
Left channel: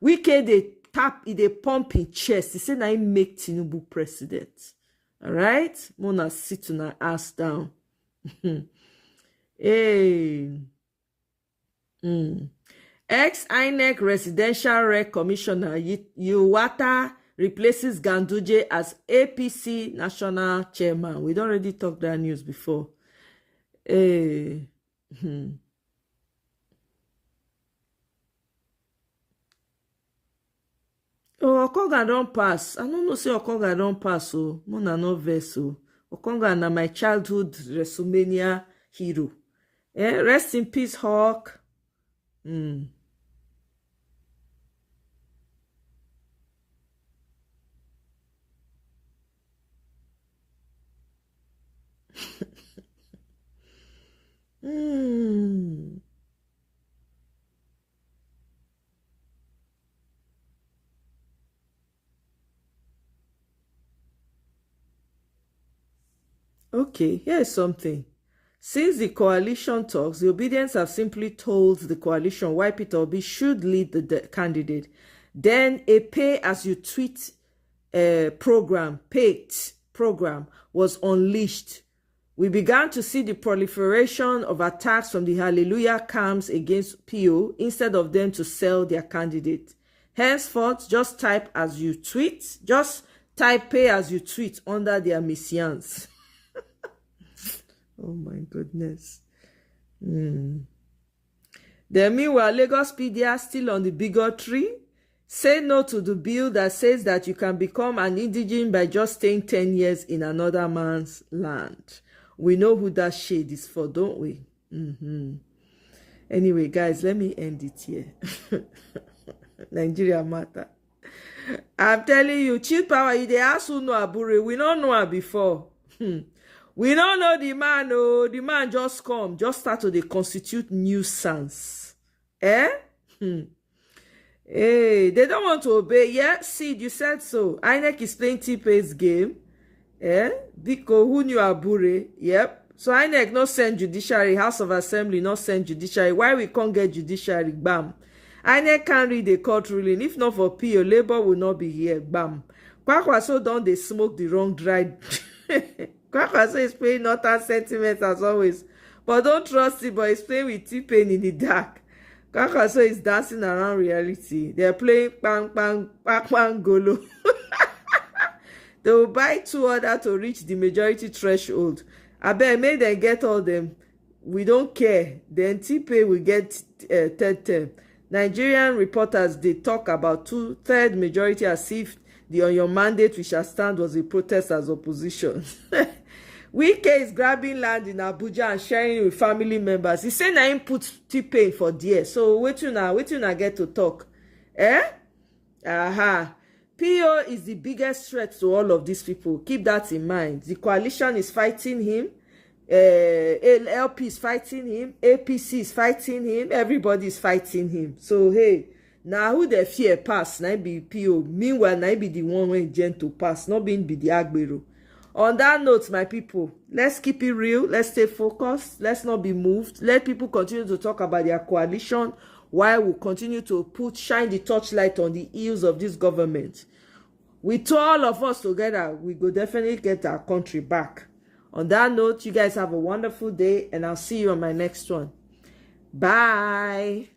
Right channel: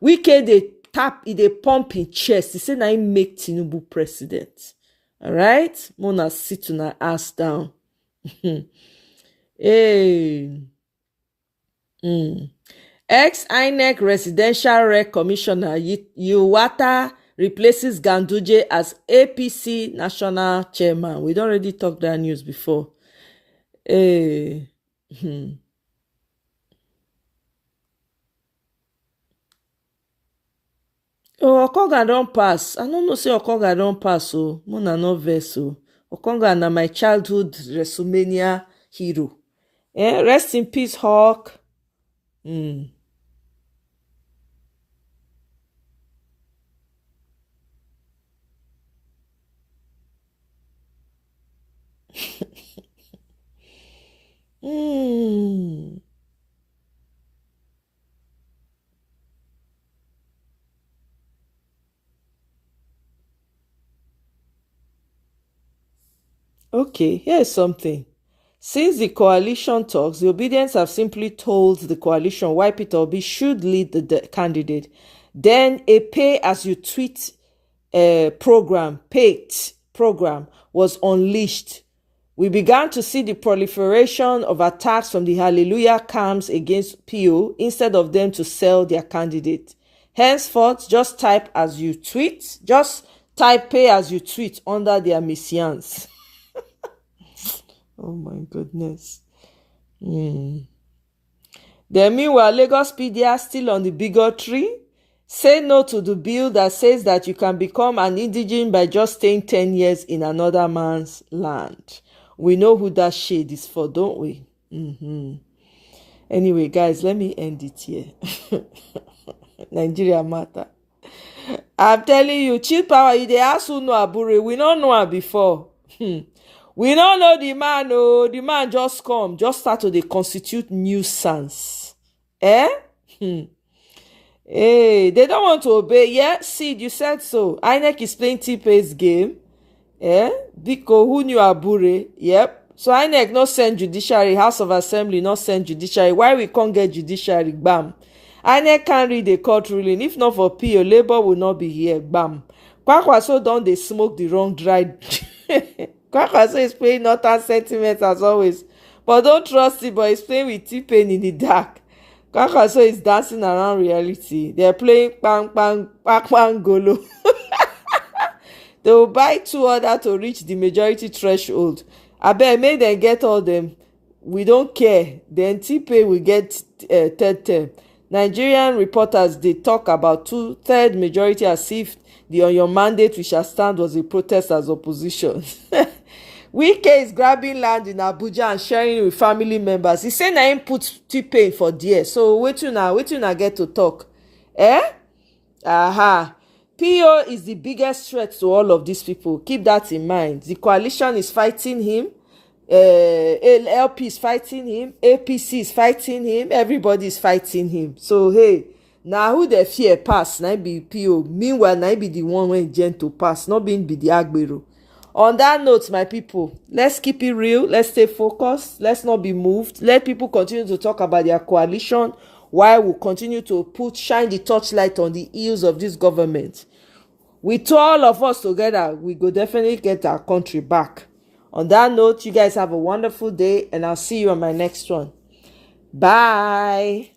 Wike they pump in chest. He say na him make Tinubu president. All right? Mona sit una ass down. Ex-INEC Residential Rec Commissioner Yuwata replaces Ganduje as APC National Chairman. We don't already talk that news before. Oh, Okonga don't pass. I don't know say Okonga don't pass. Oh, Mona no vex. Okonga na my childhood WrestleMania hero. Rest in peace, Hawk. Okay, here's something. Since the coalition talks, the Obedience have simply told the coalition why Peter Obi should lead the candidate. Then a pay-as-you-tweet program was unleashed. We began to see the proliferation of attacks from the Hallelujah camps against PO instead of them to sell their candidate. Henceforth, just type as you tweet. Just type pay as you tweet under their messians. Oh my goodness. Then meanwhile, Lagos PDR still on the bigotry. Say no to the bill that says that you can become an indigene by just staying 10 years in another man's land. We know who that shade is for, don't we? Anyway, guys, let me end it here. Nigeria matter. I'm telling you, cheap power, you dey ask who know Abure. We don't know her before. We don't know the man. Oh, the man just come, just start to dey constitute nuisance. Hey, they don't want to obey. Yeah, see, you said so. INEC is playing T-Pace game. Biko, who knew Abure? Yep. So INEC not send judiciary, House of Assembly not send judiciary. Why we can't get judiciary? Bam. INEC can't read the court ruling. If not for PO, Labour will not be here. Bam. Kwakwaso don't they smoke the wrong dried. Kwakwaso is playing northern sentiments as always. But don't trust it, but he's playing with T-Pain in the dark. Kwakwaso is dancing around reality. They're playing bang bang bang bang golo. They will buy 2 others to reach the majority threshold. I bet make them get all them. We don't care. Then T-Pain will get third term. Nigerian reporters, they talk about 2/3 majority as if the on your mandate we shall stand was a protest as opposition. Wike is grabbing land in Abuja and sharing it with family members. He said na him put T-Pain for there. So wait till now get to talk. PO is the biggest threat to all of these people. Keep that in mind. The coalition is fighting him. LP is fighting him. APC is fighting him. Everybody is fighting him. So hey, now who the fear pass? Now be PO. Meanwhile, now be the one when gentle pass. Not being be the Agbero. On that note, my people, let's keep it real. Let's stay focused. Let's not be moved. Let people continue to talk about their coalition while we continue to shine the torchlight on the heels of this government. With all of us together, we go definitely get our country back. On that note, you guys have a wonderful day, and I'll see you on my next one. Bye.